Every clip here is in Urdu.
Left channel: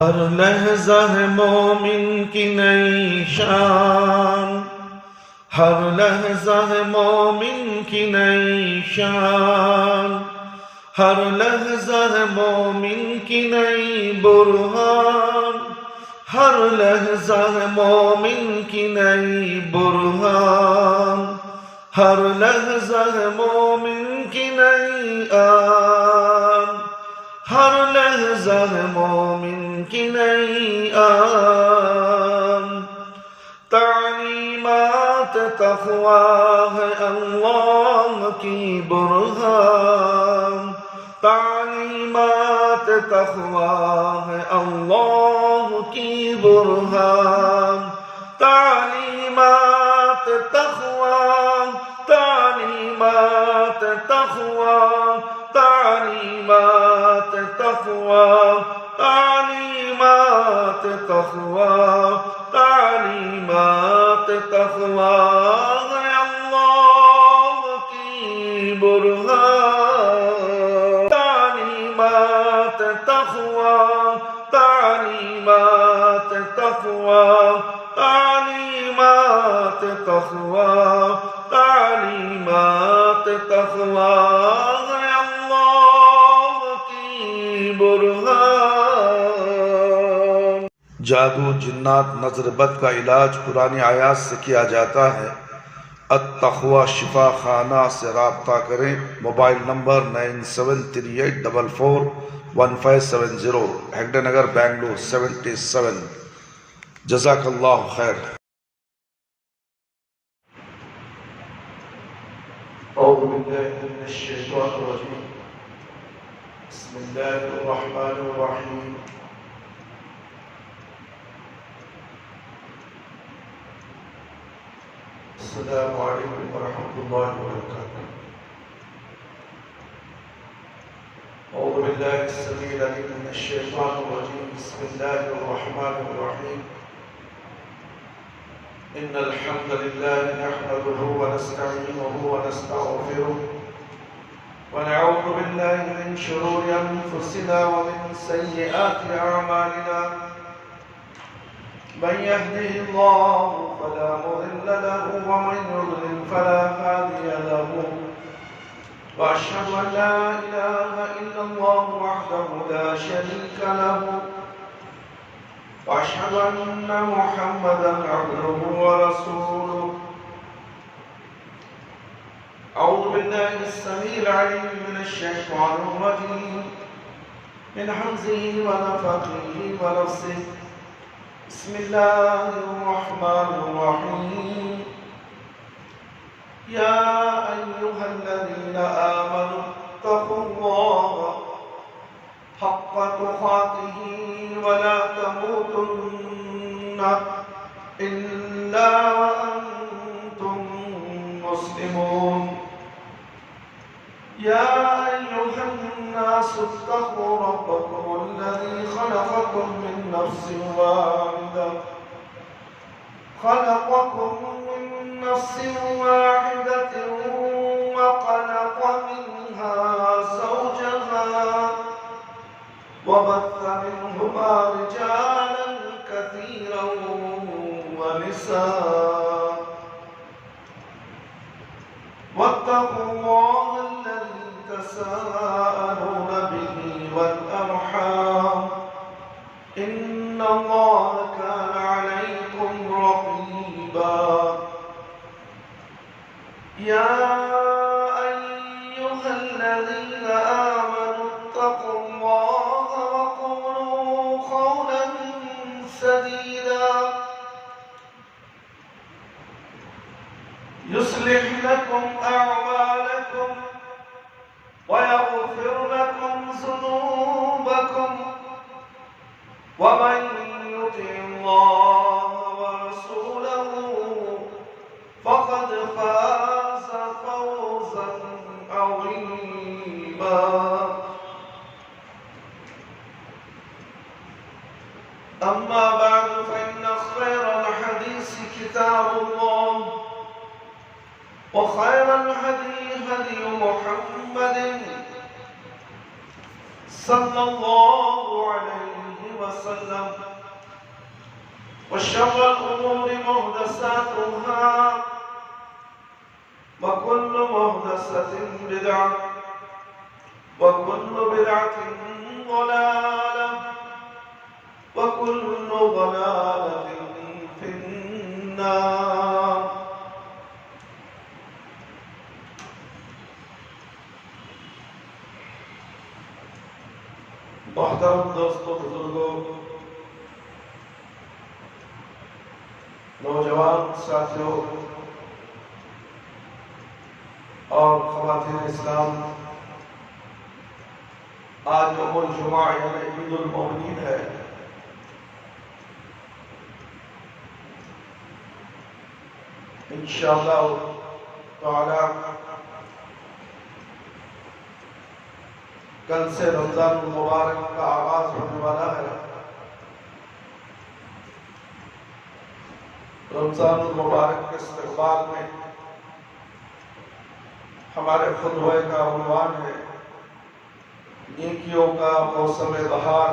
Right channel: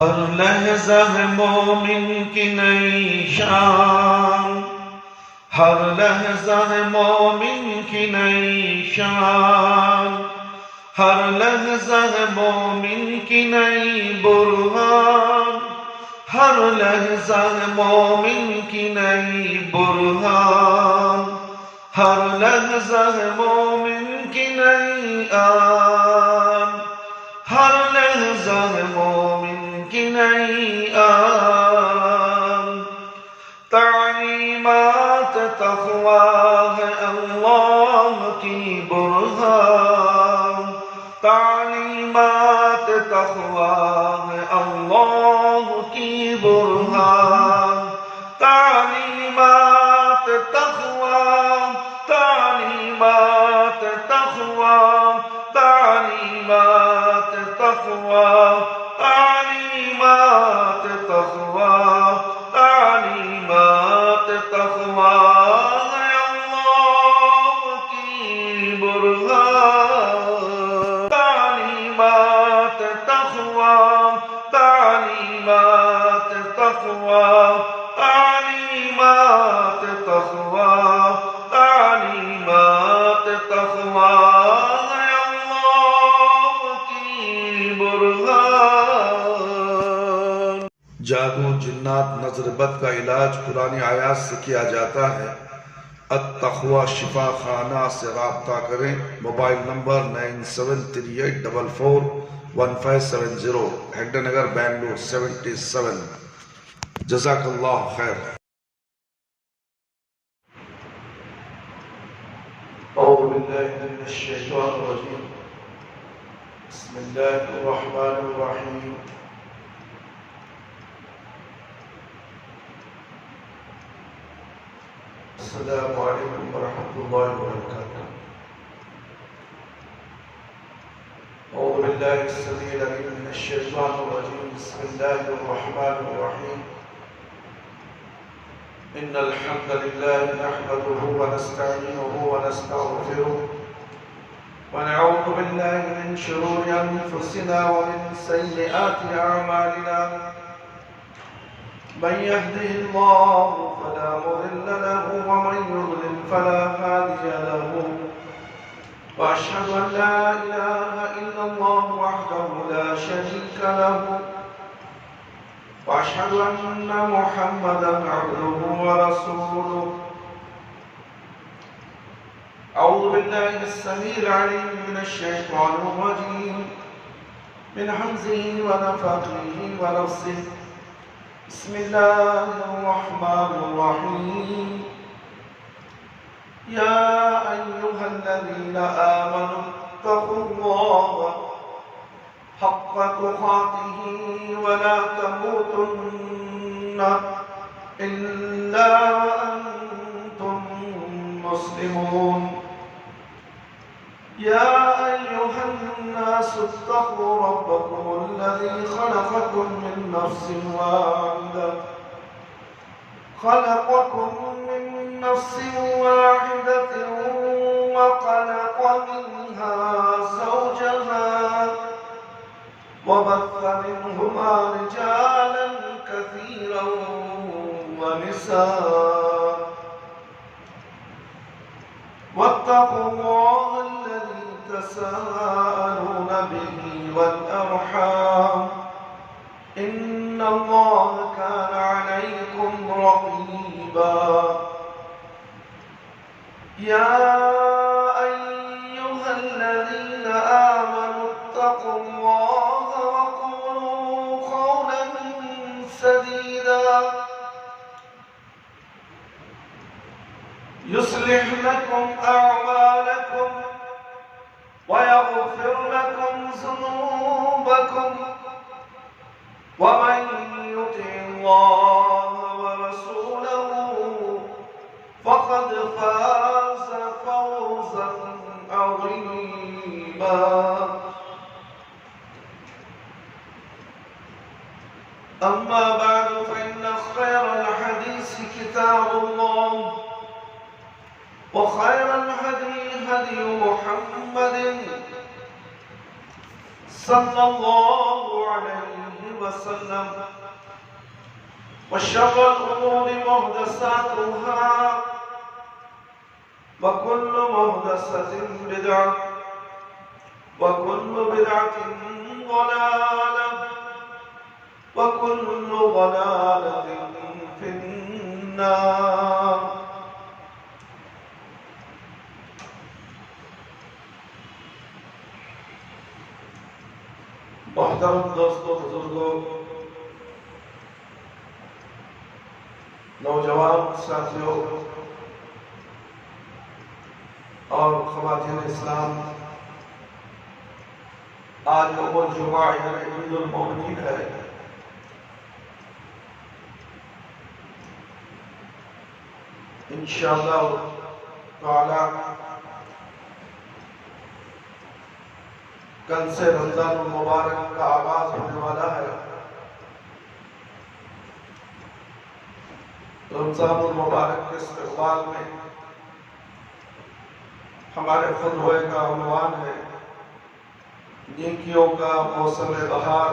ہر لحظہ ہے مومن کی نئی شان، ہر لحظہ ہے مومن کی نئی شان، ہر لحظہ ہے مومن کی نئی برہان، ہر لحظہ ہے مومن کی نئی برہان، ہر لحظہ ہے مومن کی نئی آن، ہر لحظہ ہے مومن کی نئی آن۔ تعلیمات تقویٰ ہے اللہ کی برہان، تعلیمات تقویٰ ہے اللہ کی برہان، تعلیمات تقویٰ، تعلیمات تقویٰ، تعلیمات تقویٰ، تعلیمات تقویٰ، تعلیمات تقویٰ ہے اللہ کی برہان، تعلیمات تقویٰ، تعلیمات تقویٰ، تعلیمات تقویٰ، تعلیمات تقویٰ ہے اللہ کی برہان۔ جادو، جنات، نظر بد کا علاج قرآن آیات سے کیا جاتا ہے۔ التقویٰ شفا خانہ سے رابطہ کریں۔ Mobile number 9738441570، Hegde Nagar, Bangalore 77۔ جزاک اللہ خیر۔ اعوذ باللہ من الشیطان الرجیم، بسم اللہ الرحمن الرحیم۔ السلام علیکم ورحمۃ اللہ وبرکاتہ۔ اعوذ باللہ السمیع العلیم من الشیطان الرجیم، بسم اللہ الرحمن الرحیم۔ ان الحمد للہ نحمده ونستعینه ونستغفره ونعوذ باللہ من شرور انفسنا ومن سیئات اعمالنا، من يهده الله فلا مضل له ومن يضلل فلا هادي له، وأشهد أن لا إله إلا الله وحده لا شريك له، وأشهد أن محمدا عبده ورسوله۔ أعوذ بالله السميع العليم من الشيطان الرجيم، من همزه ونفخه ونفسه، بسم الله الرحمن الرحيم۔ يا أيها الذين آمنوا اتقوا الله حق تقاته ولا تموتن إلا وأنتم مسلمون۔ يا أيها الناس اتقوا ربكم الذي خلقكم من نفس واحدة، خلقكم من نفس واحدة وخلق منها زوجها وبث منهما رجالا كثيرا ونساء، واتقوا الله الذي تساءلون به والأرحام، إن الله كان عليكم رقيبا۔ يا أيها الذين آمنوا اتقوا الله وقولوا قولا سديدا، يصلح لكم أعمالكم ويغفر لكم ذنوبكم، ومن يطع الله ورسوله فقد فاز فوزا عظيما۔ أما بعد، فإن خير الحديث كتاب الله، وخير الهدي هدي محمد صلى الله عليه وسلم وشر الأمور محدثاتها وكل محدثة بدعة وكل بدعة ضلالة وكل ضلالة في النار. محترم دوستوں، بزرگوں، نوجوان ساتھیوں اور خواتین اسلام، آج یوم الجمعہ یعنی عید المومنین ہے۔ انشاءاللہ تعالی کل سے رمضان المبارک کا آغاز ہونے والا ہے۔ رمضان المبارک کے استقبال میں ہمارے خطبہ کا عنوان ہے نیکیوں کا موسم بہار۔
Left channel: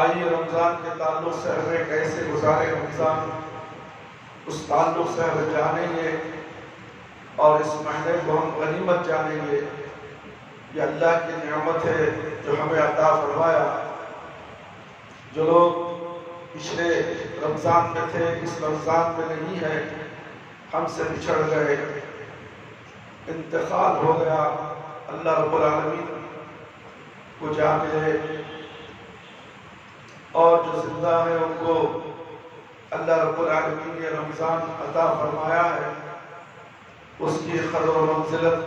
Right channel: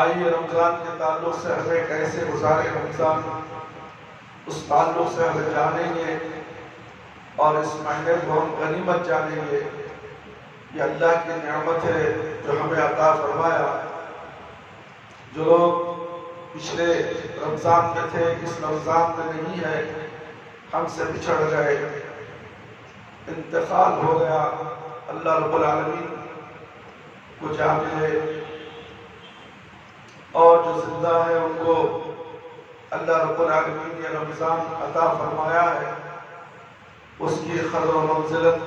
آئیے رمضان کے تعلق سے ہمیں کیسے گزارے رمضان، اس تعلق سے ہمیں جانیں گے اور اس مہینے کو ہم غنیمت جانیں گے۔ یہ اللہ کی نعمت ہے جو ہمیں عطا فرمایا۔ جو لوگ پچھلے رمضان میں تھے، اس رمضان میں نہیں ہے، ہم سے بچھڑ گئے، انتقال ہو گیا، اللہ رب العالمین کو جا ملے، اور جو زندہ ہے ان کو اللہ رب العالمین نے رمضان عطا فرمایا ہے۔ اس کی قدر و منزلت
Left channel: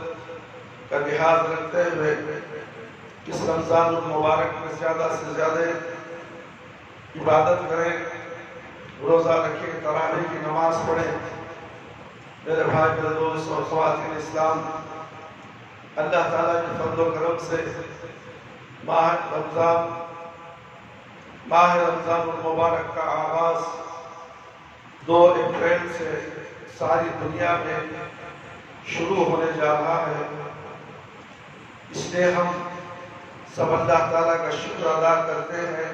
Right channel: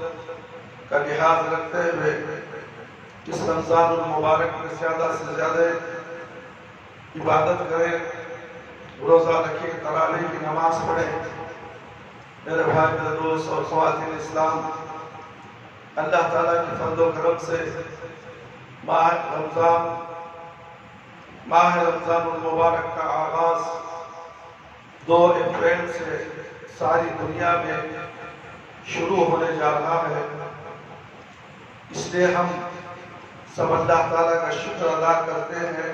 کا لحاظ رکھتے ہوئے اس رمضان المبارک میں زیادہ سے زیادہ عبادت کریں، روزہ رکھیں، تراویح کی نماز پڑھیں۔ میرے بھائی، میرے دوست اور خواتین اسلام، اللہ تعالیٰ کی فضل و کرم سے ماہ رمضان المبارک کا آغاز 2 اپریل سے ساری دنیا میں شروع ہونے جا رہا ہے۔ اس لیے ہم سب اللہ تعالیٰ کا شکر ادا کرتے ہیں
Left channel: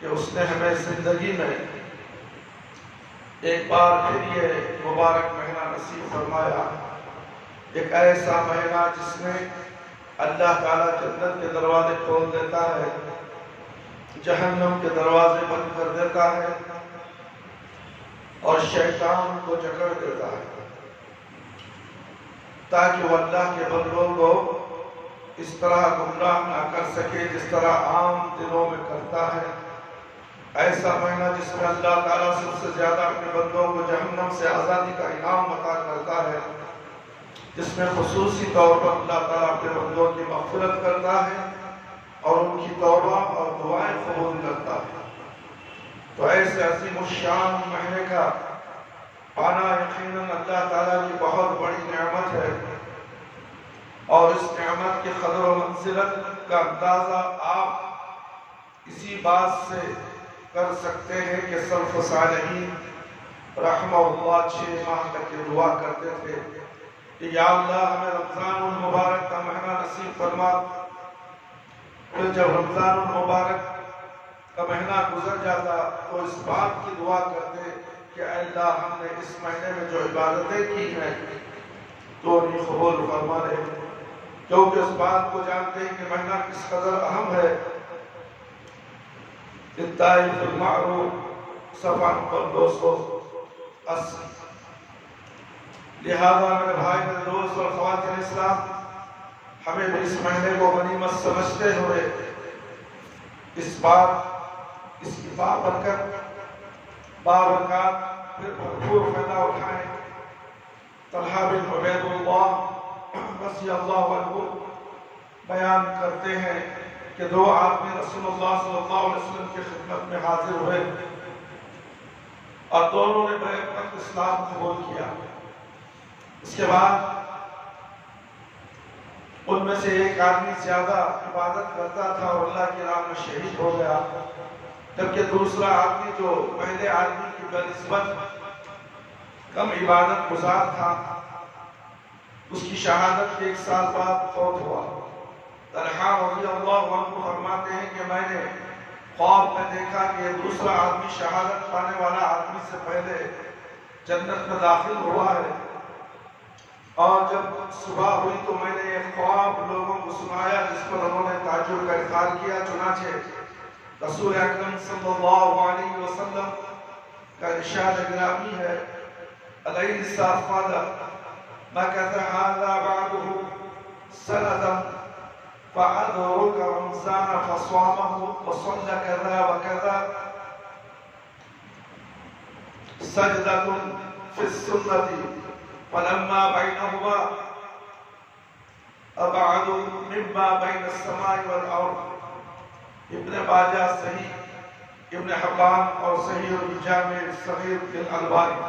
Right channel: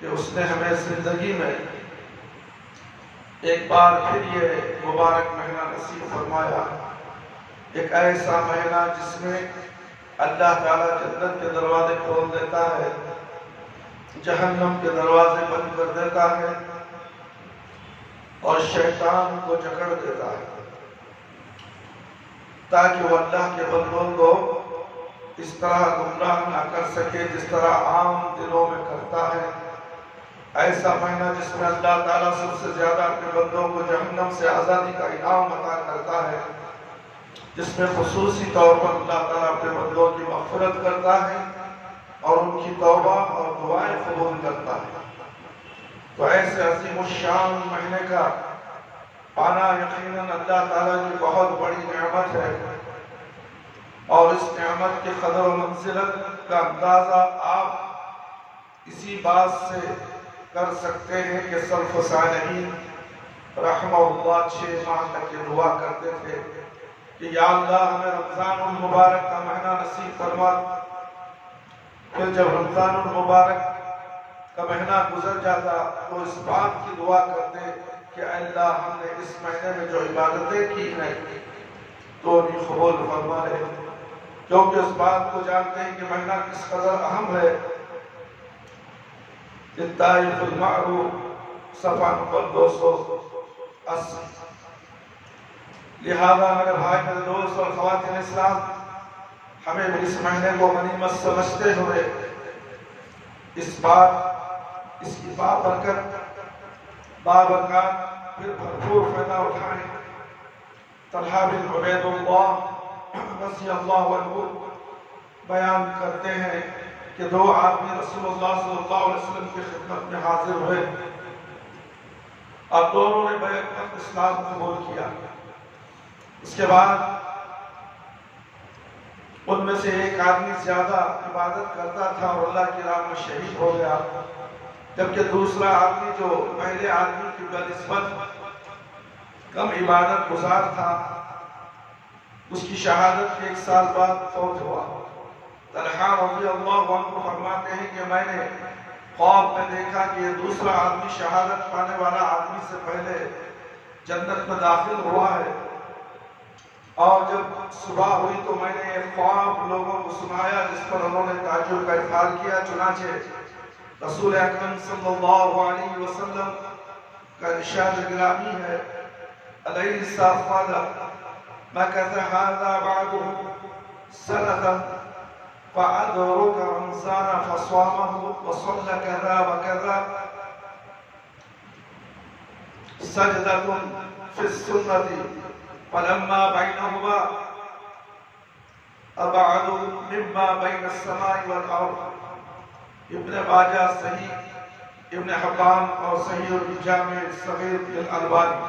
کہ اس نے ہمیں زندگی میں ایک بار پھر یہ مبارک مہینہ نصیب فرمایا، ایک ایسا مہینہ جس میں اللہ تعالیٰ جنت کے دروازے کھول دیتا ہے، جہنم کے دروازے بند کر دیتا ہے اور شیطان کو جکڑ دیتا ہے، تاکہ وہ اللہ کے بندوں کو اس طرح گمراہ نہ کر سکے جس طرح عام دنوں میں کرتا ہے۔ ایسا مہینہ جس میں اللہ تعالیٰ سب سے زیادہ اپنے بندوں کو جہنم سے آزادی کا انعام عطا کرتا ہے، جس میں خصوصی طور پر اللہ تعالیٰ اپنے بندوں کی مغفرت کرتا ہے اور ان کی توبہ اور دعائیں قبول کرتا ہے۔ تو ایسے عظیم الشان مہینے کا پانا یقیناً اللہ تعالیٰ کی بہت بڑی نعمت ہے، اور اس نعمت کی قدر و منزلت کا اندازہ آپ اسی بات سے کر سکتے ہیں کہ سلف صالحین رحمہ اللہ 6 ماہ تک یہ دعا کرتے تھے کہ یا اللہ ہمیں رمضان المبارک کا مہینہ نصیب فرما۔ پھر جب رمضان المبارک کا مہینہ گزر جاتا تو اس بات کی دعا کرتے کہ اے اللہ ہم نے اس مہینے میں جو عبادتیں کی ہیں تو انہیں قبول فرما لے، کیونکہ اس بات کو جانتے ہیں کہ مہینہ کس قدر اہم ہے۔ الطائف المعروف صفحہ نمبر 280۔ لہذا میرے بھائی، میرے دوست اور خواتین اسلام، ہمیں بھی اس مہینے کو غنیمت سمجھتے ہوئے اس کی بابرکات پھر بھرپور فائدہ اٹھائیں۔ طلحہ بن عبید اللہ رضی اللہ عنہ بیان کرتے ہیں کہ 2 آدمی رسول اللہ صلی اللہ علیہ وسلم کی خدمت میں حاضر ہوئے اور دونوں نے بیعت کر اسلام قبول کیا۔ اس کے بعد ان میں سے ایک آدمی زیادہ عبادت کرتا تھا اور اللہ کی راہ میں شہید ہو گیا، جبکہ دوسرا آدمی جو پہلے آدمی کی بنسبت کم عبادت گزار تھا، اس کی شہادت کے 1 سال بعد فوت ہوا۔ طلحہ رضی اللہ عنہ فرماتے ہیں کہ میں نے خواب میں دیکھا کہ دوسرا آدمی شہادت پانے والا آدمی سے پہلے جنت میں داخل ہوا ہے، اور جب صبح ہوئی تو میں نے ایک خواب لوگوں کو سنایا جس پر انہوں نے تعجب کا اظہار کیا۔ چنانچہ رسول اکرم صلی اللہ علیہ وسلم کا ارشاد گرامی ہے، أليس قد مكث هذا بعده سنة فأدرك رمضان فصامه وصلى كذا وكذا سجدة في السنة فلما بينهما أبعد مما بين السماء والأرض۔ ابن ماجہ صحیح ابن حبان اور صحیح الجامع الصغیر للالبانی۔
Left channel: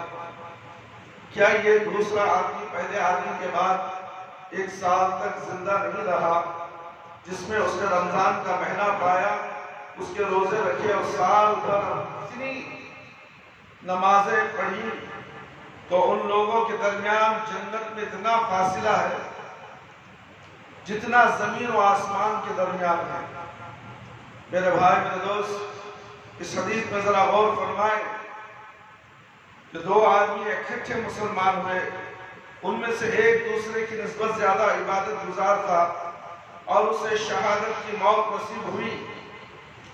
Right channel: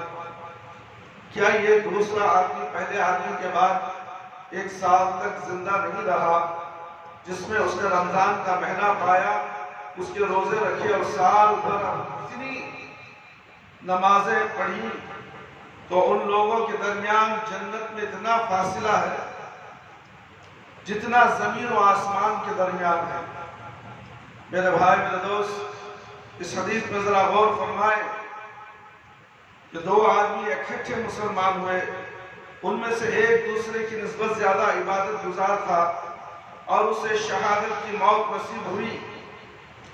کیا یہ دوسرا آدمی پہلے آدمی کے بعد 1 سال تک زندہ نہیں رہا، جس میں اس نے رمضان کا مہینہ پایا، اس کے روزے رکھے اور سال بھر اتنی نمازیں پڑھی، تو ان لوگوں کے درمیان جنت میں اتنا فاصلہ ہے جتنا زمین و آسمان کے درمیان ہے۔ میرے بھائی میرے دوست، اس حدیث میں ذرا غور فرمائیں کہ 2 آدمی اکٹھے مسلمان ہوئے، ان میں سے ایک دوسرے کی نسبت زیادہ عبادت گزار تھا اور اسے شہادت کی موت نصیب ہوئی،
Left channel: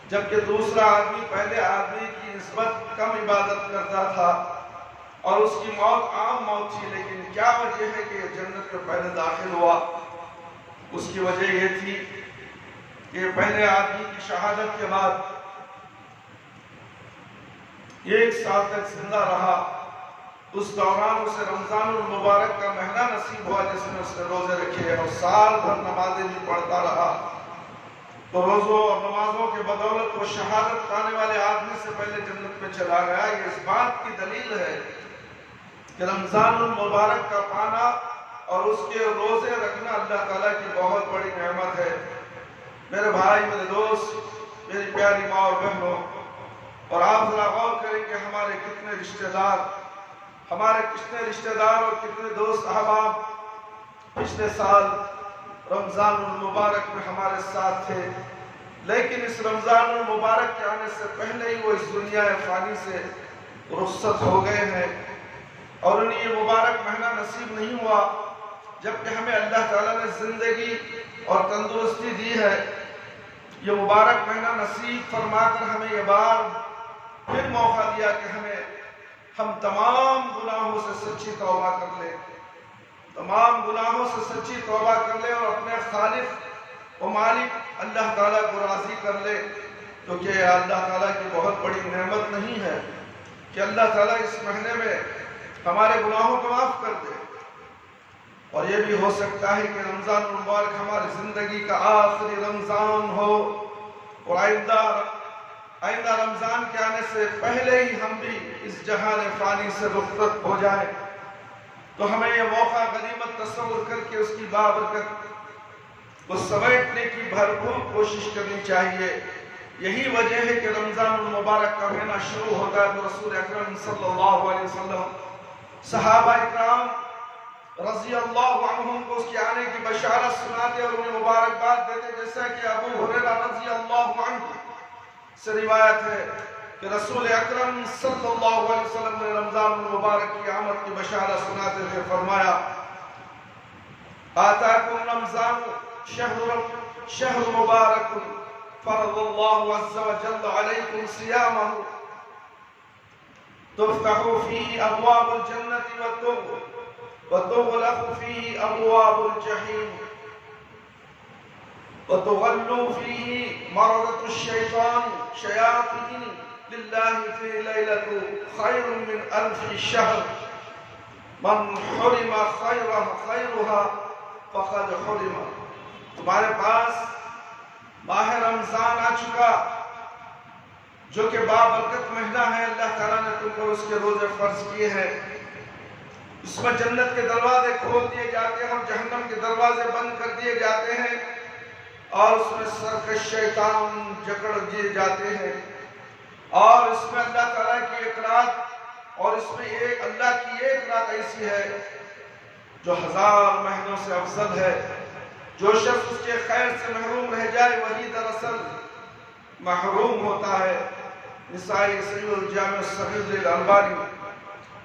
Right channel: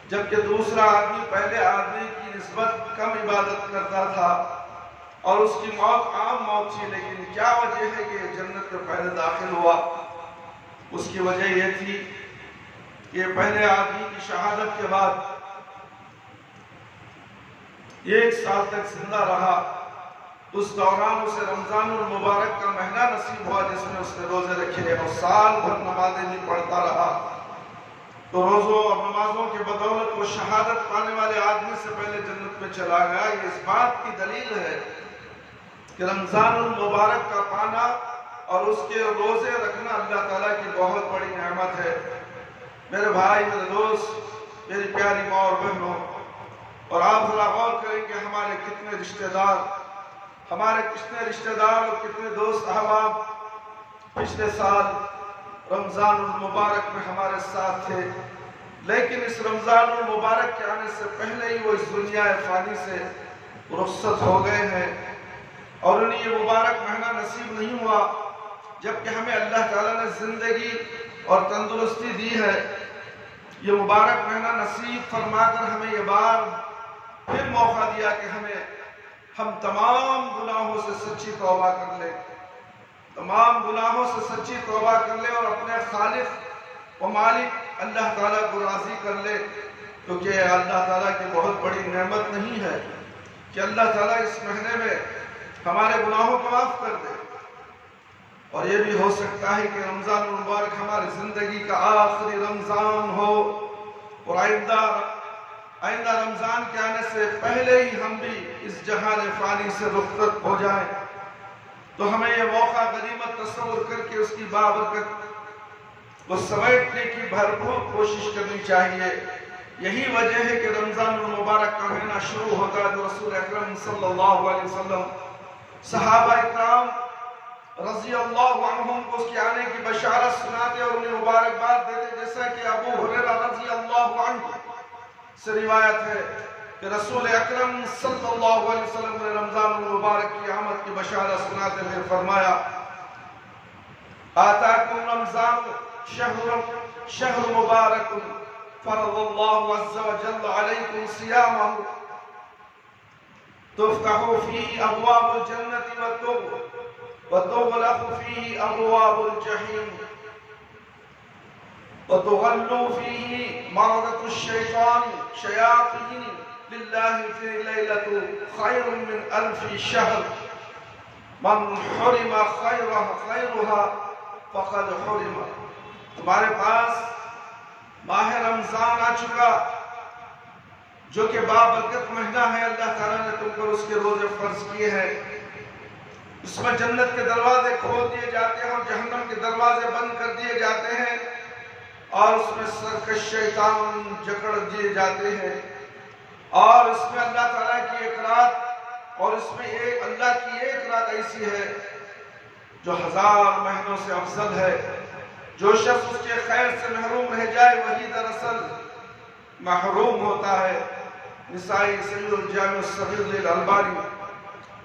جبکہ دوسرا آدمی پہلے آدمی کی نسبت کم عبادت کرتا تھا اور اس کی موت عام موت تھی۔ لیکن کیا وجہ ہے کہ جنت میں پہلے داخل ہوا؟ اس کی وجہ یہ تھی کہ پہلے آدمی کی شہادت کے بعد 1 سال تک زندہ رہا، اس دوران اسے رمضان المبارک کا مہینہ نصیب ہوا جس میں اس نے روزے رکھے اور سال بھر نمازیں بھی پڑھتا رہا، تو روزوں اور نمازوں کے بدولت وہ شہادت پانے والے آدمی سے پہلے جنت میں چلا گیا۔ یہ اس بات کی دلیل ہے کہ رمضان المبارک کا پانا اور اس کے روزے رکھنا اللہ تعالیٰ کی بہت بڑی نعمت ہے۔ میرے بھائی میرے دوست، میری پیاری ماں اور بہنوں، اور آپ ذرا غور کریں کہ ہمارے کتنے رشتہ دار اور کتنے دوست احباب پچھلے سال رمضان المبارک میں ہمارے ساتھ تھے، لیکن اس رمضان المبارک کے آنے سے پہلے ہی وہ اس دنیا فانی سے رخصت ہو گئے ہیں، اور انہیں یہ مبارک مہینہ نصیب نہیں ہوا جبکہ ہمیں اللہ تعالیٰ نے زندگی اور تندرستی دی ہے۔ یہ مبارک مہینہ نصیب فرما کر ہمیں یہ بار پھر موقع دیا کہ ہم تمام گناہوں سے سچی توبہ کر لیں، اور اپنے خالق و مالک اللہ تعالیٰ کو راضی کر لیں، کیونکہ اللہ تعالیٰ کی بہت بڑی نعمت نہیں ہے کہ اللہ تعالیٰ اس مہینے میں ہمارے گناہوں کو معاف کر دے، اور یہ بھی ہو سکتا ہے کہ رمضان المبارک ہماری زندگی کا آخری رمضان ہو، اور آئندہ رمضان کے آنے سے پہلے ہی ہم بھی اس جہان فانی سے رخصت ہو جائیں، تو ہمیں یہ موقع غنیمت تصور کر کے اس کی بابرکت کو سمیٹنے کی بھرپور کوشش کرنی چاہیے۔ یہی وجہ ہے کہ رمضان المبارک کا مہینہ شروع ہوتا ہے تو رسول اکرم صلی اللہ علیہ وسلم صحابہ اکرام رضی اللہ عنہم کو اس کے آنے کی بشارت سناتے اور انہیں مبارکباد دیتے، جیسا کہ ابو ہریرہ رضی اللہ عنہ سے روایت ہے کہ رسول اکرم صلی اللہ علیہ وسلم نے رمضان المبارک کی آمد کی بشارت سناتے ہوئے فرمایا، آتاکم رمضان شہر مبارک فرض اللہ عز وجل علیکم صیامہ تفتح فیہ ابواب الجنت وتغلق فيه أبواب الجحيم وتغل فيه مرضة الشيطان شياطين لله في ليلة خير من 1000 شهر من حرم خيرها فقد حرم۔ تمہارے پاس ماہ رمضان آ چکا جو کہ بابرکت مہینہ ہے، اللہ تعالیٰ نے تم پر اس کے روزے فرض کیے ہیں، اس میں جنت کے دروازے کھول دیے جاتے ہیں اور جہنم کے دروازے بند کر دیے جاتے ہیں، اور اس میں سرکش شیطان جکڑ دیے جاتے ہیں، اور اس میں اللہ تعالیٰ کی ایک رات، اور اس میں اللہ کی ایک رات ایسی ہے جو 1000 مہینوں سے افضل ہے، جو شخص اس کے خیر سے محروم رہ جائے وہی دراصل محروم ہوتا ہے۔ نسائی صحیح الجامع الصغیر للالبانی۔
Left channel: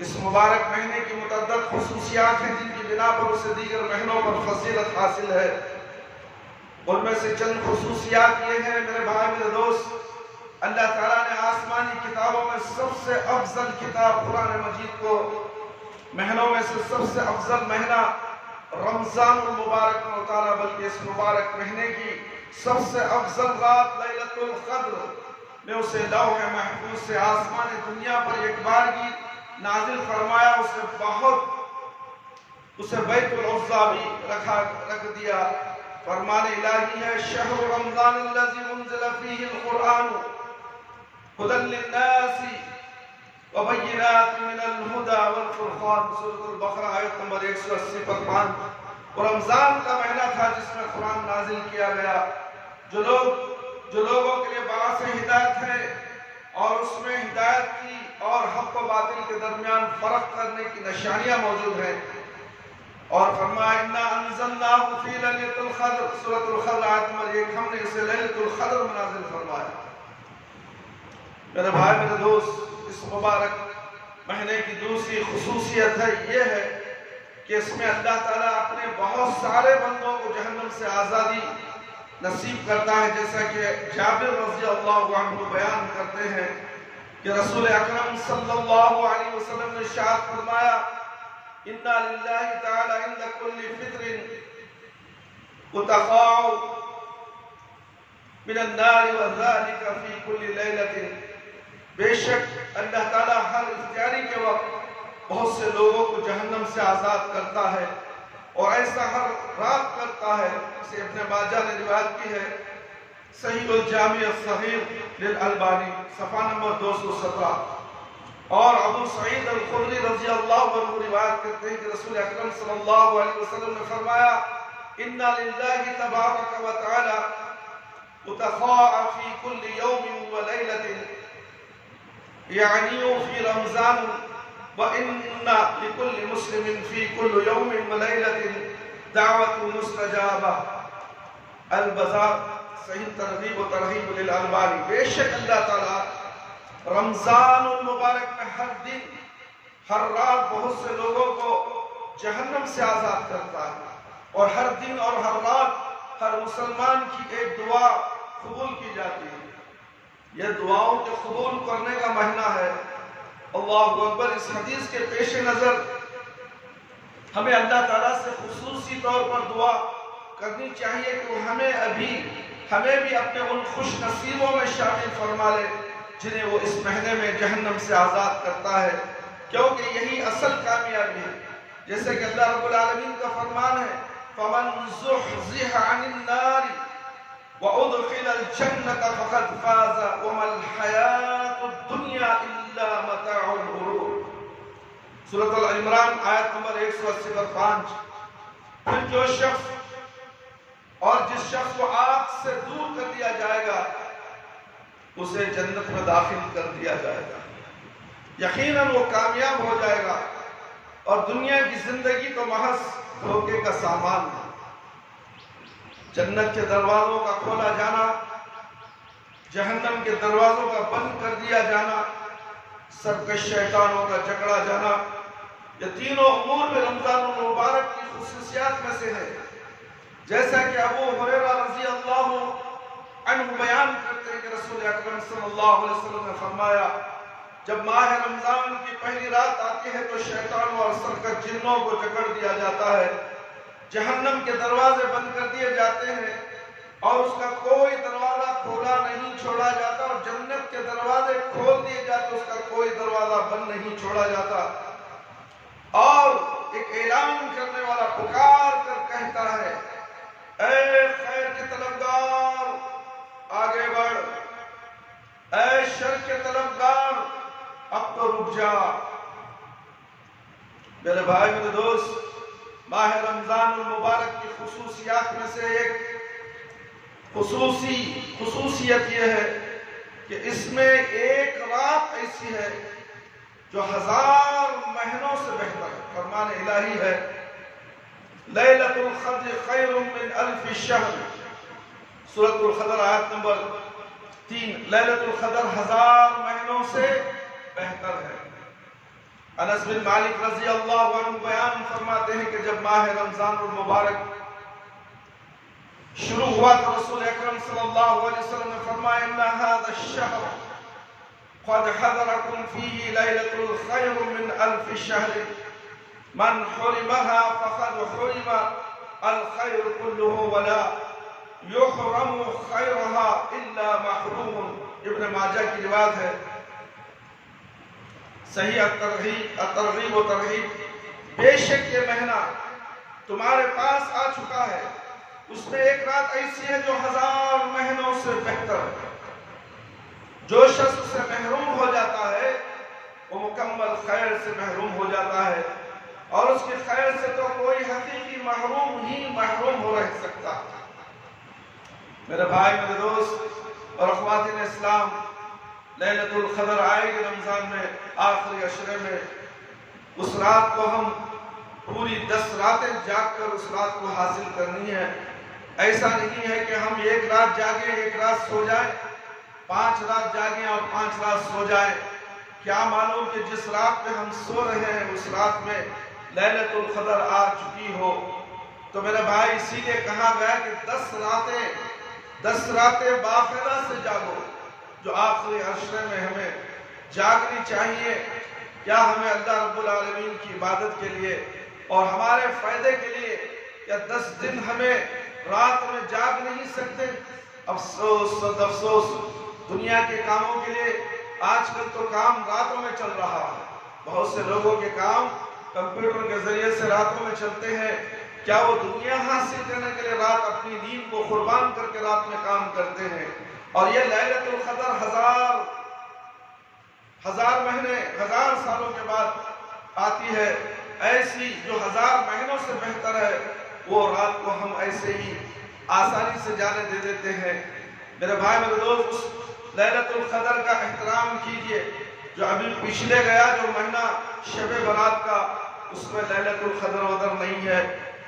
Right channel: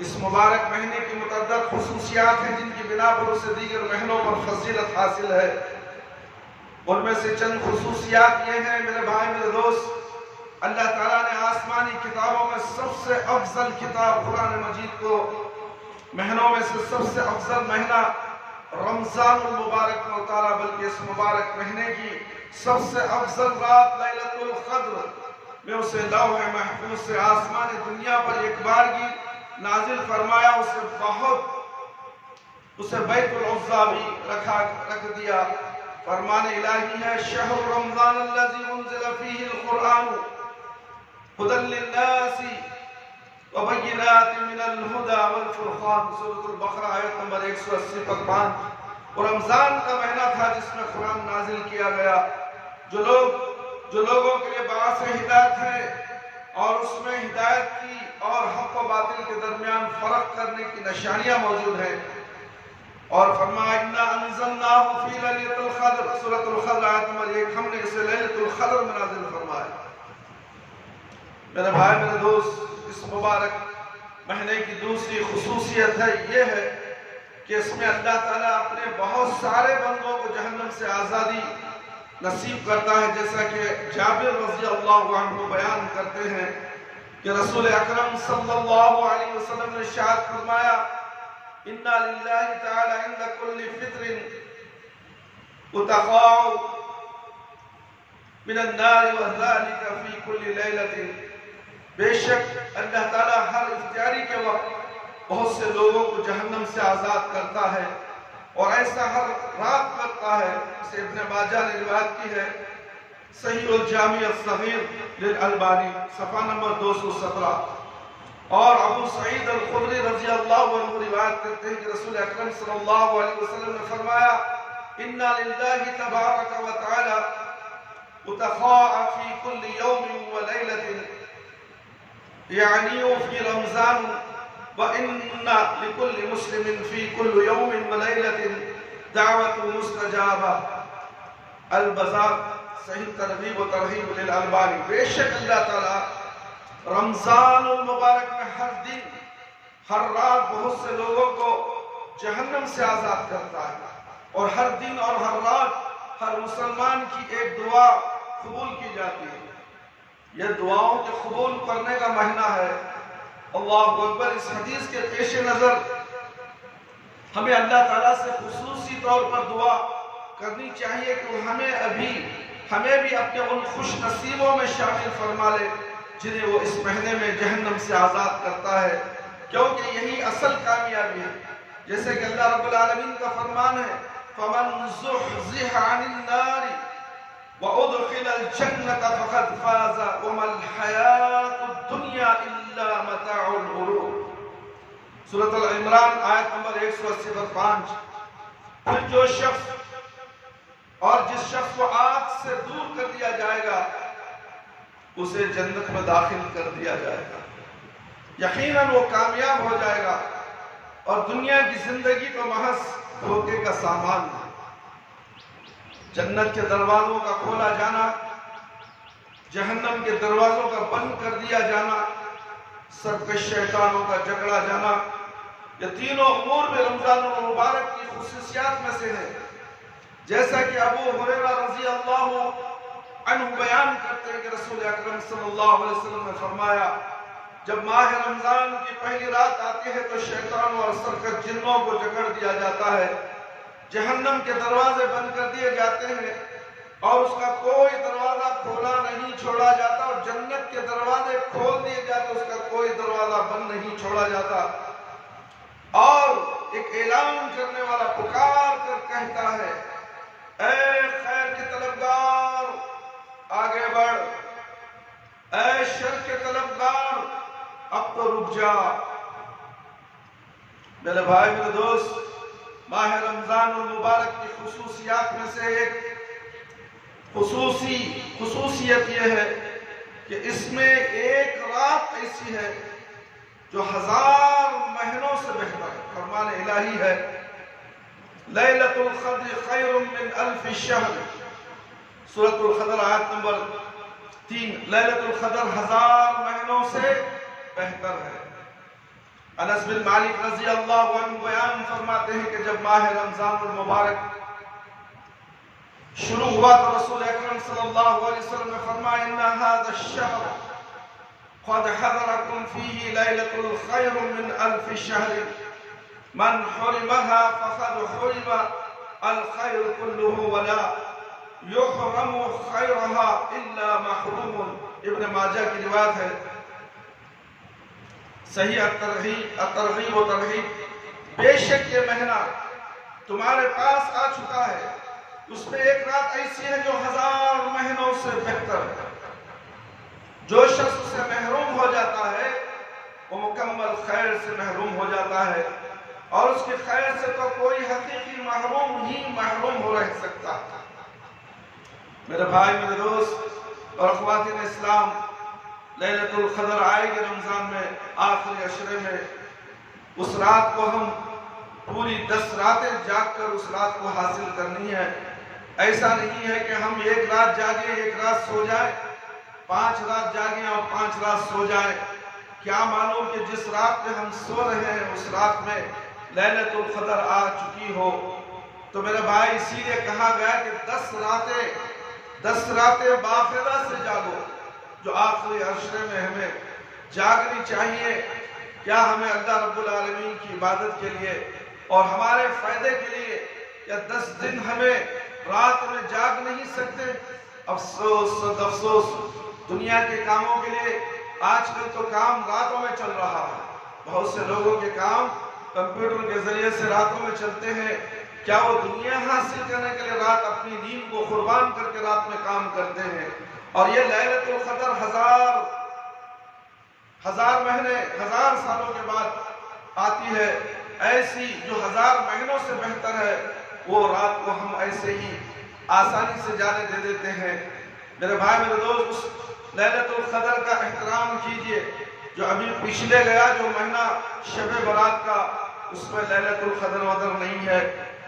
اس مبارک مہینے کی متعدد خصوصیات ہیں جن کی بنا پر اسے دیگر مہینوں پر فضیلت حاصل ہے۔ ان میں سے چند خصوصیات یہ ہیں میرے بھائی میرے دوست، اللہ تعالیٰ نے آسمانی کتابوں میں سب سے افضل کتاب قرآن مجید کو مہینوں میں سے سب سے افضل مہینہ رمضان المبارک میں اتارا، بلکہ اس مبارک مہینے کی سب سے افضل رات لیلۃ القدر میں اسے لوح محفوظ سے آسمان دنیا پر ایک بارگی نازل فرمایا، اسے بیت العزا بھی رکھ دیا۔ فرمان الہی ہے شہر رمضان الذی انزل فیہ القرآن ھدی للناس وبینات من الہدی والفرقان، سورۃ البقرہ آیت نمبر 180 پر 5۔ وہ رمضان کا مہینہ تھا جس میں قرآن نازل کیا گیا، جو لوگوں کے لیے باعث ہدایت ہے، اور اس میں ہدایت کی اور حق و باطل کے درمیان فرق کرنے کی نشانیاں موجود ہیں۔ اور فرمایا اِنَّا أَنزَلْنَاهُ فِي لَيْلَةِ الْقَدْرِ، سورۃ القدر آیت نمبر 1، ہم نے اسے لیلۃ القدر میں نازل فرمایا۔ میرے بھائی میرے دوست، اس مبارک مہینے کی دوسری خصوصیت یہ ہے کہ اس میں اللہ تعالیٰ اپنے بہت سارے بندوں کو جہنم سے آزادی نصیب کرتا ہے، جیسا کہ جابر رضی اللہ عنہ بیان کرتے ہیں کہ رسول اکرم صلی اللہ علیہ وسلم نے ارشاد فرمایا اِنَّا لِلَّهِ تَعَالَى عِنْدَ كُلِّ فِطْرٍ اتقاء من النار وذلك في كل ليلة، بے شک اللہ تعالیٰ ہر افطاری کے وقت بہت سے لوگوں کو جہنم سے آزاد کرتا ہے، اور ایسا ہر رات کرتا ہے۔ اسے ابن ماجہ نے روایت کی ہے، صحیح الجامع الصغیر للالبانی، صفحہ نمبر 217۔ اور ابو سعید الخدری رضی اللہ عنہ روایت کرتے ہیں کہ رسول اکرم صلی اللہ علیہ وسلم نے فرمایا اِنَّا لِلَّهِ تَبَارَكَ وَتَعَالَى اتقاء فِي كُلِّ يَوْمٍ وَلَيْلَةٍ یعنی فی رمضان وَإِنَّ لِكُلِّ مُسْلِمٍ فِي كُلِّ يَوْمٍ وَلَيْلَةٍ دعوت مستجابہ، البزار صحیح ترغیب و ترہیب للالبانی۔ بے شک اللہ تعالیٰ رمضان المبارک میں ہر دن ہر رات بہت سے لوگوں کو جہنم سے آزاد کرتا ہے، اور ہر دن اور ہر رات ہر مسلمان کی ایک دعا قبول کی جاتی ہے۔ یہ دعاؤں کے قبول کرنے کا مہینہ ہے۔ اللہ اکبر۔ اس حدیث کے پیش نظر ہمیں اللہ تعالیٰ سے خصوصی طور پر دعا کرنی چاہیے کہ ہمیں بھی اپنے ان خوش نصیبوں میں شامل فرما لے جنہیں وہ اس مہینے میں جہنم سے آزاد کرتا ہے، کیونکہ یہی اصل کامیابی ہے۔ جیسے کہ اللہ رب العالمین کا فرمان ہے فَمَنْ زُحْزِحَ عَنِ النَّارِ وَأُدْخِلَ الْجَنَّةَ فَقَدْ فَازَ وَمَا الْحَيَاةُ الدُّنْيَا إِلَّا مَتَاعُ الْغُرُورِ، سورۃ العمران آیت نمبر 180 پر 5۔ پھر جو شخص اور جس شخص کو آگ سے دور کر دیا جائے گا اسے جنت میں داخل کر دیا جائے گا، یقیناً وہ کامیاب ہو جائے گا، اور دنیا کی زندگی تو محض دھوکے کا سامان ہے۔ جنت کے دروازوں کا کھولا جانا، جہنم کے دروازوں کا بند کر دیا جانا، سرکش شیطانوں کا جکڑا جانا، یہ تینوں امور میں رمضان المبارک کی خصوصیات میں سے ہے۔ جیسا کہ ابو ہریرہ رضی اللہ عنہ بیان کرتے ہیں کہ رسول اکرم صلی اللہ علیہ وسلم نے فرمایا جب ماہ رمضان کی پہلی رات آتی ہے تو شیطانوں اور سرکش جنوں کو جکڑ دیا جاتا ہے، جہنم کے دروازے بند کر دیے جاتے ہیں، اور اس کا کوئی دروازہ کھولا نہیں چھوڑا جاتا، اور جنت کے دروازے کھول دیے جاتے، اس کا کوئی دروازہ بند نہیں چھوڑا جاتا۔ اور ایک اعلان کرنے والا پکار کر کہتا ہے اے خیر کے طلبگار آگے بڑھ، اے شر کے طلبگار اب تو رک جا۔ میرے بھائی میرے دوست، ماہ رمضان المبارک کی خصوصیات میں سے ایک خصوصیت یہ ہے کہ اس میں ایک رات ایسی ہے جو 1000 مہینوں سے بہتر ہے۔ فرمان الہی ہے لیلۃ القدر خیر من الف شہر، سورۃ القدر آیت نمبر 3، لیلۃ القدر 1000 مہینوں سے بہتر ہے۔ انس بن مالک رضی اللہ عنہ بیان فرماتے ہیں کہ جب ماہ رمضان المبارک شروع ہوا تو رسول اکرم صلی اللہ علیہ وسلم نے فرمایا ان هذا الشهر قد حضركم فيه ليلة الخير من الف شهر من حرمها فقد حرم الخير كله ولا يحرم خيرها الا محروم۔ ابن ماجہ کی روایت ہے، صحیح الترغیب و ترغیب، بے شک یہ مہینہ تمہارے پاس آ چکا ہے، اس میں ایک رات ایسی ہے جو 1000 مہینوں سے بہتر ہے۔ جو شخص سے محروم ہو جاتا ہے وہ مکمل خیر سے محروم ہو جاتا ہے، اور اس کی خیر سے تو کوئی حقیقی محروم ہی محروم ہو رہ سکتا ہے۔ میرے بھائی، میرے دوست اور خواتین اسلام، لیلۃ القدر آئے گی رمضان میں آخری عشرے میں، اس رات کو ہم پوری 10 راتیں جاگ کر اس رات کو حاصل کرنی ہے۔ ایسا نہیں ہے کہ ہم ایک رات جاگیں، ایک رات سو جائیں، 5 رات جاگیں اور 5 رات سو جائیں۔ کیا معلوم کہ جس رات پہ ہم سو رہے ہیں اس رات میں لیلۃ القدر آ چکی ہو۔ تو میرے بھائی، اسی لیے کہا گیا کہ 10 راتیں باقاعدہ سے جاگو۔ جو آخری عشرے میں ہمیں جاگنی چاہیے، کیا ہمیں اللہ رب العالمین کی عبادت کے لیے اور ہمارے فائدے کے لیے، کیا 10 دن ہمیں رات میں جاگ نہیں سکتے؟ افسوس دنیا کے کاموں کے لیے۔ آج کل تو کام راتوں میں چل رہا ہے، بہت سے لوگوں کے کام کمپیوٹر کے ذریعے سے راتوں میں چلتے ہیں۔ کیا وہ دنیا حاصل کرنے کے لیے رات اپنی نیند کو قربان کر کے رات میں کام کرتے ہیں؟ اور یہ لیلۃ القدر 1000 مہینے 1000 سالوں کے بعد آتی ہے، ایسی جو 1000 مہینوں سے بہتر ہے، وہ رات کو ہم ایسے ہی آسانی سے جانے دے دیتے ہیں۔ میرے بھائی، میرے دوست، اس لیلۃ القدر کا احترام کیجئے۔ جو ابھی پچھلے گیا جو مہینہ شب برات کا، اس میں لیلۃ القدر وقدر نہیں ہے۔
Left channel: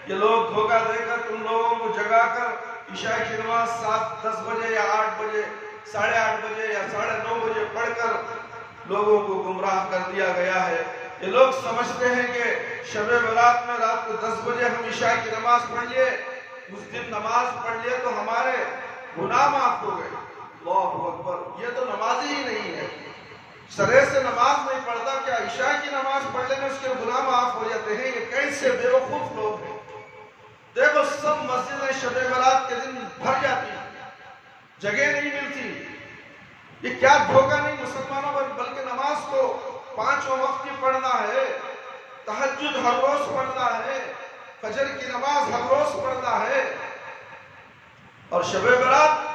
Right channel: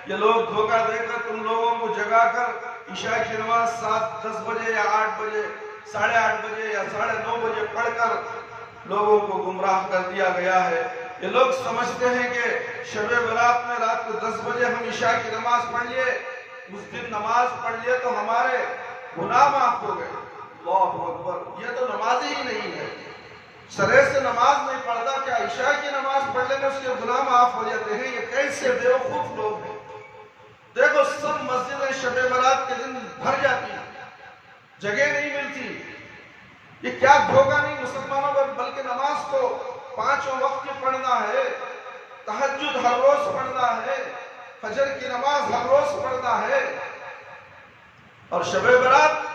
یہ لوگ دھوکہ دے کر تم لوگوں کو جگا کر عشاء کی نماز 7-10 بجے یا 8 بجے 8:30 بجے یا 9:30 بجے پڑھ کر لوگوں کو گمراہ کر دیا گیا ہے۔ یہ لوگ سمجھتے ہیں کہ شب برات میں رات کو 10 بجے ہم عشاء کی نماز پڑھ لیے، اس دن نماز پڑھ لیے تو ہمارے گناہ معاف ہو گئے۔ اللہ اکبر! یہ تو نماز ہی نہیں ہے، سرے سے نماز نہیں پڑھتا، کیا عشاء کی نماز پڑھ لینے اس کے گناہ معاف ہو جاتے ہیں؟ یہ کیسے بیوقوف لوگ ہیں۔ دیکھو، سب مسجدیں شب برات کے دن بھر جاتی ہیں، جگہ نہیں ملتی۔ یہ کیا دھوکہ نہیں مسلمانوں پر، بلکہ نماز کو 5 وقت کی پڑھنا ہے، تہجد ہر روز پڑھنا ہے، فجر کی نماز ہر روز پڑھنا ہے، اور شب برات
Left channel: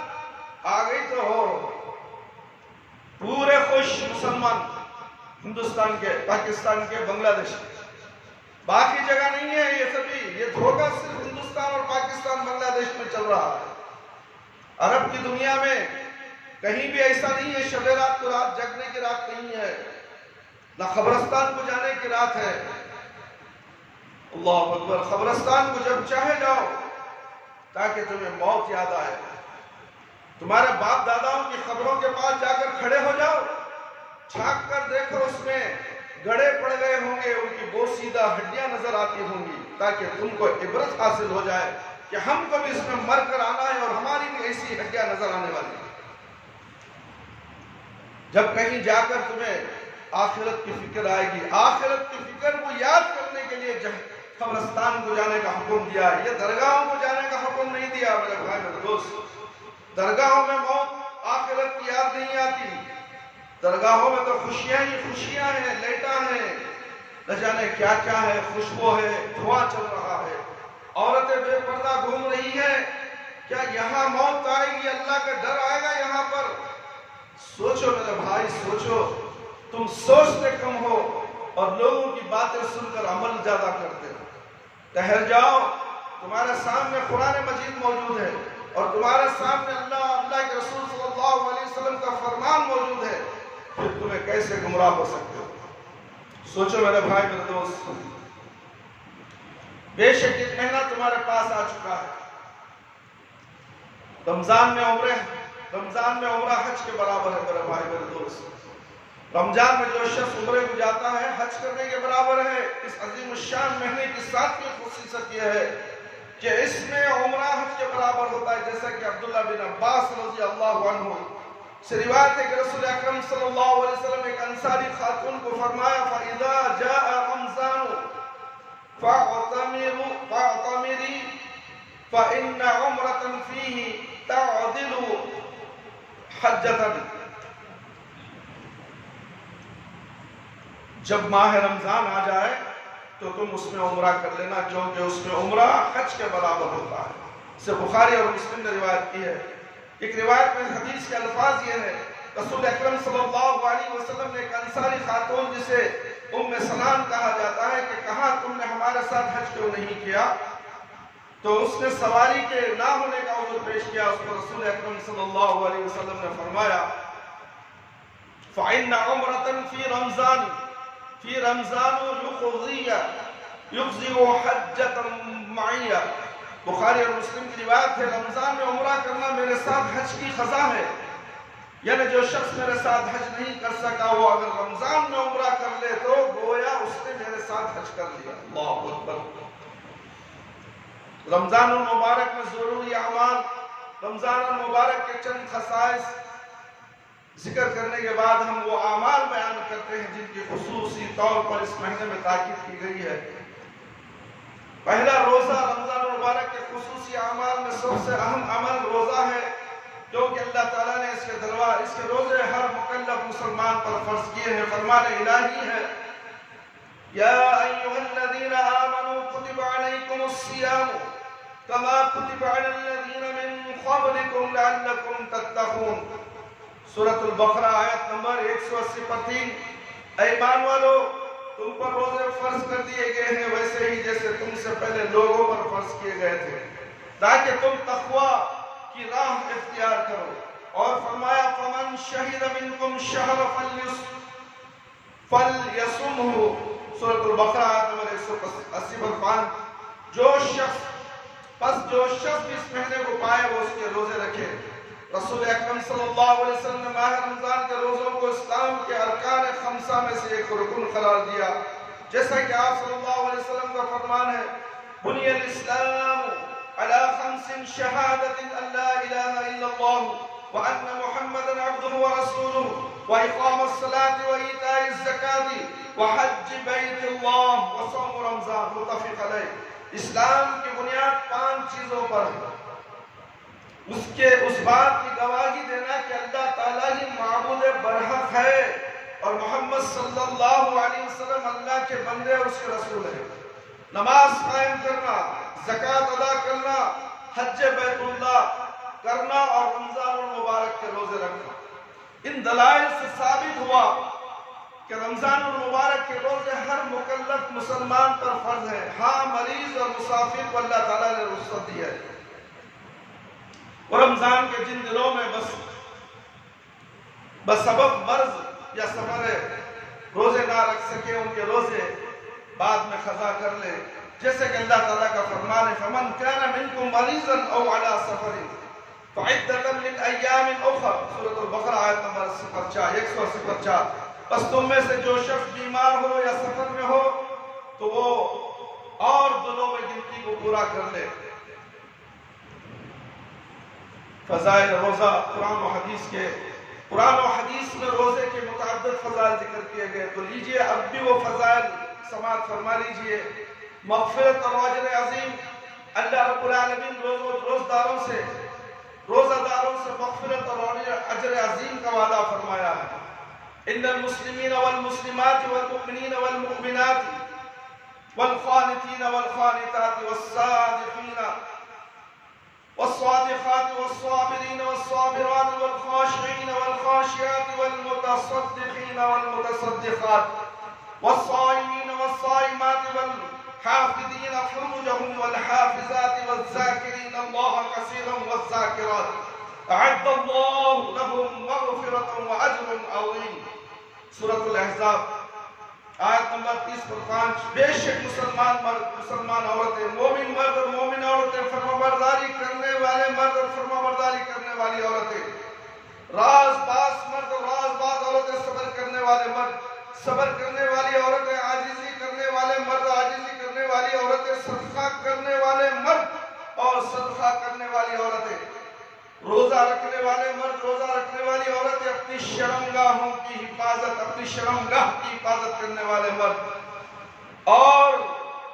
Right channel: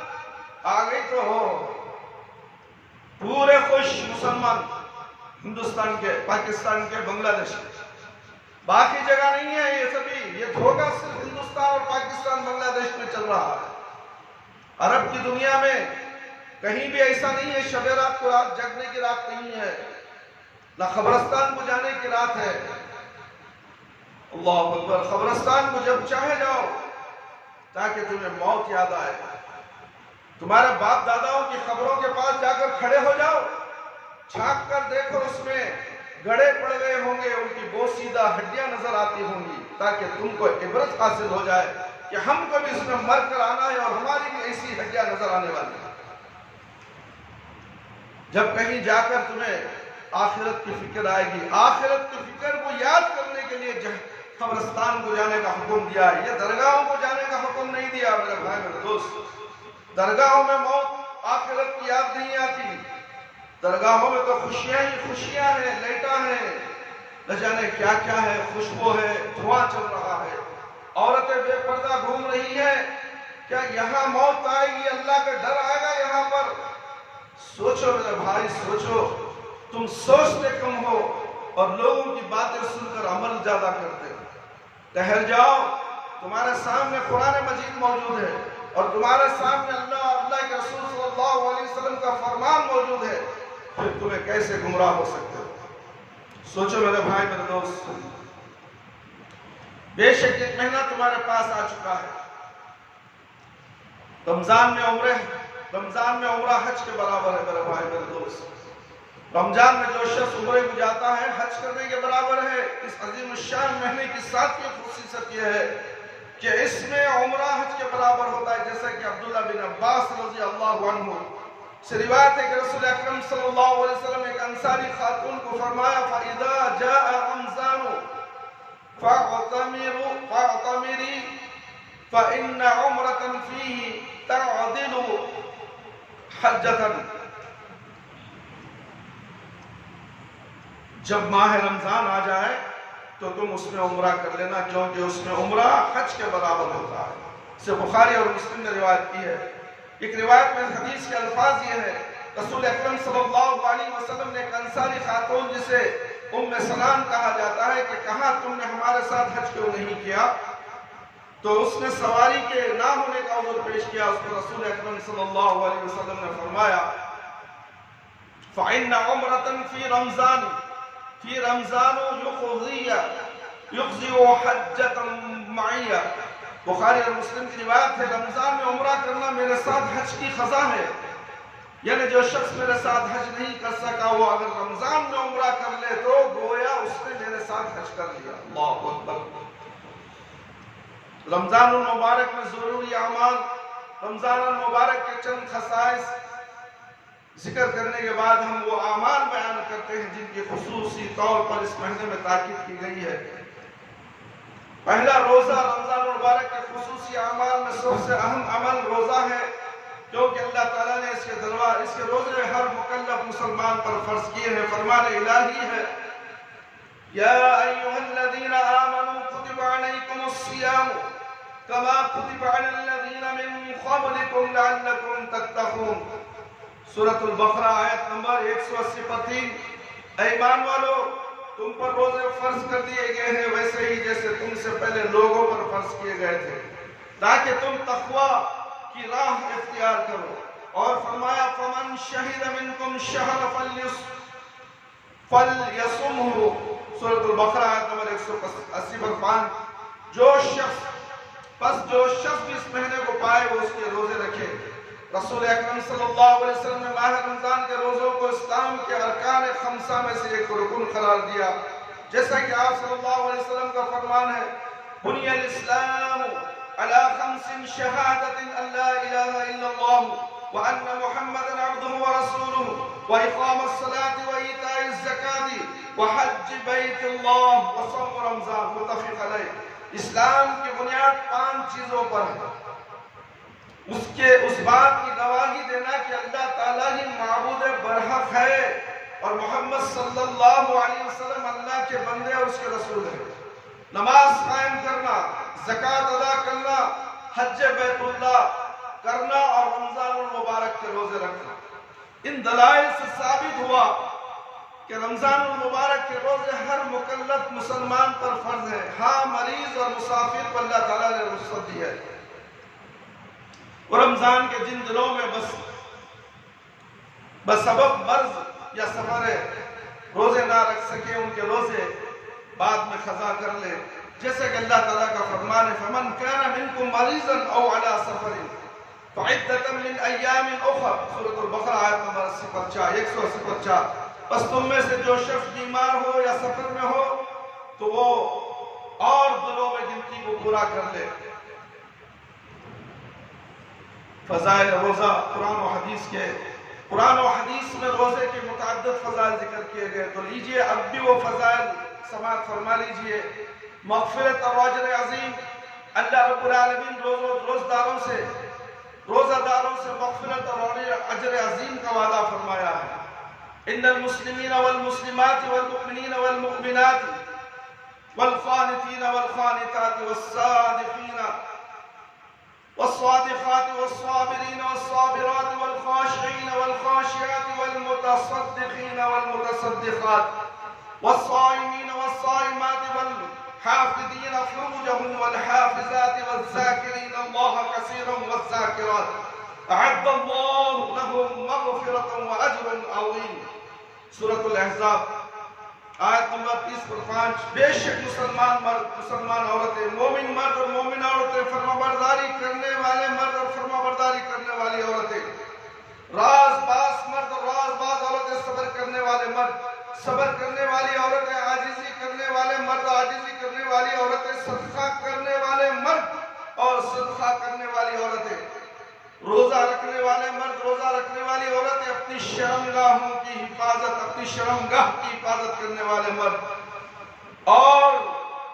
آ گئی تو ہو پورے خوش مسلمان، ہندوستان کے، پاکستان کے، بنگلہ دیش کے، باقی جگہ نہیں ہے۔ یہ سبھی یہ دھوکہ صرف ہندوستان اور پاکستان بنگلہ دیش میں چل رہا ہے۔ عرب کی دنیا میں کہیں بھی ایسا نہیں ہے شب رات کو رات جگنے کی رات نہیں ہے، نہ قبرستان کو جانے کی رات ہے۔ اللہ اکبر! قبرستان کو جب چاہے جاؤ تاکہ تمہیں موت یاد آئے۔ تمہارے باپ داداؤں کی قبروں کے پاس جا کر کھڑے ہو جاؤ، چھانک کر دیکھو، اس میں گڑے پڑ گئے ہوں گے، ان کی بوسیدہ ہڈیاں نظر آتی ہوں گی، تاکہ تم کو عبرت حاصل ہو جائے کہ ہم کو بھی اس میں مر کر آنا ہے اور ہماری بھی ایسی ہڈیاں نظر آنے والی ہیں۔ جب کہیں جا کر تمہیں آخرت کی فکر آئے گی، آخرت کی فکر کو یاد کرنے کے لیے قبرستان کو جانے کا حکم دیا ہے، یہ درگاہوں کو جانے کا حکم نہیں دیا۔ میرے بھائی، میرے دوست، درگاہوں میں موت آخرت کی یاد نہیں آتی، درگاہوں میں تو خوشیاں ہی خوشیاں ہیں، لیٹا ہیں، نہ جانے کیا کیا ہے، خوشبو ہے، دھواں چل رہا ہے، عورتیں بے پردہ گھوم رہی ہیں۔ کیا یہاں موت آئے گی، اللہ کا ڈر آئے گا یہاں پر؟ سوچو میرے بھائی، سوچو، تم سوچتے کم ہو اور لوگوں کی باتیں سن کر عمل زیادہ کرتے ہو۔ ٹھہر جاؤ، تمہارے سامنے قرآن مجید موجود ہے اور تمہارے سامنے اللہ کے رسول صلی اللہ علیہ وسلم کا فرمان موجود ہے، پھر تمہیں کیسے گمراہ ہو سکتے ہو؟ سوچو میرے بھائی، میرے دوست۔ بے شک ایک مہینہ تمہارے پاس آ چکا ہے۔ رمضان میں عمرہ حج کے برابر ہے میرے بھائی میرے دوست۔ رمضان میں جو شخص عمرے کو جاتا ہے حج کرنے کے برابر ہے۔ اس عظیم الشان مہینے کی ساتویں خصوصیت یہ ہے کہ اس میں عمرہ حج کے برابر ہوتا ہے، جیسا کہ عبداللہ بن عباس رضی اللہ عنہ سے روایت ہے کہ رسول اکرم صلی اللہ علیہ وسلم نے ایک انصاری خاتون کو فرمایا فَإِذَا جَاءَ رَمْضَانُ فَاعْتَمِرِي فَإِنَّ عُمْرَةً فِيهِ تَعْدِلُ حَجَّةً۔ جب ماہ رمضان آ جائے تو تم اس میں عمرہ کر لینا، کیونکہ اس میں عمرہ حج کے برابر ہوتا ہے۔ اسے بخاری اور مسلم نے روایت کی ہے۔ ایک روایت میں حدیث کے الفاظ یہ ہے، رسول اکرم صلی اللہ علیہ وسلم نے ایک انصاری خاتون جسے ام سلام کہا جاتا ہے کہ کہا تم نے ہمارے ساتھ حج کیوں نہیں کیا؟ تو اس نے سواری کے نہ ہونے کا عذر پیش کیا۔ اس کو رسول اکرم صلی اللہ علیہ وسلم نے فرمایا فَإِنَّ عُمْرَةً فِي رَمْضَانُ يُقْضِعُ حَجَّةً مَعِيَّ۔ بخاری اور مسلم کی روایت ہے، رمضان میں عمرہ کرنا میرے ساتھ حج کی قضا ہے، یعنی جو شخص میرے ساتھ حج نہیں کر سکا وہ اگر رمضان میں عمرہ کر لے تو گویا اس نے میرے ساتھ حج کر لیا۔ اللہ اکبر۔ رمضان المبارک میں ضروری اعمال، رمضان المبارک کے چند خصائص ذکر کرنے کے بعد ہم وہ اعمال بیان کرتے ہیں جن کی خصوصی طور پر اس مہینے میں تاکید کی گئی ہے۔ پہلا روزہ، رمضان المبارک کے خصوصی اعمال میں سب سے اہم عمل روزہ ہے، کیونکہ اللہ تعالیٰ نے اس کے روزے ہر مکلف مسلمان پر فرض کیے ہیں۔ فرمان الہی ہے یا ایھا الذین آمنوا کتب علیکم الصیام کما کتب علی الذین من قبلکم لعلکم تتقون۔ سورۃ البقرہ آیت نمبر 180 پر 3۔ اے ایمان والو، تم پر روزے فرض کر دیے گئے ہیں ویسے ہی جیسے تم سے پہلے لوگوں پر فرض کیے گئے تھے، تاکہ تم تقوی کی راہ اختیار کرو۔ اور فرمایا فَمَنْ شَهِدَ مِنْكُمْ الشَّهْرَ فَلْيَصُمْهُ۔ سورۃ البقرہ آیت نمبر 180 پر 5۔ جو شخص اس مہینے کو پائے وہ اس کے روزے رکھے۔ رسول اکرم صلی اللہ علیہ وسلم نے ماہ رمضان کے روزوں کو اسلام کے ارکان خمسہ میں سے ایک رکن قرار دیا، جیسا کہ آپ صلی اللہ علیہ وسلم کا فرمان ہے بنی الاسلام علی خمس شہادت ان لا الہ الا اللہ وان محمدا عبدہ ورسولہ واقام الصلاة وایتاء الزکاة وحج بیت اللہ وصوم رمضان، متفق علیہ۔ اسلام کی بنیاد 5 چیزوں پر ہے۔ اس بات کی گواہی دینا کہ اللہ تعالیٰ ہی معبود برحق ہے اور محمد صلی اللہ علیہ وسلم اللہ کے بندے اور اس کے رسول ہیں۔ نماز قائم کرنا، زکوٰۃ ادا کرنا، حج بیت اللہ کرنا اور رمضان المبارک کے روزے رکھنا۔ ان دلائل سے ثابت ہوا کہ رمضان المبارک کے روزے ہر مکلف مسلمان پر فرض ہے۔ ہاں مریض اور مسافر کو اللہ تعالیٰ نے رخصت دی ہے۔ اور رمضان کے جن دنوں میں بسبب مرض یا سفر روزے نہ رکھ سکے ان کے روزے بعد میں قضا کر لے، جیسے کہ اللہ تعالیٰ کا فرمان ہے فَمَنْ كَانَ مِنْكُمْ مَرِيضًا أَوْ عَلَى سَفَرٍ فَعِدَّةً مِنْ أَيَّامٍ أُخَرَ۔ سورۃ البقرہ آیت نمبر 184۔ بس تم میں سے جو شخص بیمار ہو یا سفر میں ہو تو وہ اور دنوں میں گنتی کو پورا کر لے۔ فضائل روزہ قرآن و حدیث میں روزے کے متعدد فضائل ذکر کیے گئے، تو لیجئے اب بھی وہ فضائل سماعت فرما لیجئے۔ مغفرت اور اجر عظیم، اللہ رب العالمین روزہ داروں سے مغفرت اور اجر عظیم کا وعدہ فرمایا ہے۔ ان المسلمین والمسلمات والمؤمنین والمؤمنات والقانتین والقانتات والصادقین والصادقات والصابرين والصابرات والخاشعين والخاشعات والمتصدقين والمتصدقات والصائمين والصائمات والحافظين فروجهم والحافظات والذاكرين الله كثيرا والذاكرات أعد الله لهم مغفرة وأجر عظيم۔ سورة الاحزاب آیت نمبر 30 بے شک مسلمان مرد مسلمان عورتیں مومن مرد اور مومن عورتیں فرمانبرداری کرنے والے مرد اور فرمانبرداری کرنے والی عورتیں راز باز مرد اور راز باز عورتیں صبر کرنے والے مرد صبر کرنے والی عورتیں عاجزی کرنے والے مرد عاجزی کرنے والی عورتیں صدقہ کرنے والے مرد اور صدقہ کرنے والی عورتیں روزہ رکھنے والے مرد روزہ رکھنے والی عورتیں اپنی شرمگاہوں کی حفاظت اپنی شرمگاہ کی حفاظت کرنے والے مرد اور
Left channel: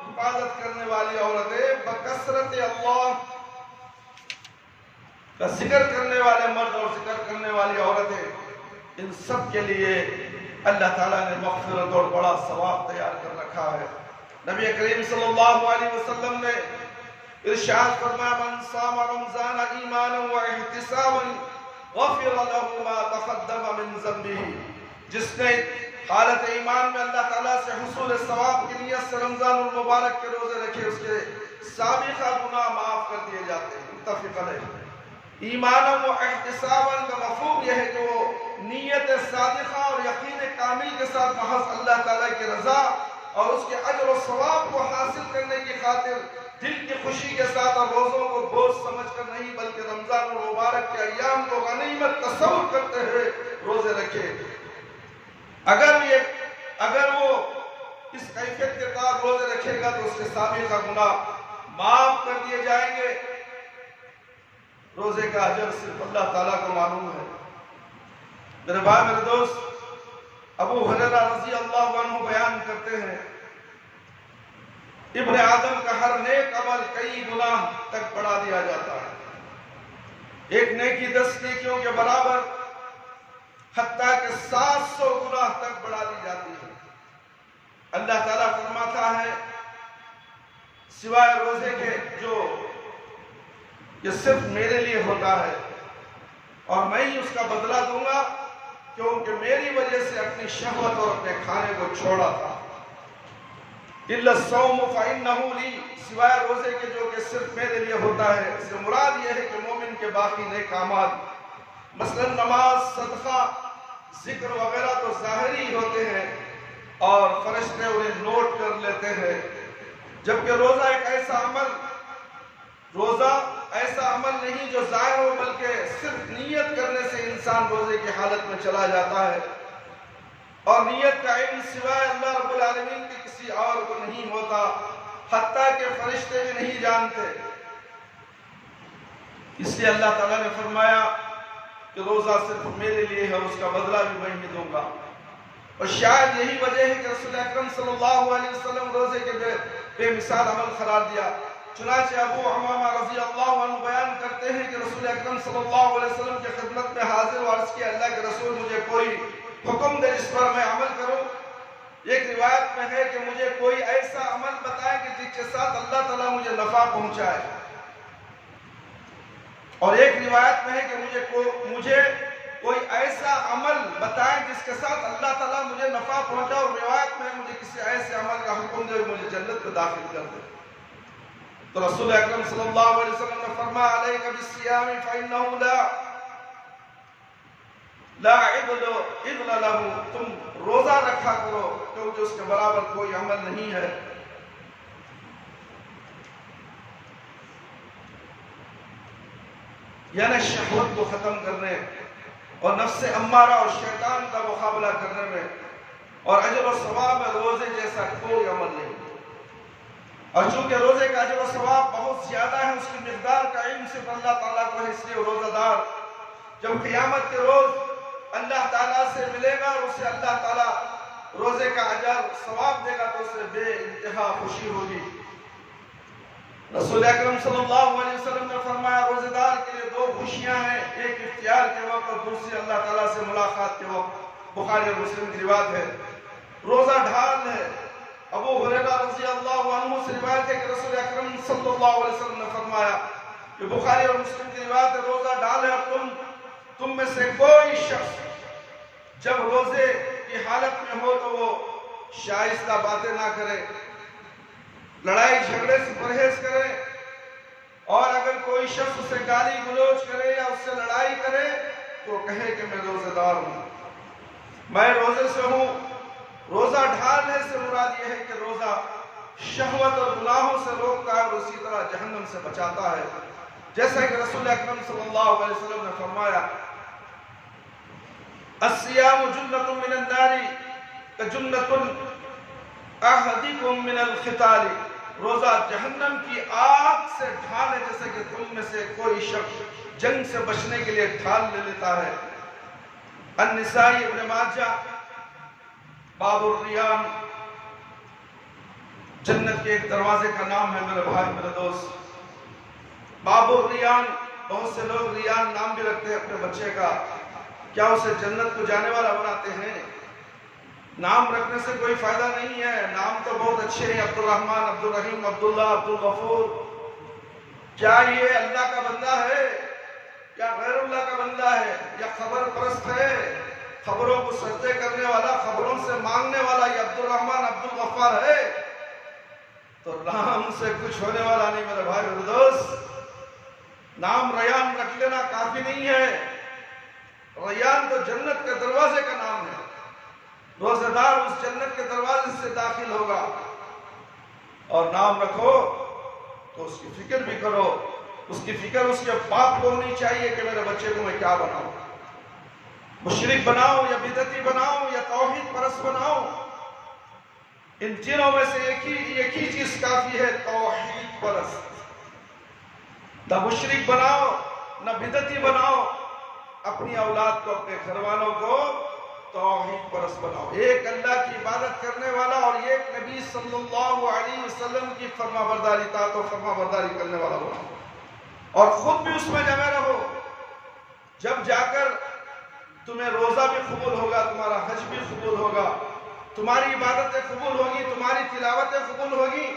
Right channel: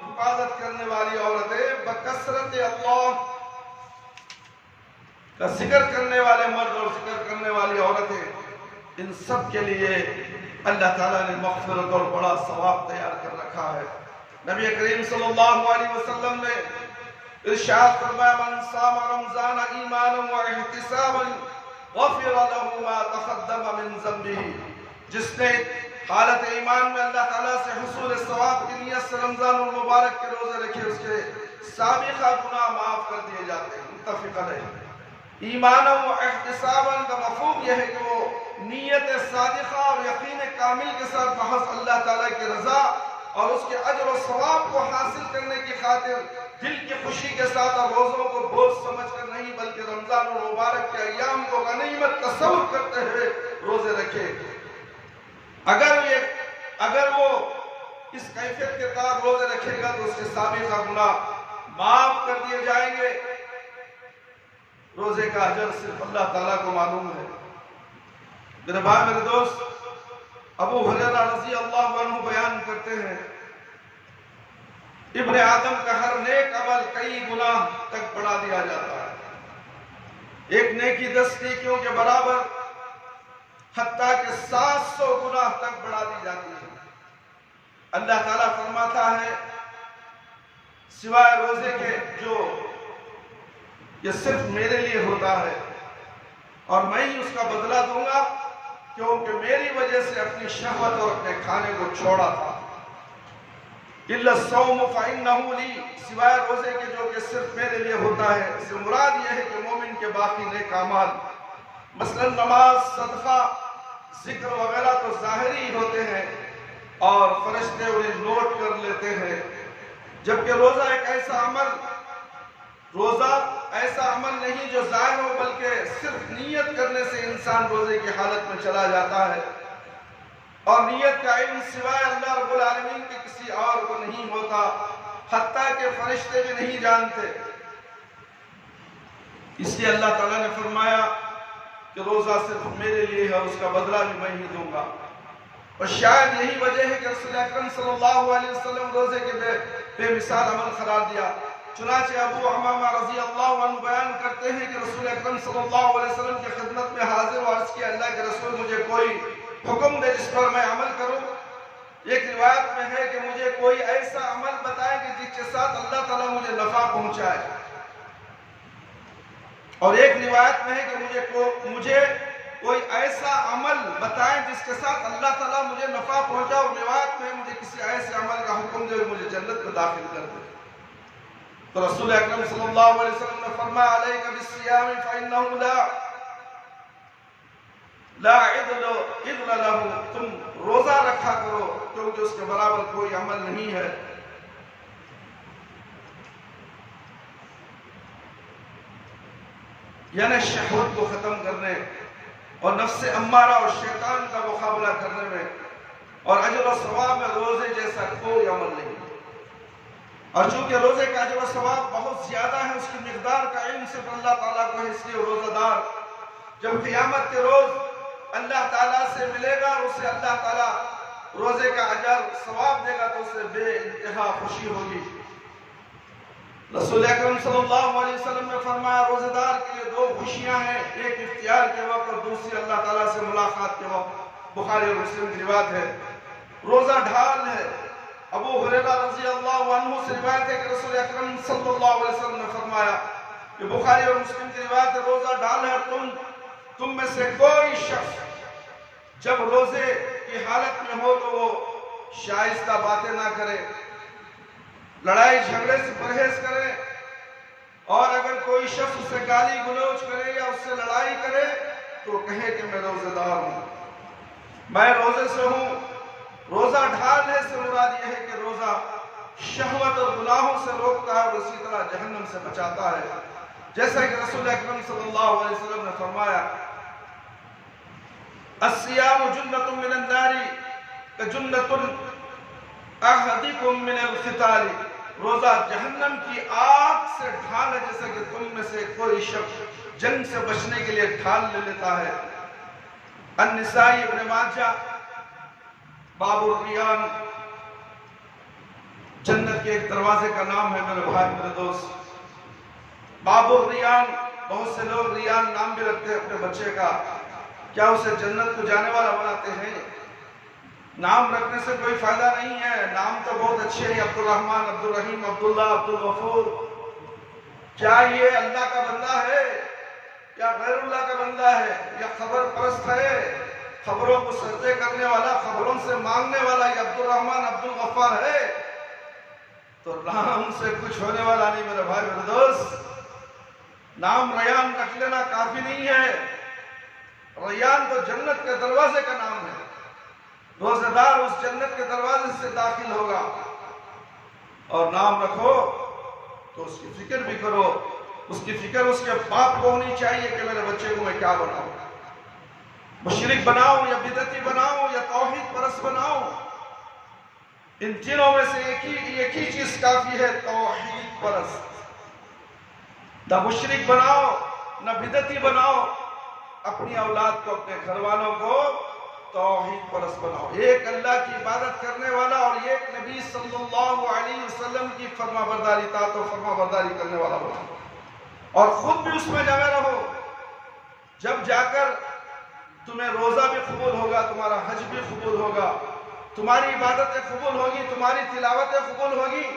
حفاظت کرنے والی عورتیں بکثرت اللہ کا ذکر کرنے والے مرد اور ذکر کرنے والی عورتیں ان سب کے لیے اللہ تعالیٰ نے مغفرت اور بڑا ثواب تیار کر رکھا ہے۔ نبی کریم صلی اللہ علیہ وسلم نے ارشاد فرمایا من صام رمضان ایمانا واحتسابا غفر له ما تقدم من ذنبه، جس نے حالت ایمان میں اللہ تعالیٰ سے حصول ثواب کی نیت سے رمضان المبارک کے روزے رکھے اس کے سابقہ گناہ معاف کر دیے جاتے ہیں۔ متفق علیہ۔ ایمانا و احتسابا کا مفہوم یہ ہے کہ وہ نیت صادقہ اور یقین کامل کے ساتھ محض اللہ تعالیٰ کی رضا اور اس کے اجر و ثواب کو حاصل کرنے کی خاطر دل کی خوشی کے ساتھ اور روزوں کو بوجھ سمجھ کر نہیں بلکہ رمضان المبارک کے ایام کو غنیمت تصور کرتے ہوئے روزے رکھے۔ اگر وہ اس کیفیت کے ساتھ روزے رکھے گا تو اس کے سابقہ گناہ معاف کر دیے جائیں گے۔ روزے کا اجر صرف اللہ تعالیٰ کو معلوم ہے۔ میرے بھائی میرے دوست، ابو ہریرہ رضی اللہ عنہ بیان کرتے ہیں ابن آدم کا ہر نیک عمل کئی گناہ تک بڑھا دیا جاتا ہے۔ ایک نیکی 10 نیکیوں کے برابر حتیٰ کہ 700 گناہ تک بڑھا دی جاتی ہے۔ اللہ تعالیٰ فرماتا ہے سوائے روزے کے جو یہ صرف میرے لیے ہوتا ہے اور میں ہی اس کا بدلہ دوں گا کیونکہ میری وجہ سے اپنی شہوت اور اپنے کھانے کو چھوڑا تھا۔ اِلَّا الصَّوْمُ فَإِنَّهُ لِي، سوائے روزے کے جو کہ صرف میرے لیے ہوتا ہے، اس سے مراد یہ ہے کہ مومن کے باقی نیک اعمال مثلا نماز، صدقہ، ذکر وغیرہ تو ظاہری ہی ہوتے ہیں اور فرشتے انہیں نوٹ کر لیتے ہیں، جبکہ روزہ ایسا عمل نہیں جو ظاہر ہو بلکہ صرف نیت کرنے سے انسان روزے کی حالت میں چلا جاتا ہے، اور نیت کا علم سوائے اللہ رب العالمین کے کسی اور کو نہیں ہوتا، حتیٰ کہ فرشتے بھی نہیں جانتے۔ اس لیے اللہ تعالیٰ نے فرمایا کہ روزہ صرف میرے لیے ہے اور اس کا بدلہ بھی میں ہی دوں گا۔ اور شاید یہی وجہ ہے کہ رسول اکرم صلی اللہ علیہ وسلم روزے کے بے مثال عمل قرار دیا۔ چنانچہ ابو امامہ رضی اللہ عنہ بیان کرتے ہیں کہ رسول اکرم صلی اللہ علیہ وسلم کی خدمت میں حاضر و عرض کیا اللہ کے رسول مجھے کوئی حکم دے جس پر میں عمل کروں۔ ایک روایت میں ہے کہ مجھے کوئی ایسا عمل بتائے کہ جس کے ساتھ اللہ تعالیٰ مجھے نفع پہنچائے، اور ایک روایت میں ہے کہ مجھے کوئی ایسا عمل بتائیں جس کے ساتھ اللہ تعالیٰ مجھے نفع پہنچائے، اور روایت میں مجھے کسی ایسے عمل کا حکم دے مجھے جنت میں داخل کر دے۔ تو رسول اکرم صلی اللہ علیہ وسلم نے فرمایا علیک بالصیام فإنہ لا عدل لہ، تم روزہ رکھا کرو کیونکہ اس کے برابر کوئی عمل نہیں ہے۔ یعنی شہوت کو ختم کرنے اور نفس امارہ اور شیطان کا مقابلہ کرنے میں اور اجر و ثواب میں روزے جیسا کوئی عمل نہیں۔ اور چونکہ روزے کا اجر و ثواب بہت زیادہ ہے، اس کی مقدار کا علم صرف اللہ تعالیٰ کو ہے، اس لیے روزہ دار جب قیامت کے روز اللہ تعالیٰ سے ملے گا اور اسے اللہ تعالیٰ روزے کا اجر ثواب دے گا تو اسے بے انتہا خوشی ہوگی۔ رسول اکرم صلی اللہ علیہ وسلم نے فرمایا روزے دار کے لیے 2 خوشیاں ہیں، ایک افطار کے وقت اور دوسری اللہ تعالیٰ سے ملاقات کے وقت۔ بخاری اور مسلم کی روایت ہے۔ روزہ ڈھال ہے۔ ابو ہریرہ رضی اللہ عنہ سے روایت ہے کہ رسول اکرم صلی اللہ علیہ وسلم نے فرمایا کہ بخاری اور مسلم کی روایت ہے روزہ ڈھال ہے، تم میں سے کوئی شخص جب روزے کی حالت میں ہو تو وہ شائستہ باتیں نہ کرے، لڑائی جھگڑے سے پرہیز کرے، اور اگر کوئی شخص اسے گالی گلوچ کرے یا اس سے لڑائی کرے تو کہے کہ میں روزہ دار ہوں، میں روزے سے ہوں، روزہ ڈھالنے سے مراد یہ ہے کہ روزہ شہوت اور گناہوں سے روکتا ہے اور اسی طرح جہنم سے بچاتا ہے، جیسا کہ رسول اکرم صلی اللہ علیہ وسلم نے فرمایا الصیام جنۃ من النار کجنۃ احدکم من القتال، روزہ جہنم کی آگ سے ڈھال ہے جیسے کہ تم میں سے کوئی شخص جنگ سے بچنے کے لیے ڈھال لے لیتا ہے۔ النسائی ابن ماجہ باب الریان، جنت کے ایک دروازے کا نام ہے میرے بھائی میرے دوست، باب الریان۔ بہت سے لوگ ریان نام بھی رکھتے ہیں اپنے بچے کا، کیا اسے جنت کو جانے والا بناتے ہیں؟ نام رکھنے سے کوئی فائدہ نہیں ہے، نام تو بہت اچھے ہیں، عبد الرحمن، عبد الرحیم، عبداللہ، عبد الغفور۔ کیا یہ اللہ کا بندہ ہے یا غیر اللہ کا بندہ ہے یا خبر پرست ہے، خبروں کو سجدے کرنے والا، خبروں سے مانگنے والا، یہ عبد الرحمن عبد الغفار ہے؟ تو نام سے کچھ ہونے والا نہیں میرے بھائی میرے دوست۔ نام ریان رکھ لینا کافی نہیں ہے، ریان تو جنت کے دروازے کا نام ہے، روزہ دار اس جنت کے دروازے سے داخل ہوگا۔ اور نام رکھو تو اس کی فکر بھی کرو، اس کی فکر اس کے باپ کو ہونی چاہیے کہ میرے بچے کو میں کیا بناؤں، مشرک بناؤں یا بدعتی بناؤں یا توحید پرست بناؤں۔ ان تینوں میں سے ایک ہی چیز کافی ہے، توحید پرست۔ نہ مشرک بناؤ نہ بدعتی بناؤ، اپنی اولاد کو، اپنے گھر والوں کو توحید پرست بناؤ، ایک اللہ کی عبادت کرنے والا اور ایک نبی صلی اللہ علیہ وسلم کی فرما برداری، اطاعت و فرما برداری کرنے والا بناؤ، اور خود بھی اس میں جمے رہو۔ جب جا کر تمہیں روزہ بھی قبول ہوگا، تمہارا حج بھی قبول ہوگا، تمہاری عبادتیں قبول ہوگی، تمہاری تلاوتیں قبول ہوگی۔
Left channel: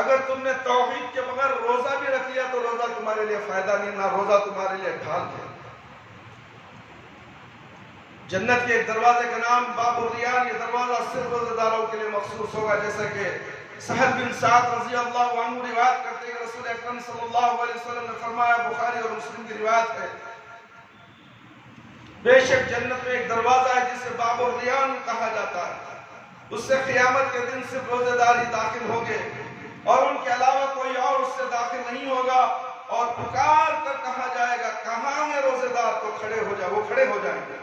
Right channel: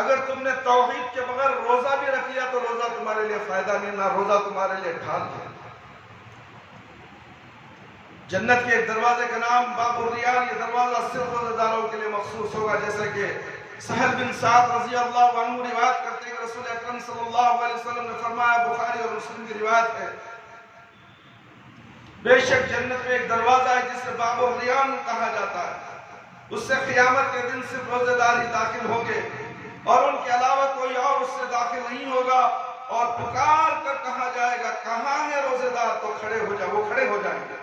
اگر تم نے توحید کے بغیر روزہ بھی رکھ لیا تو روزہ تمہارے لیے فائدہ نہیں، نہ روزہ تمہارے لیے ڈھال ہے۔ جنت کے ایک دروازے کا نام باب الریان، یہ دروازہ صرف روزہ داروں کے لیے مخصوص ہوگا، جیسے کہ سہل بن سعد رضی اللہ عنہ روایت کرتے ہیں کہ رسول اکرم صلی اللہ علیہ وسلم نے فرمایا، بخاری اور مسلم کی روایت ہے، بے شک جنت میں ایک دروازہ ہے جسے باب الریان کہا جاتا ہے، اس سے قیامت کے دن صرف روزہ دار ہی داخل ہوں گے اور ان کے علاوہ کوئی اور اس سے داخل نہیں ہوگا، اور پکار کر کہا جائے گا کہاں ہے روزہ دار، تو کھڑے ہو جائے، وہ کھڑے ہو جائیں گے،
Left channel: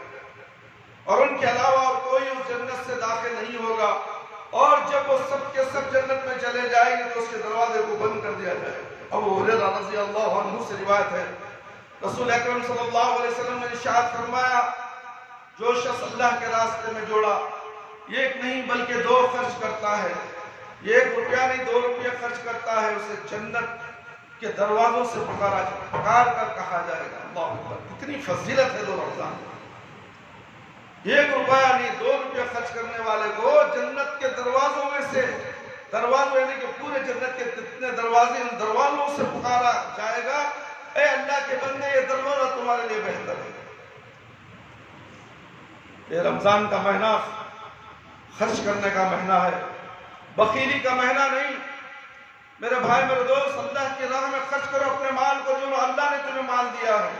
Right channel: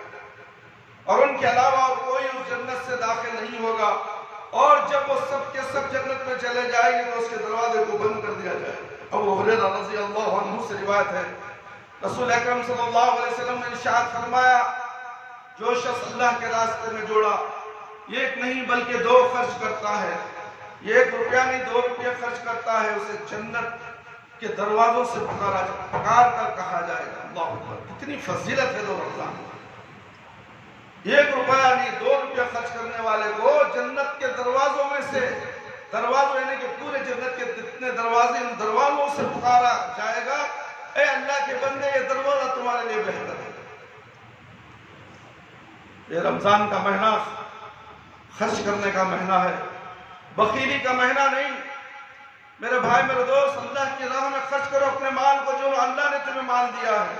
اور ان کے علاوہ اور کوئی اس جنت سے داخل نہیں ہوگا، اور جب وہ سب کے سب جنت میں چلے جائیں گے تو اس کے دروازے کو بند کر دیا جائے گا۔ ابو ہریرہ رضی اللہ عنہ سے روایت ہے، رسول اکرم صلی اللہ علیہ وسلم نے ارشاد فرمایا، جو شخص اللہ کے راستے میں جوڑا، ایک نہیں بلکہ دو خرچ کرتا ہے، یہ 1 روپیہ نہیں 2 روپیہ خرچ کرتا ہے، اسے جنت کے دروازوں سے پکار کر کہا جائے گا۔ اللہ اکبر، کتنی فضیلت ہے 2 رمضان، 1 روپیہ نہیں 2 روپیہ خرچ کرنے والے کو جنت کے دروازوں میں سے، دروازوں یعنی کہ پورے جنت کے جتنے دروازے، ان دروازوں سے پکارا جائے گا، اے اللہ کے بندے یہ دروازہ تمہارے لیے بہتر ہے۔ یہ رمضان کا مہینہ خرچ کرنے کا مہینہ ہے، بخیلی کا مہینہ نہیں۔ میرے بھائی میرے دوست، اللہ کی راہ میں خرچ کرو اپنے مال کو، جو اللہ نے تمہیں مال دیا ہے،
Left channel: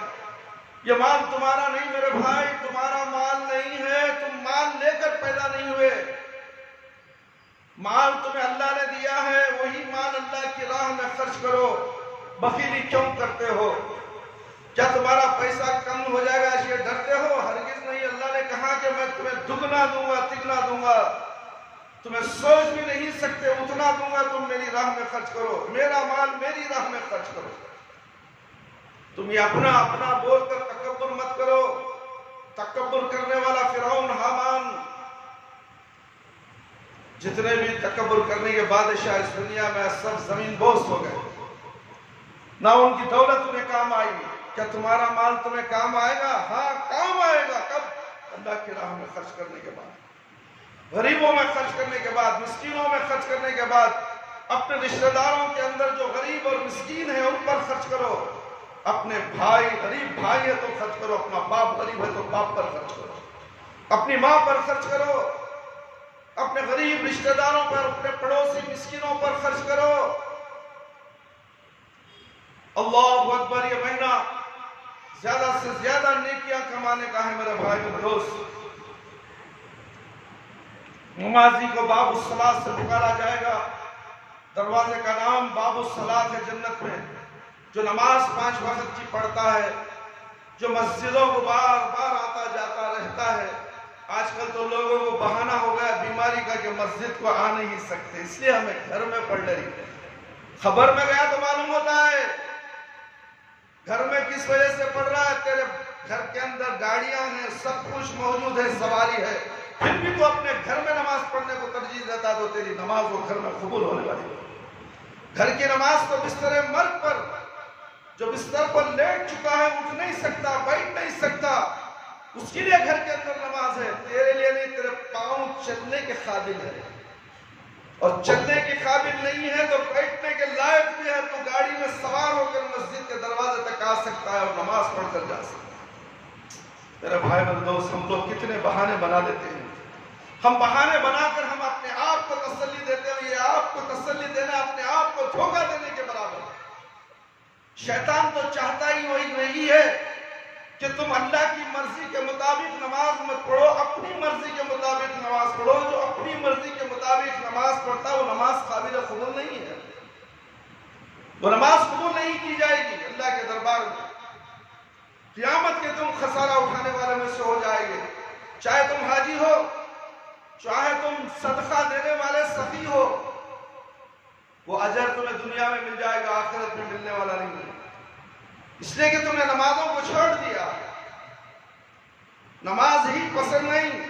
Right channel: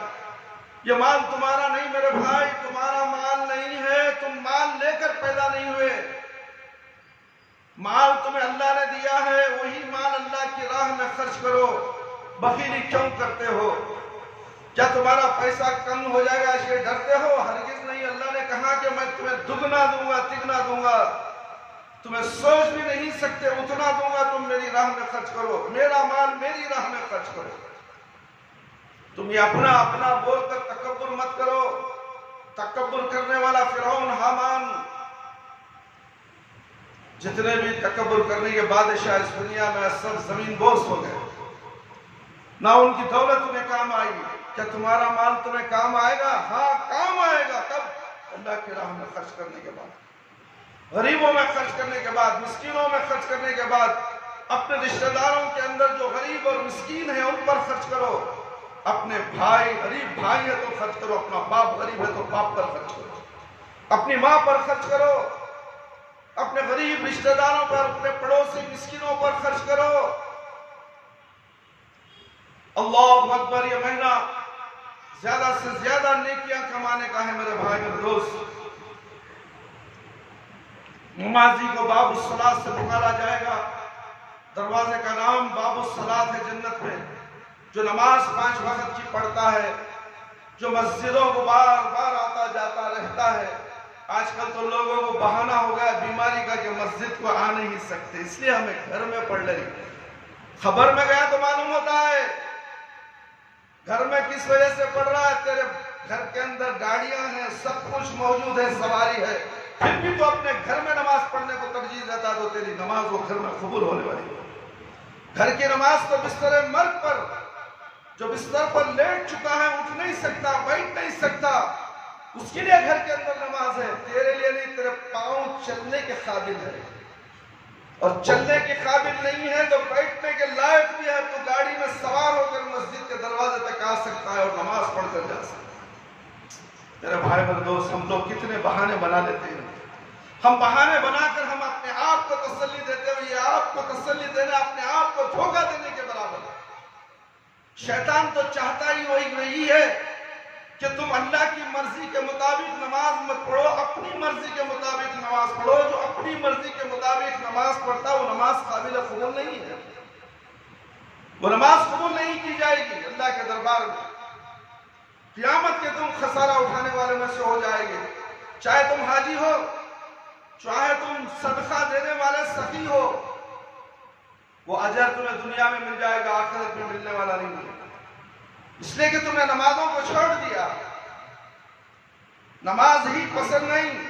یہ مال تمہارا نہیں میرے بھائی، تمہارا مال نہیں ہے، تم مال لے کر پیدا نہیں ہوئے، مال تمہیں اللہ نے دیا ہے، وہی مال اللہ کی راہ میں خرچ کرو۔ بخیلی کیوں کرتے ہو؟ کیا تمہارا پیسہ کم ہو جائے گا اس لیے ڈرتے ہو؟ ہرگز نہیں، اللہ نے کہا کہ میں تمہیں دگنا دوں گا، تگنا دوں گا، تمہیں سوچ بھی نہیں سکتے اتنا دوں گا، تم میری راہ میں خرچ کرو، میرا مال میری راہ میں خرچ کرو۔ تم یہ اپنا اپنا بول کر تکبر مت کرو، تکبر کرنے والا فرعون، حامان، جتنے بھی تکبر کرنے کے بادشاہ اس دنیا میں سب زمین بوس ہو گئے، نہ ان کی دولت انہیں کام آئی۔ کیا تمہارا مال تمہیں کام آئے گا؟ ہاں کام آئے گا، کب؟ اللہ کی راہ میں خرچ کرنے کے بعد، غریبوں میں خرچ کرنے کے بعد، مسکینوں میں خرچ کرنے کے بعد، اپنے رشتہ داروں کے اندر جو غریب اور مسکین ہیں ان پر خرچ کرو، اپنے بھائی غریب بھائی ہے تو خرچ کرو، اپنا باپ غریب ہے تو باپ پر خرچ کرو، اپنی ماں پر خرچ کرو، اپنے غریب رشتہ داروں پر، اپنے پڑوسی مسکینوں پر خرچ کرو۔ اللہ اکبر، یہ مہینہ زیادہ سے زیادہ نیکیاں کمانے کا ہے میرے بھائی میرے دوست۔ نمازی کو باب الصلاۃ سے پکارا جائے گا۔ دروازے کا نام باب الصلاۃ ہے جنت میں۔ جو نماز 5 وقت کی پڑھتا ہے، جو مسجدوں کو بار بار آتا جاتا رہتا ہے۔ آج کل تو لوگوں کو بہانہ ہو گیا بیماری کا کہ مسجد کو آ نہیں سکتے، اس لیے ہمیں گھر میں پڑھ لیں۔ خبر میں گیا تو معلوم ہوتا ہے گھر میں کس وجہ سے پڑھ رہا ہے۔ تیرے گھر کے اندر گاڑیاں ہیں، سب کچھ موجود ہے، سواری ہے، پھر بھی تو اپنے گھر میں نماز پڑھنے کو ترجیح دیتا ہے، تو تیری نماز وہ گھر میں قبول ہونے والی ہے۔ گھر کی نماز تو بستر مرگ پر، جو بستر پر لیٹ چکا ہے، اٹھ نہیں سکتا، بیٹھ نہیں سکتا، اس کے لیے گھر کے اندر نماز ہے، تیرے لیے نہیں۔ تیرے پاؤں چلنے کے قابل ہے اور چلنے کے قابل نہیں ہے تو بیٹھنے کے لائق بھی ہے، تو گاڑی میں سوار ہو کر مسجد کے دروازے تک آ سکتا ہے اور نماز پڑھ کر جا سکتا ہے۔ میرے بھائی میرے دوست، ہم لوگ کتنے بہانے بنا لیتے ہیں۔ ہم بہانے بنا کر ہم اپنے آپ کو تسلی دیتے ہوئے، یہ آپ کو تسلی دینا اپنے آپ کو دھوکہ دینے کے برابر ہے۔ شیطان تو چاہتا ہی وہی ہے کہ تم اللہ کی مرضی کے مطابق نماز مت پڑھو، اپنی مرضی کے مطابق نماز پڑھو۔ جو اپنی مرضی کے مطابق نماز پڑھتا وہ نماز قابل قبول نہیں ہے، وہ نماز قبول نہیں کی جائے گی اللہ کے دربار میں۔ قیامت کے تم خسارہ اٹھانے والوں میں سے ہو جائے گے، چاہے تم حاجی ہو، چاہے تم صدقہ دینے والے سخی ہو، وہ اجر تمہیں دنیا میں مل جائے گا، آخرت میں ملنے والا نہیں ہے، اس لیے کہ تم نے نمازوں کو چھوڑ دیا، نماز ہی پسند نہیں۔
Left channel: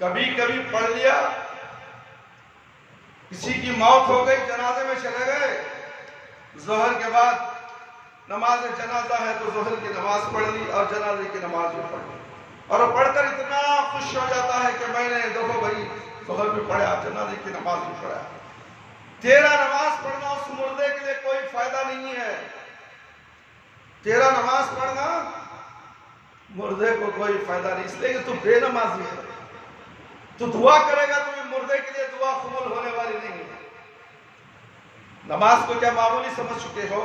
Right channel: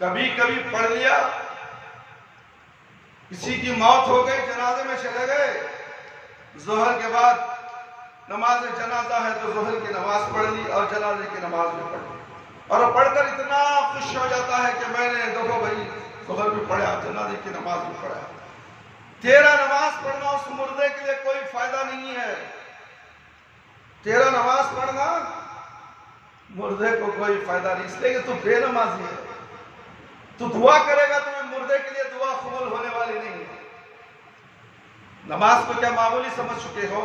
کبھی کبھی پڑھ لیا، کسی کی موت ہو گئی، جنازے میں چلے گئے، ظہر کے بعد نماز جنازہ ہے تو ظہر کی نماز پڑھ لی اور جنازے کی نماز بھی پڑھ لی، اور وہ پڑھ کر اتنا خوش ہو جاتا ہے کہ میں نے دیکھو بھائی ظہر بھی پڑھا، جنازے کی نماز بھی پڑھا۔ تیرا نماز پڑھنا اس مردے کے لیے کوئی فائدہ نہیں ہے، تیرا نماز پڑھنا مردے کو کوئی فائدہ نہیں، اس لیے کہ تو بے نمازی ہے، تو دعا کرے گا تو مردے کے لیے دعا قبول ہونے والی نہیں ہے۔ نماز کو کیا معمولی سمجھ چکے ہو؟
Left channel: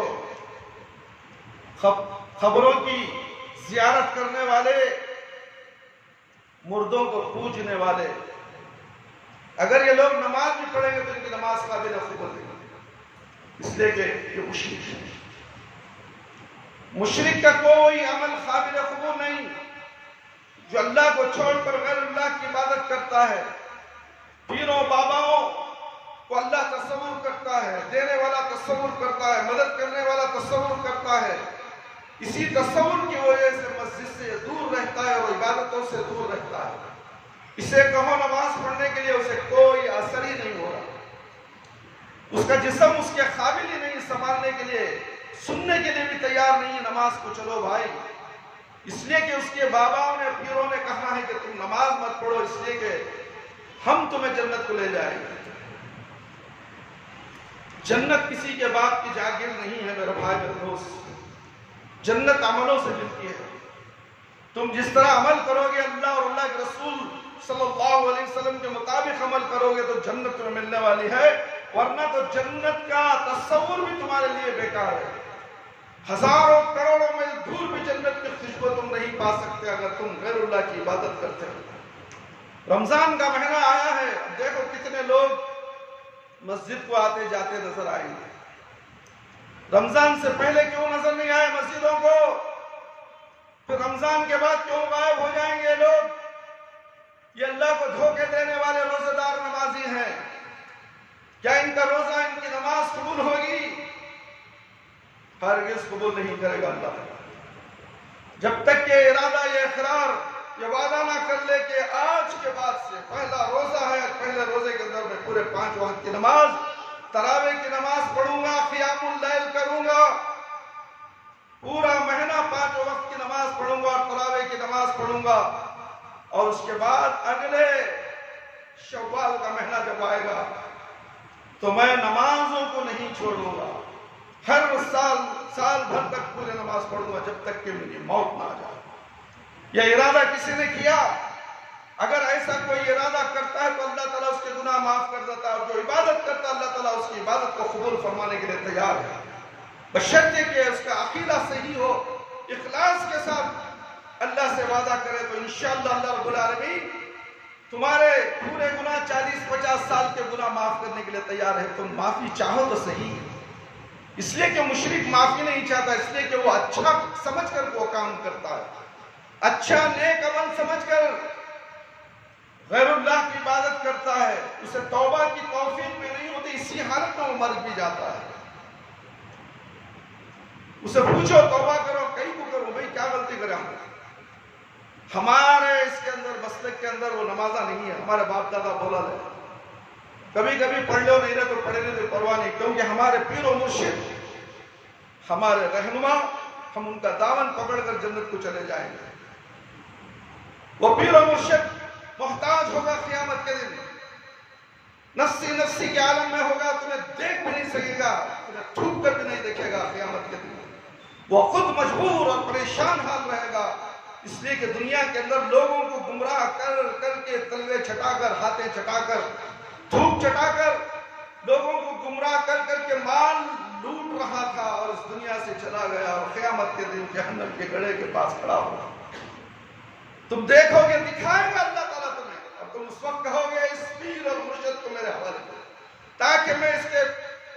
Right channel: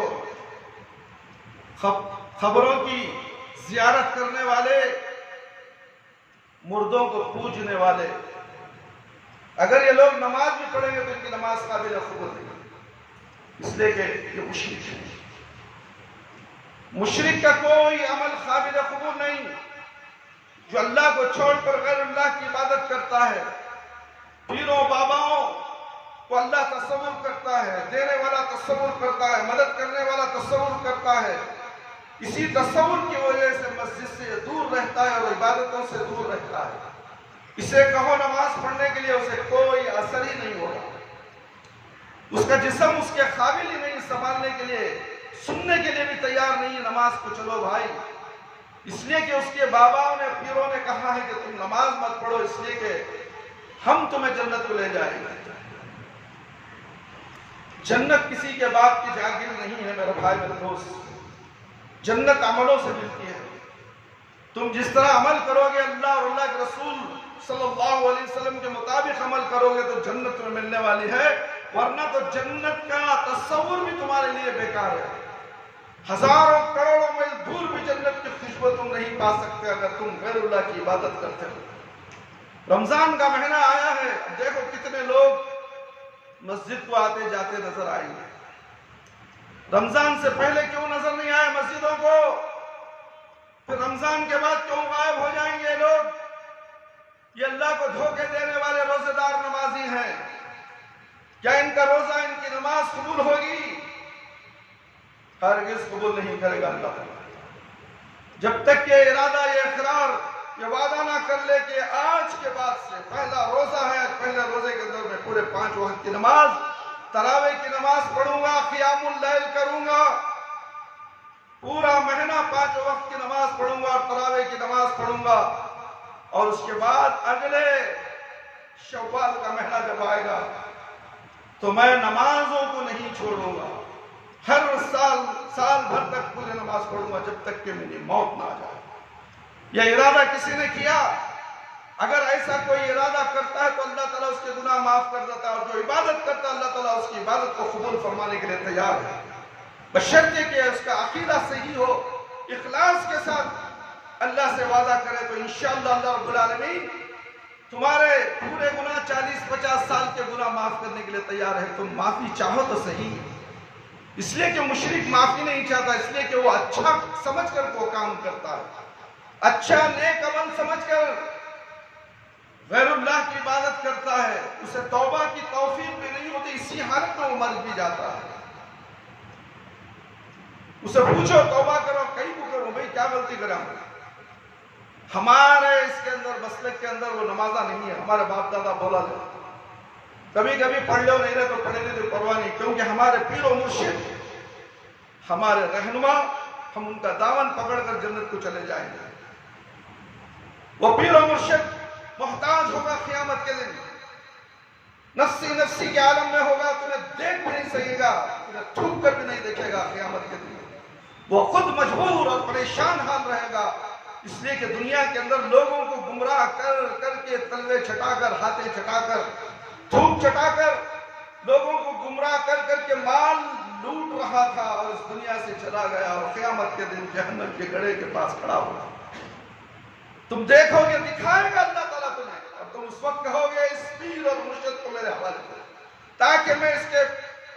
خبروں کی زیارت کرنے والے، مردوں کو پوجنے والے، اگر یہ لوگ نماز بھی پڑھیں گے تو ان کی نماز قابل قبول نہیں، اس لیے کہ یہ مشرک ہے۔ مشرک کا کوئی عمل قابل قبول نہیں، جو اللہ کو چھوڑ کر غیر اللہ کی عبادت کرتا ہے۔ پیروں باباؤں کو اللہ تصور کرتا ہے، دینے والا تصور کرتا ہے، مدد کرنے والا تصور کرتا ہے، اسی تصور کی وجہ سے مسجد سے دور رہتا ہے اور عبادتوں سے دور رہتا ہے۔ اسے کہو نماز پڑھنے کے لیے، اسے کوئی اثر ہی نہیں ہوگا، اس کا جسم اس کے قابل ہی نہیں سنبھالنے کے لیے، سننے کے لیے بھی تیار نہیں ہے نماز کو۔ چلو بھائی، اس لیے کہ اس کے باباؤں نے، پیروں نے کہا ہے کہ تم نماز مت پڑھو، اس لیے کہ ہم تمہیں جنت کو لے جائیں گے۔ جنت کسی کے باپ کی جاگیر نہیں ہے میرے بھائی میرے دوست، جنت عملوں سے ملتی ہے۔ تم جس طرح عمل کرو گے، اللہ اور اللہ کے رسول صلی اللہ علیہ وسلم کے مطابق عمل کرو گے تو جنت تمہیں ملنے والی ہے، ورنہ تو جنت کا تصور بھی تمہارے لیے بیکار ہے۔ ہزاروں کروڑوں میل دور بھی جنت کی خوشبو تم نہیں پا سکتے اگر تم غیر اللہ کی عبادت کرتے ہو۔ رمضان کا مہینہ آیا ہے، اب دیکھو کتنے لوگ مسجد کو آتے جاتے نظر آئیں گے۔ رمضان سے پہلے کیوں نظر نہیں آئے مسجدوں کو؟ پھر رمضان کے بعد کیوں غائب ہو جائیں گے لوگ؟ یہ اللہ کو دھوکے دینے والے روزے دار نمازی ہیں۔ کیا ان کا روزہ، ان کی نماز قبول ہوگی؟ ہرگز قبول نہیں کرے گا اللہ تعالیٰ، جب تک یہ ارادہ، یہ اقرار، یہ وعدہ نہ کر لے کہ آج کے بعد سے پہلا روزہ ہے، پہلے روزے کے اندر میں پورے 5 وقت کی نماز، تراویح کی نماز پڑھوں گا، قیام اللیل کروں گا، پورا مہینہ 5 وقت کی نماز پڑھوں گا اور تراویح کی نماز پڑھوں گا، اور اس کے بعد اگلے شوال کا مہینہ جب آئے گا تو میں نمازوں کو نہیں چھوڑوں گا، ہر سال بھر تک پورے نماز پڑھوں گا جب تک کہ میری موت نہ آ جائے۔ یہ ارادہ کسی نے کیا؟ اگر ایسا کوئی ارادہ کرتا ہے تو اللہ تعالیٰ اس کے گناہ معاف کر دیتا ہے، اور جو عبادت کرتا ہے اللہ تعالیٰ اس کی عبادت کو قبول فرمانے کے لیے تیار ہے، بشرطے کہ اس کا عقیدہ صحیح ہو، اخلاص کے ساتھ اللہ سے وعدہ کرے تو انشاءاللہ اللہ رب العالمین تمہارے پورے گناہ 40-50 سال کے گناہ معاف کرنے کے لیے تیار ہے، تم معافی چاہو تو صحیح۔ اس لیے کہ مشرک معافی نہیں چاہتا، اس لیے کہ وہ اچھا سمجھ کر وہ کام کرتا ہے، اچھا نیک عمل سمجھ کر غیر اللہ کی عبادت کرتا ہے، اسے توبہ کی توفیق بھی نہیں ہوتی، اسی حالت میں وہ مر بھی جاتا ہے۔ اسے پوچھو توبہ کرو، کہیں کو کرو، بھئی کیا غلطی کریں ہمارے اس کے اندر مسلک کے اندر وہ نمازہ نہیں ہے، ہمارے باپ دادا بولا لے، کبھی کبھی پڑھ لو نہیں رہے تو پڑھے نہیں تو پرواہ نہیں، کیونکہ ہمارے پیر و مرشد ہمارے رہنما، ہم ان کا دامن پکڑ کر جنت کو چلے جائیں گے۔ وہ پیر و مرشد محتاج ہوگا قیامت کے دن، نفسی نفسی کے عالم میں ہوگا، تمہیں دیکھ بھی نہیں سکے گا، تمہیں تھوک کر بھی نہیں دیکھے گا قیامت کے دن۔ وہ خود مجبور اور پریشان حال رہے گا، اس لیے کہ دنیا کے اندر لوگوں کو گمراہ کر کر کے تلوے چھٹا کر، ہاتھیں چھٹا کر، دھوپ چھٹا کر، لوگوں کو گمراہ کر کر کے مال لوٹ رہا تھا اور اس دنیا سے چلا گیا، اور قیامت کے دن جہنم کے گڑھے کے پاس کھڑا ہوگا۔ تم دیکھو گے، دکھائے گا اللہ تعالیٰ تمہیں، اور تم اس وقت کہو گے اس پیر اور مرشد کو میرے حوالے کرو تاکہ میں اس کے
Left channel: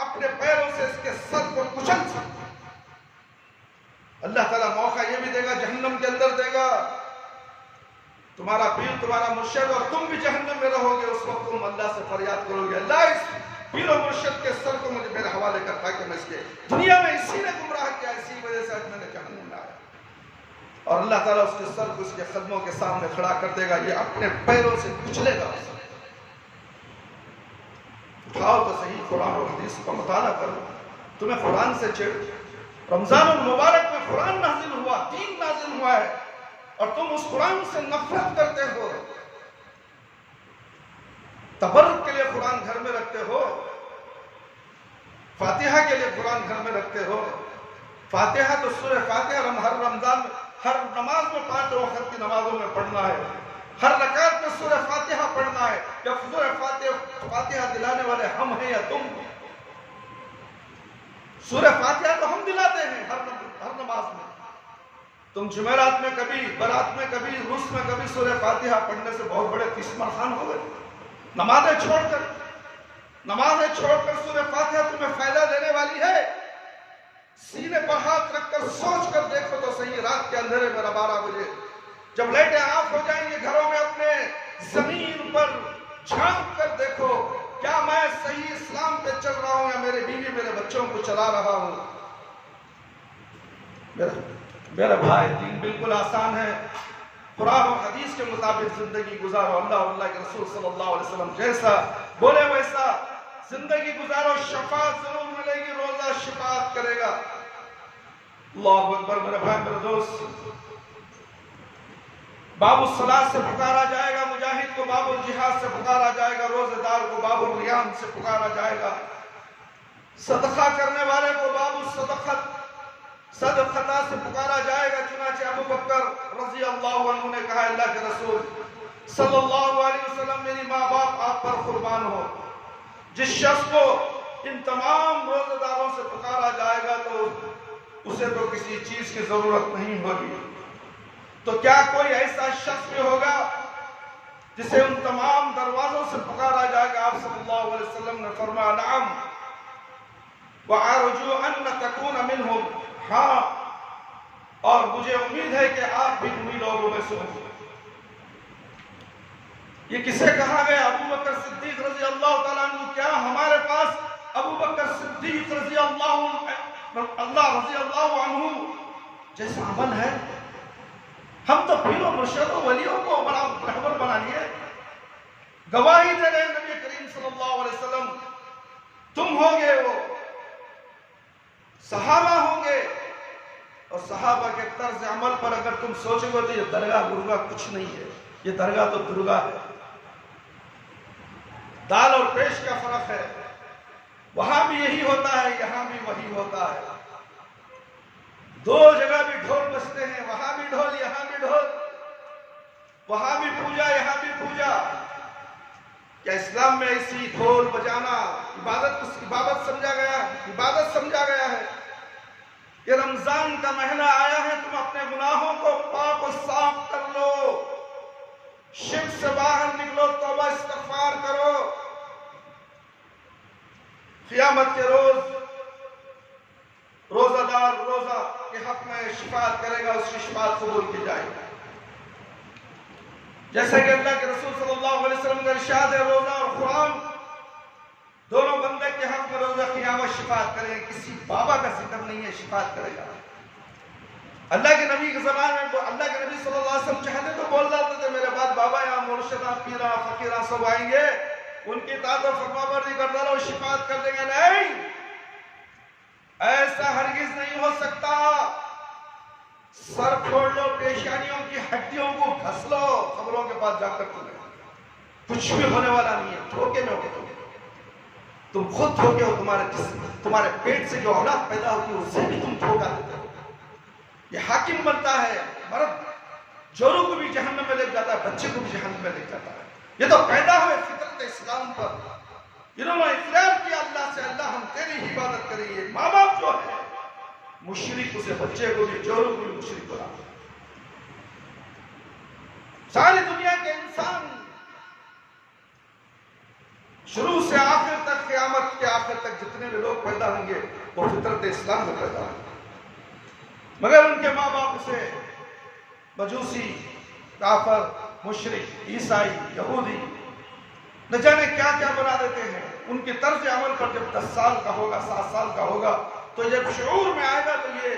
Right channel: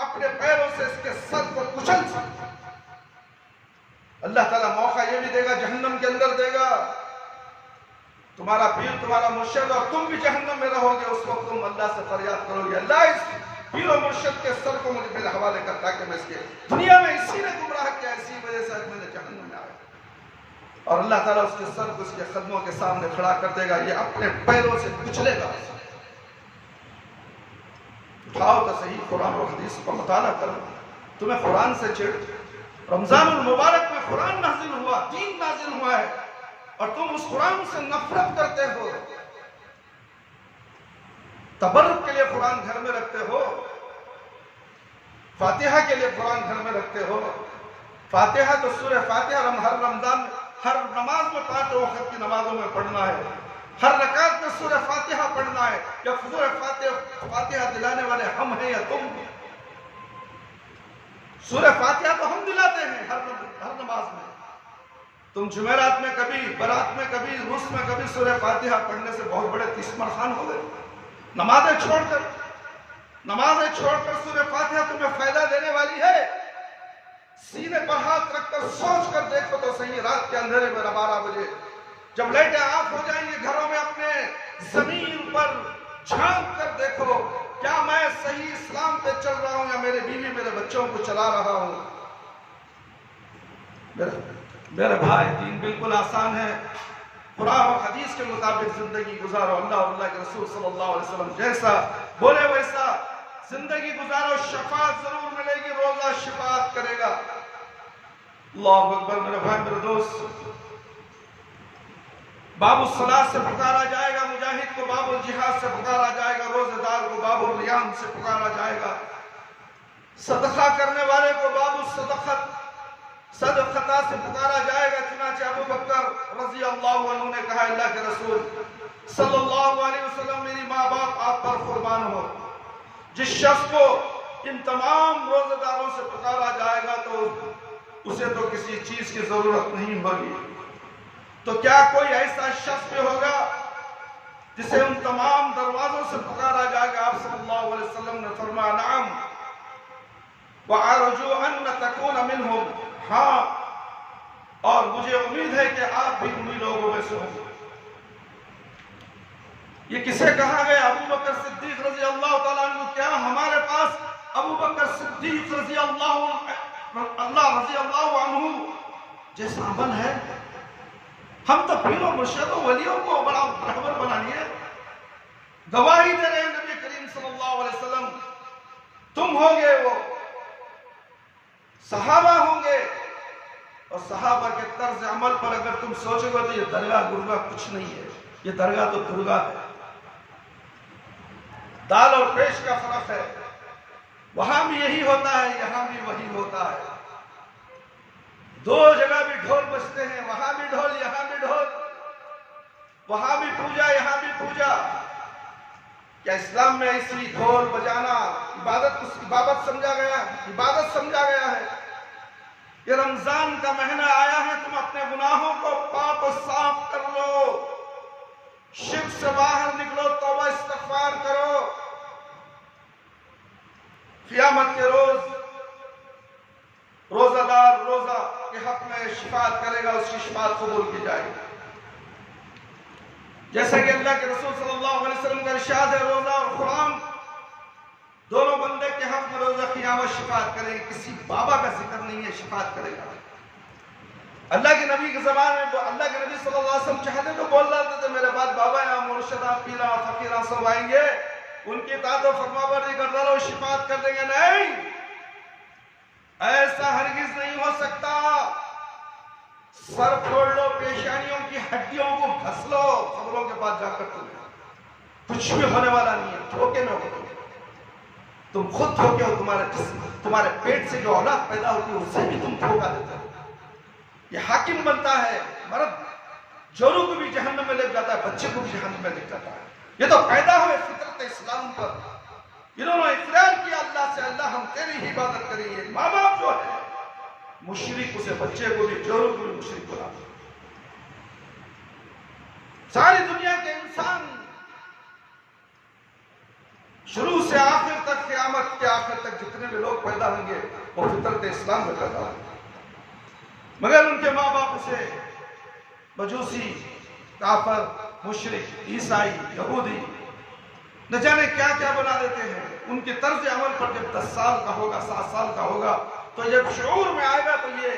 اپنے پیروں سے اس کے سر کو کچل سکوں۔ اللہ تعالیٰ موقع یہ بھی دے گا، جہنم کے اندر دے گا، تمہارا پیر تمہارا مرشد، اور تم بھی جہنم میں رہو گے، اس وقت تم اللہ سے فریاد کرو گے، اللہ اس پیر و مرشد کے سر کو مجھے میرے حوالے کر تاکہ میں اس کے دنیا میں اسی نے گمراہ کیا، اسی وجہ سے آج میں نے جہنم میں آیا۔ اور اللہ تعالیٰ اس کے سر کو اس کے قدموں کے سامنے کھڑا کر دے گا، یہ اپنے پیروں سے کچلے گا اسے۔ اٹھاؤ تو صحیح قرآن اور حدیث کا مطالعہ کرو، تمہیں قرآن سے چڑ، رمضان المبارک میں قرآن نازل ہوا، دین نازل ہوا ہے، اور تم اس قرآن سے نفرت کرتے ہو، تبرک کے لیے قرآن گھر میں رکھتے ہو، فاتحہ کے لیے قرآن گھر میں رکھتے ہو۔ فاتحہ تو سورہ فاتحہ ہر رمضان میں، ہر نماز میں 5 وقت کی نمازوں میں پڑھنا ہے، ہر رکعت میں سورہ فاتحہ پڑھنا ہے۔ یا سورہ فاتحہ دلانے والے ہم ہیں یا تم؟ سورہ فاتحہ تو ہم دلاتے ہیں ہر نماز میں۔ تم جمعرات میں کبھی، برات میں کبھی، روس میں کبھی سورہ فاتحہ پڑھنے سے بہت بڑے تیسمر خان ہو گئے؟ نمازیں چھوڑ کر سورہ فاتحہ تمہیں فائدہ دینے والی ہے؟ سینے پر ہاتھ رکھ کر سوچ کر دیکھو تو صحیح، رات کے اندھیرے میں 12 بجے جب لائٹیں آف ہو جائیں گے گھروں میں، اپنے زمین پر جھانک کر دیکھو، کیا میں صحیح اسلام پہ چل رہا ہوں یا میرے بیوی میرے بچوں کو چلا رہا ہوں؟ میرے بھائی، دین بالکل آسان ہے، قرآن اور حدیث کے مطابق زندگی گزارو، اللہ اور اللہ کے رسول صلی اللہ علیہ وسلم جیسا بولے ویسا زندگی گزارو، شفاعت ضرور ملے گی، روزہ شفاعت کرے گا۔ اللہ اکبر۔ میرے بھائی میرے دوست، باب الصلاۃ سے پکارا جائے گا، مجاہد کو باب الجہاد سے پکارا جائے گا، روزہ دار کو باب الریان سے پکارا جائے گا، صدقہ کرنے والے کو باب صدقہ سے پکارا جائے گا۔ چنانچہ ابو بکر رضی اللہ عنہ نے کہا، اللہ کے رسول صلی اللہ علیہ وسلم، میری ماں باپ آپ پر قربان ہو، جس شخص کو ان تمام روزہ داروں سے پکارا جائے گا تو اسے تو کسی چیز کی ضرورت نہیں ہوگی، تو کیا کوئی ایسا شخص بھی ہوگا جسے ان تمام دروازوں سے پکارا جائے گا؟ آپ صلی اللہ علیہ وسلم نے فرمایا، نعم وَأَرْجُو أَنَّ تَكُونَ مِنْهُمْ، ہاں، اور مجھے امید ہے کہ آپ بھی انہی لوگوں میں سے ہوں۔ یہ کسے کہا گیا؟ ابو بکر صدیق رضی اللہ تعالیٰ عنہ۔ کیا ہمارے پاس ابو بکر صدیق رضی اللہ عنہ جیسا عمل ہے؟ ہم تو پیر و مرشد و ولیوں کو بڑا رہبر بنا لیے، گواہی دے رہے ہیں نبی کریم صلی اللہ علیہ وسلم، تم ہوگے وہ، صحابہ ہوں گے، اور صحابہ کے طرز عمل پر اگر تم سوچو گے تو یہ درگاہ گرگاہ کچھ نہیں ہے، یہ درگاہ تو درگاہ ہے، دال اور پیش کا فرق ہے، وہاں بھی یہی ہوتا ہے، یہاں بھی وہی ہوتا ہے، دو جگہ بھی ڈھول بجتے ہیں، وہاں بھی ڈھول یہاں بھی ڈھول، وہاں بھی پوجا یہاں بھی پوجا۔ کیا اسلام میں ایسی ڈھول بجانا عبادت سمجھا گیا؟ عبادت سمجھا گیا ہے؟ یہ رمضان کا مہینہ آیا ہے، تم اپنے گناہوں کو پاک و صاف کر لو، شرک سے باہر نکلو، استغفار کرو. قیامت کے روز روزہ دار روزہ کے حق میں شفاعت کرے گا، اس کی شفاعت قبول کی جائے گی. جیسا کہ اللہ کے رسول صلی اللہ علیہ وسلم کا ارشاد ہے، روزہ اور قرآن دونوں بندے کے حق میں روزہ قیامت شفاعت کریں گے. کسی بابا کا ذکر نہیں ہے، شفاعت کرے گا. اللہ کے نبی کے زبان میں اللہ کے نبی صلی اللہ علیہ وسلم چاہتے تو بول رہے تھے میرے بعد بابا یا مرشدہ پیرا فقیرہ سب آئیں گے، ان کی اطاعت و فرمانبرداری کرتا رہو، شفاعت کر دیں گے. نہیں، ایسا ہرگز نہیں ہو سکتا. سر پھوڑ لو، پیشانیوں کی ہڈیوں کو گھس لو، خبروں کے پاس جا کر تمہیں کچھ بھی ہونے والا نہیں ہے. دھوکے میں ہو تم خود دھوکے ہو. تمہارے جسم، تمہارے پیٹ سے جو اولاد پیدا ہوتی ہے اسے بھی تم دھوکا دیتے ہو. یہ حاکم بنتا ہے، مرد جوروں کو بھی جہنم میں لے جاتا ہے، بچے کو بھی جہنم میں لے جاتا ہے. یہ تو پیدا ہوئے فطرت اسلام پر. انہوں نے اقرار کیا اللہ سے، اللہ ہم تیری ہی عبادت کریں گے. ماں باپ جو ہے مشرک، اسے بچے کو بھی جوروں کو بھی مشرک بنا. ساری دنیا کے انسان شروع سے آخر تک، قیامت کے آخر تک جتنے بھی لوگ پیدا ہوں گے وہ فطرت اسلام میں پیدا ہوں گے، مگر ان کے ماں باپ اسے مجوسی، کافر، مشرک، عیسائی، یہودی نہ جانے کیا کیا بنا دیتے ہیں. ان کی طرز عمل پر جب 10 سال کا ہوگا، 7 سال کا ہوگا، تو جب شعور میں آئے گا تو یہ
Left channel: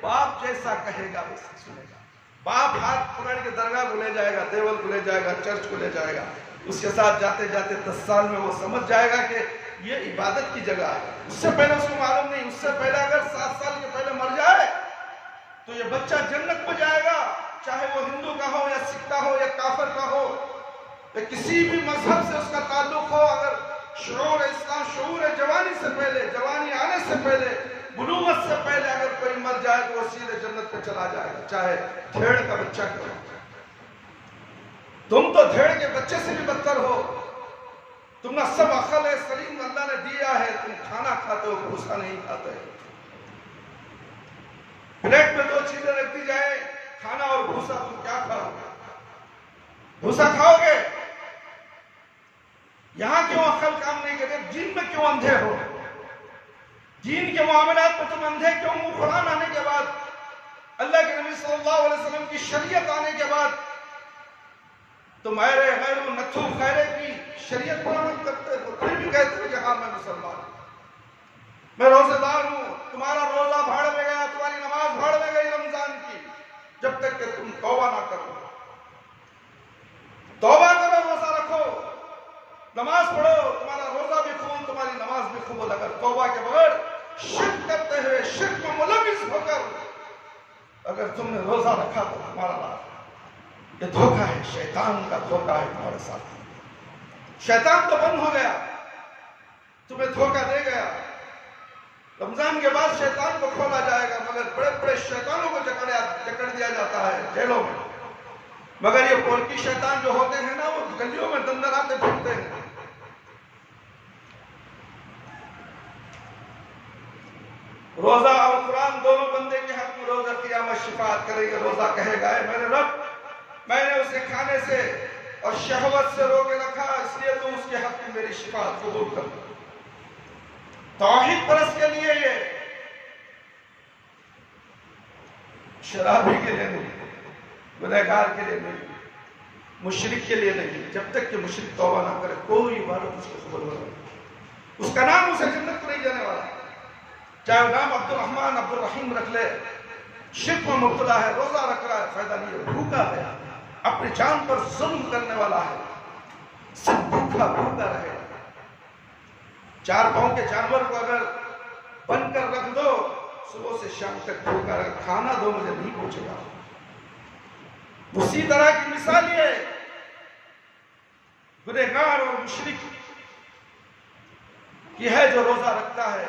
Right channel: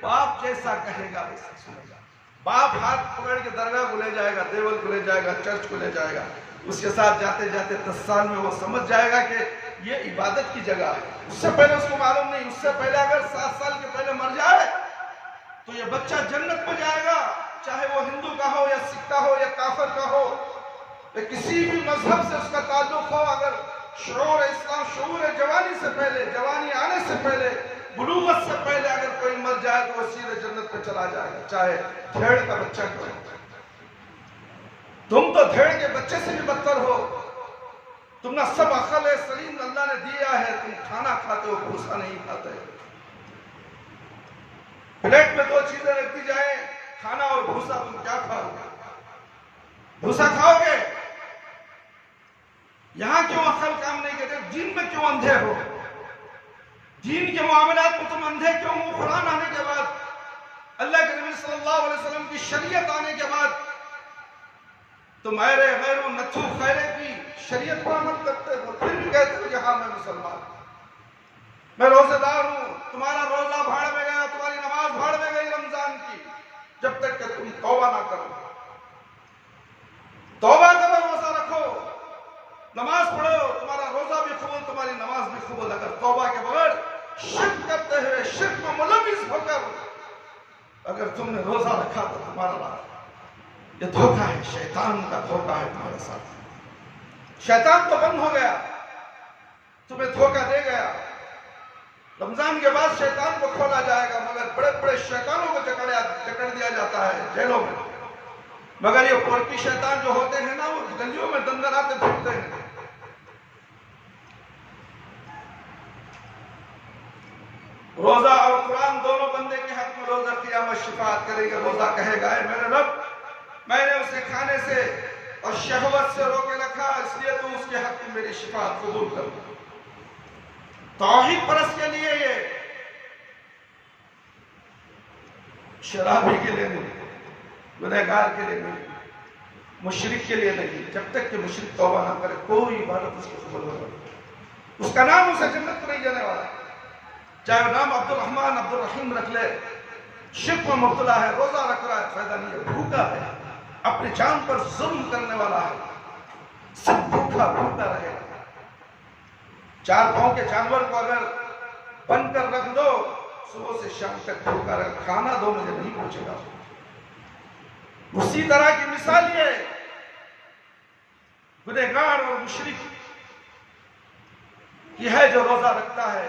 باپ جیسا کہے گا ویسا سنے گا. باپ ہاتھ پکڑ کے درگاہ کو لے جائے گا، دیول کو لے جائے گا، چرچ کو لے جائے گا. اس کے ساتھ جاتے جاتے 10 سال میں وہ سمجھ جائے گا کہ یہ عبادت کی جگہ ہے. اس سے پہلے اس کو معلوم نہیں. اس سے پہلے اگر 7 سال کے پہلے مر جائے تو یہ بچہ جنت میں جائے گا، چاہے وہ ہندو کا ہو یا سکھ کا ہو یا کافر کا ہو یا کسی بھی مذہب سے اس کا تعلق ہو. اگر شعور اسلام، شعور جوانی سے پہلے، جوانی آنے سے پہلے، بلوغت سے پہلے اگر کوئی مر جائے تو وہ سیدھے جنت پہ چلا جائے گا، چاہے بھیڑ کا بچہ کیوں ہو. تم تو بھیڑ کے بچے سے بھی بدتر ہو. تم نہ سب عقل سلیم اللہ نے دیا ہے، تم کھانا کھاتے ہو، بھوسا نہیں کھاتے. پلیٹ میں 2 چیزیں رکھتی جائیں، کھانا اور بھوسا، تم کیا کھاؤ گے؟ بھوسا کھاؤ گے؟ یہاں کیوں عقل کام نہیں کرتے؟ دین میں کیوں اندھے ہو؟ دین کے معاملات میں تم اندھے کیوں ہو؟ قرآن آنے کے بعد، اللہ کے نبی صلی اللہ علیہ وسلم کی شریعت آنے کے بعد تم ایرے غیرو نتھو خیرے کی شریعت پر عمل کرتے ہو، پھر بھی کہتے ہو کہ ہاں میں مسلمان ہوں، میں روزے دار ہوں. تمہارا روزہ بھاڑ میں گیا، تمہاری نماز بھاڑ میں گئی رمضان کی، جب تک کہ تم توبہ نہ کرو. توبہ کرو، روزہ رکھو، نماز پڑھو، تمہارا روزہ بھی قبول، تمہاری نماز بھی قبول. اگر توبہ کے بغیر شرک کرتے ہوئے، شرک میں ملوث ہو کر اگر تم نے روزہ رکھا تو تمہارا یہ دھوکہ ہے، شیطان کا دھوکہ ہے تمہارے ساتھ. شیطان تو بند ہو گیا، تمہیں دھوکہ دے گیا. رمضان کے بعد شیطان کو کھولا جائے گا، مگر بڑے بڑے شیطانوں کو جکڑ دیا جاتا ہے جیلوں میں. مگر یہ پورکی شیطان جو ہوتے ہیں نا، وہ گلیوں میں دندناتے پھرتے ہیں. روزہ اور قرآن دونوں بندے کے حق میں روزہ قیامت شفاعت کرے گا. روزہ کہے گا اے میرے رب، میں نے اسے کھانے سے اور شہوت سے روکے رکھا، اس لیے تو اس کے حق میں میری شفاعت قبول کر. توحید پرست کے لیے یہ، شرابی کے لیے نہیں، گنہگار کے لیے نہیں، مشرک کے لیے نہیں. جب تک کہ مشرک توبہ نہ کرے کوئی عبادت اس کو قبول نہ کرے. اس کا نام اسے جنت کو نہیں جانے والا، چاہے وہ نام عبد الرحمن عبد الرحیم رکھ لے. شرک میں مبتلا ہے، روزہ رکھ رہا ہے، فائدہ نہیں ہے. بھوکا ہے، اپنی جان پر ظلم کرنے والا ہے، صرف بھوکا بھوکا رہے. 4 پاؤں کے جانور کو اگر بند کر رکھ دو، صبح سے شام تک بھوکا رہے، کھانا دو مجھے نہیں پہنچے گا. اسی طرح کی مثال یہ گنہگار اور مشرک کی ہے جو روزہ رکھتا ہے،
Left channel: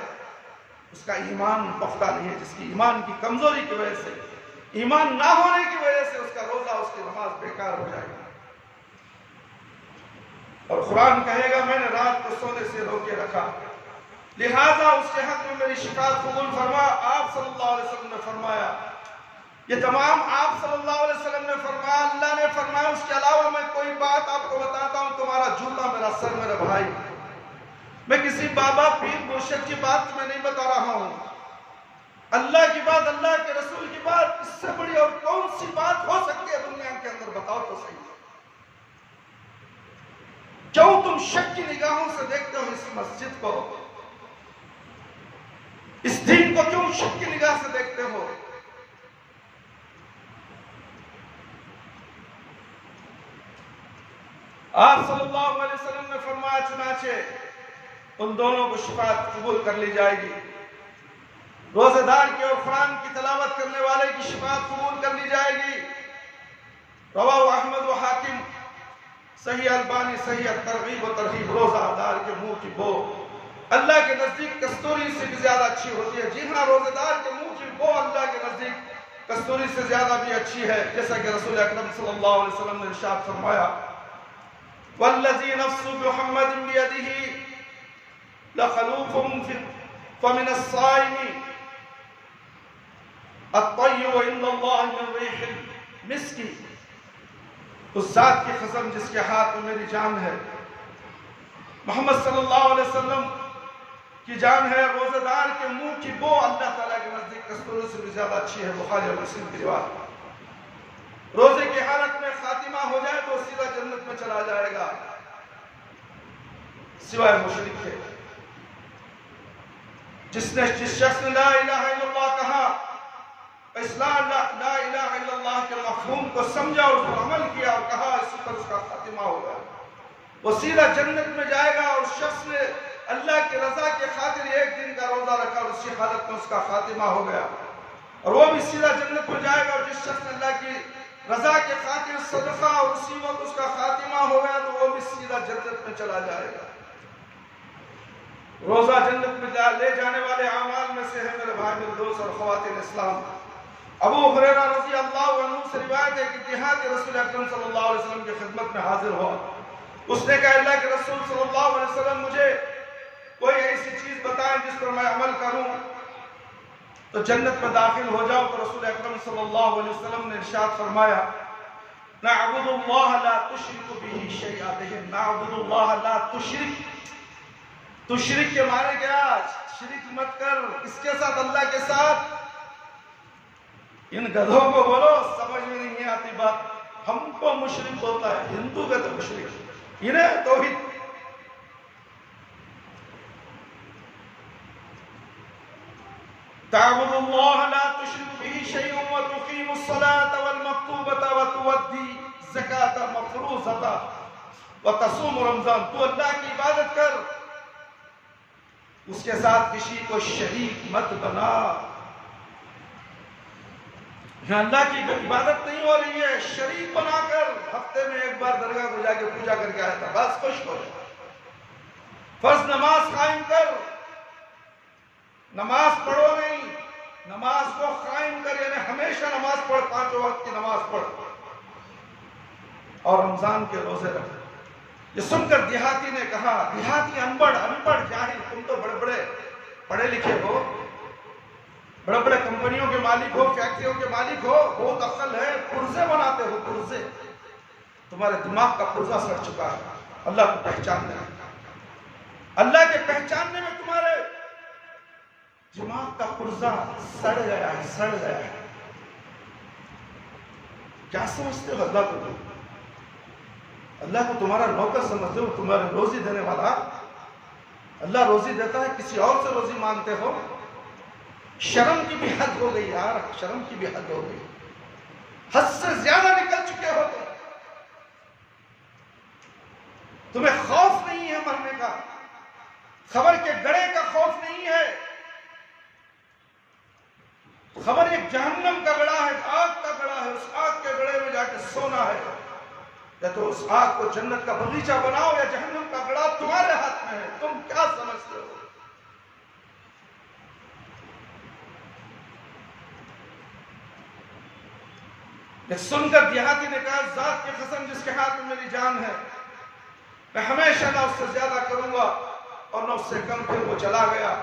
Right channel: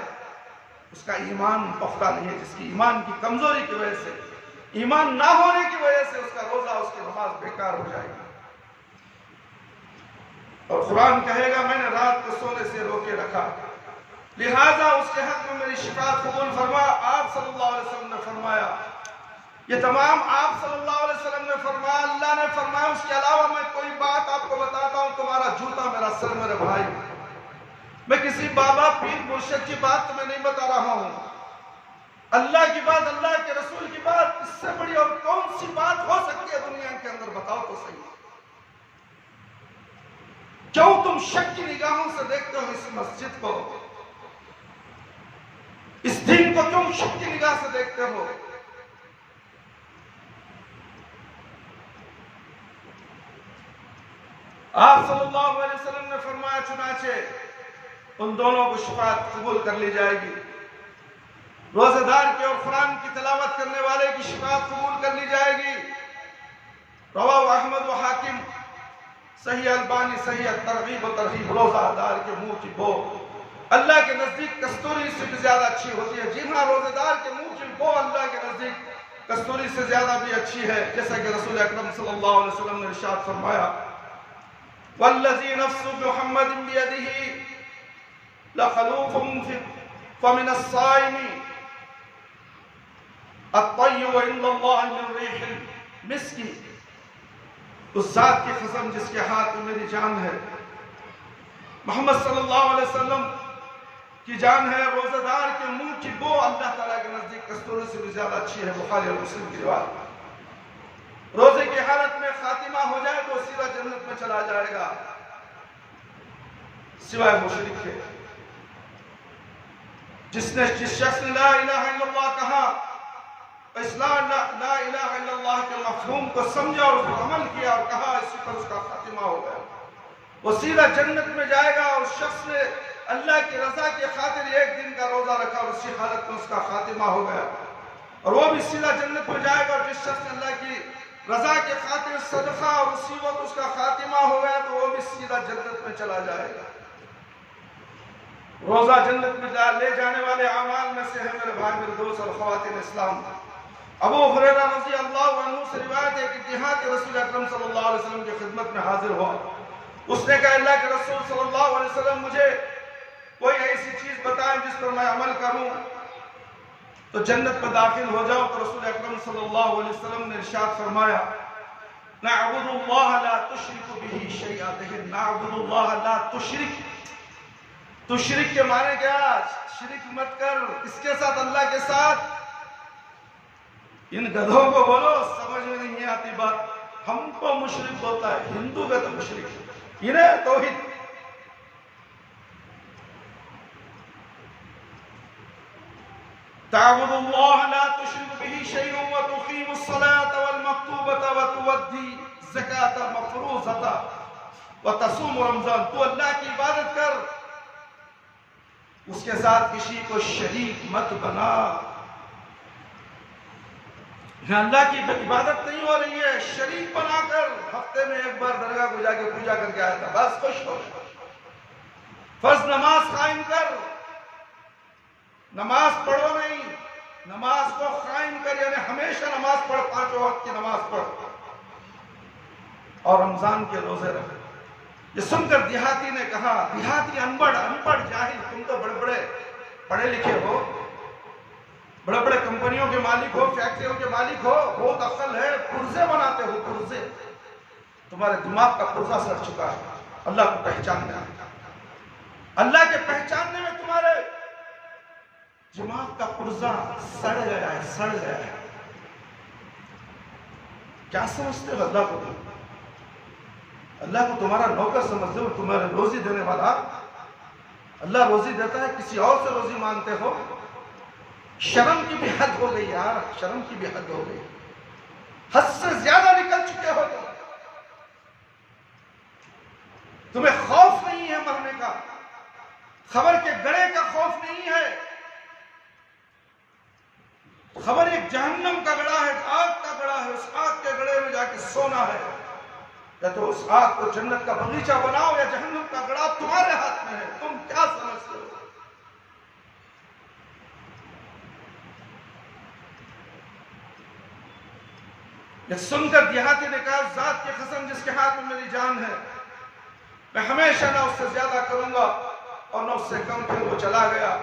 اس کا ایمان پختہ نہیں ہے. جس کی ایمان کی کمزوری کی وجہ سے، ایمان نہ ہونے کی وجہ سے اس کا روزہ، اس کی نماز بیکار ہو جائے گی. اور قرآن کہے گا میں نے رات کو سونے سے روکے رکھا، لہذا اس کے حق میں میری شفاعت قبول فرما. آپ صلی اللہ علیہ وسلم نے فرمایا، یہ تمام آپ صلی اللہ علیہ وسلم نے فرمایا، اللہ نے فرمایا. اس کے علاوہ میں کوئی بات آپ کو بتاتا ہوں، تم تمہارا جوتا میرا سر میرے بھائی. میں کسی بابا پیر مرشد کی بات تمہیں نہیں بتا رہا ہوں. اللہ کی بات، اللہ کے رسول کی بات، اس سے بڑی اور کون سی بات ہو سکتی ہے دنیا کے اندر؟ بتاؤ تو صحیح. کیوں تم شک کی نگاہوں سے دیکھتے ہو اس مسجد کو؟ اس دین کو کیوں شک کی نگاہ سے دیکھتے ہو؟ آپ صلی اللہ علیہ وسلم نے فرمایا چنانچہ ان دونوں کو شفاعت قبول کر لی جائے گی. روزہ دار کی اور قرآن کی تلاوت کرنے والے کی شفاعت قبول کر لی جائے گی. رواہ احمد و حاکم، صحیح البانی صحیح ترغیب و ترہیب. روزہ دار کے منہ کی بو اللہ کے نزدیک کستوری سے بھی زیادہ اچھی ہوتی ہے. جی ہاں، روزہ دار کے منہ کی بو اللہ کے نزدیک کستوری سے زیادہ بھی اچھی ہے، جیسا کہ رسول اکرم صلی اللہ علیہ وسلم نے ارشاد فرمایا والذی نفس محمد بیدہ لخلوف فمن الصائم الطیب عند اللہ من ریح المسک. اس ذات کی قسم جس کے ہاتھ میں میری جان ہے، محمد صلی اللہ علیہ وسلم کی جان ہے، روزہ دار کے منہ کی بو اللہ تعالیٰ کے نزدیک کستوری سے بھی زیادہ اچھی ہے. بخاری اور مسلم کی روایت. روزے کی حالت میں خاتمہ ہو جائے تو سیدھا جنت میں چلا جائے گا، سوائے مشرک کے. جس شخص نے لا الہ الا اللہ کہا، اسلام لا الہ الا اللہ کے مفہوم کو سمجھا اور اس پر عمل کیا اور کہا، اسی پر اس کا خاتمہ ہو گیا. وہ سیدھا جنت میں جائے گا. اور شخص نے اللہ کی رضا کی خاطر ایک دن کا روزہ رکھا اور اسی حالت میں اس کا خاتمہ ہو گیا، اور وہ بھی سیدھا جنت میں جائے گا. اور جس شخص نے اللہ کی رضا کی خاطر صدقہ اور اسی وقت اس کا خاتمہ ہو گیا تو وہ بھی سیدھا جنت میں چلا جائے گا. روزہ جنت میں لے جانے والے اعمال میں سے ہے میرے بھائی، میرے دوست اور خواتین اسلام. ابو ہریرہ رضی اللہ عنہ سے روایت ہے کہ دیہات رسول اکرم صلی اللہ علیہ وسلم کی خدمت میں حاضر ہوا. اس نے کہا اللہ کے رسول صلی اللہ علیہ وسلم مجھے کوئی ایسی چیز بتائیں جس پر میں عمل کروں تو جنت میں داخل ہو جاؤ. تو رسول اکرم صلی اللہ علیہ وسلم نے ارشاد فرمایا نعبد اللہ لا تشرک بہ شیئا. دیکھیں، نعبد اللہ لا تشرک. تشرک کے معنی کیا؟ شرک مت کر. اس کے ساتھ؟ اللہ کے ساتھ. ان گدھوں کو بولو، سمجھ میں نہیں آتی بات. ہم کو مشرک بولتا ہے، ہندو کا تو مشرک. انہیں توحید. تعبد اللہ لا تشرک بہ شیئا وتقیم الصلاۃ والمکتوبۃ وتؤدی الزکاۃ المفروضۃ وتصوم رمضان. تو اللہ کی عبادت کر، اس کے ساتھ کسی کو شریک مت بنا. اللہ کی عبادت نہیں ہو رہی ہے، شریک بنا کر. ہفتے میں ایک بار درگاہ کو جا کے پوجا کر کے آیا تھا، بس خوش ہو گیا. فرض نماز قائم کر. نماز پڑھو نہیں، نماز کو قائم کر، یعنی ہمیشہ نماز پڑھ، 5 وقت کی نماز پڑھ اور رمضان کے روزے رکھ. یہ سن کر دیہاتی نے کہا، دیہاتی ان پڑھ جاہل، تم تو بڑے بڑے پڑھے لکھے ہو، بڑے بڑے کمپنیوں کے مالک ہو، فیکٹریوں کے مالک ہو، بہت عقل ہے، پرزے بناتے ہو. پرزے؟ تمہارے دماغ کا پرزہ سڑ چکا ہے. اللہ کو پہچاننے میں، اللہ کے پہچاننے میں تمہارے دماغ کا پرزہ سڑ گیا ہے، سڑ گیا ہے. کیا سمجھتے ہو اللہ کو؟ اللہ کو تمہارا نوکر سمجھتے ہو، تمہارے روزی دینے والا؟ اللہ روزی دیتا ہے، کسی اور سے روزی مانگتے ہو. شرم کی بھی حد ہو گئی یار، شرم کی بھی حد ہو گئی. حد سے زیادہ نکل چکے ہو تم. تمہیں خوف نہیں ہے مرنے کا، خبر کے گڑھے کا خوف نہیں ہے. خبر ایک جہنم کا گڑھا ہے، آگ کا گڑھا ہے، اس آگ کے گڑھے میں جا کے سونا ہے. یا تو اس آگ کو جنت کا باغیچہ بناؤ، یا جہنم کا گڑھا تمہارے ہاتھ میں ہے. تم کیا سمجھتے ہو؟ یہ سن کر دیہاتی نے کہا ذات کی قسم جس کے ہاتھ میں میری جان ہے، میں ہمیشہ نہ اس سے زیادہ کروں گا اور نہ اس سے کم. پھر وہ چلا گیا.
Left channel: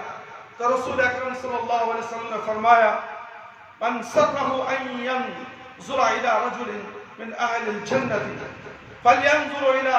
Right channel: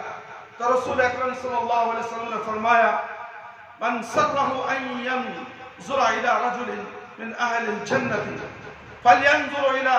تو رسول اکرم صلی اللہ علیہ وسلم نے فرمایا من سرہ ان ينظر الى رجل من اہل الجنة فلینظر الى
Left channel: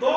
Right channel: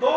2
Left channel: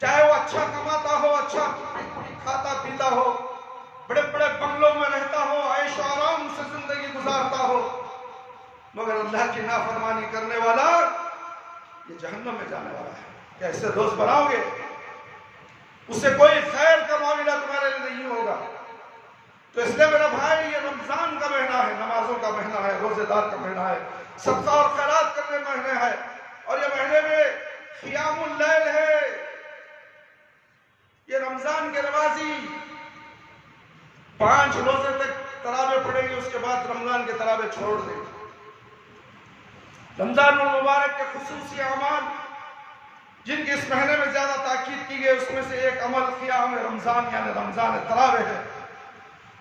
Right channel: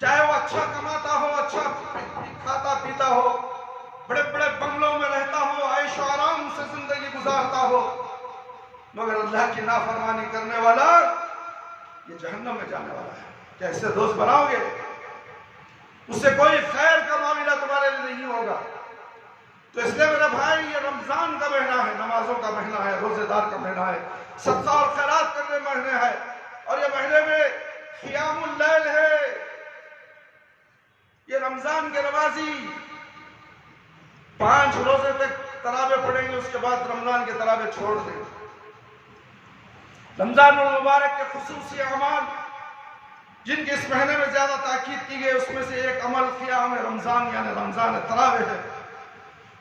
چاہے وہ اچھا کماتا ہو، اچھا کھاتا پیتا ہو، بڑے بڑے بنگلوں میں رہتا ہو، عیش و آرام سے زندگی گزارتا ہو، مگر اللہ کی نافرمانی کرنے والا یہ جہنم میں جانے والا ہے۔ کیا اس سے دوست بناؤ گے؟ اس سے کوئی خیر کا معاملہ تمہارے لیے نہیں ہوگا۔ تو اس لیے میرے بھائی، یہ رمضان کا مہینہ ہے، نمازوں کا مہینہ ہے، روزے دار کا مہینہ ہے، صدقہ اور خیرات کرنے مہینے ہے، اور یہ مہینے میں قیام اللیل ہے۔ یہ رمضان کے نمازی 5 روزے تک تراویح پڑھیں گے، اس کے بعد رمضان کے تراویح چھوڑ دیں گے۔ رمضان المبارک کے خصوصی اعمال جن کی اس مہینے میں زیادہ تاکید کی گئی، اس میں سے ایک عمل قیام رمضان یعنی رمضان تراویح ہے۔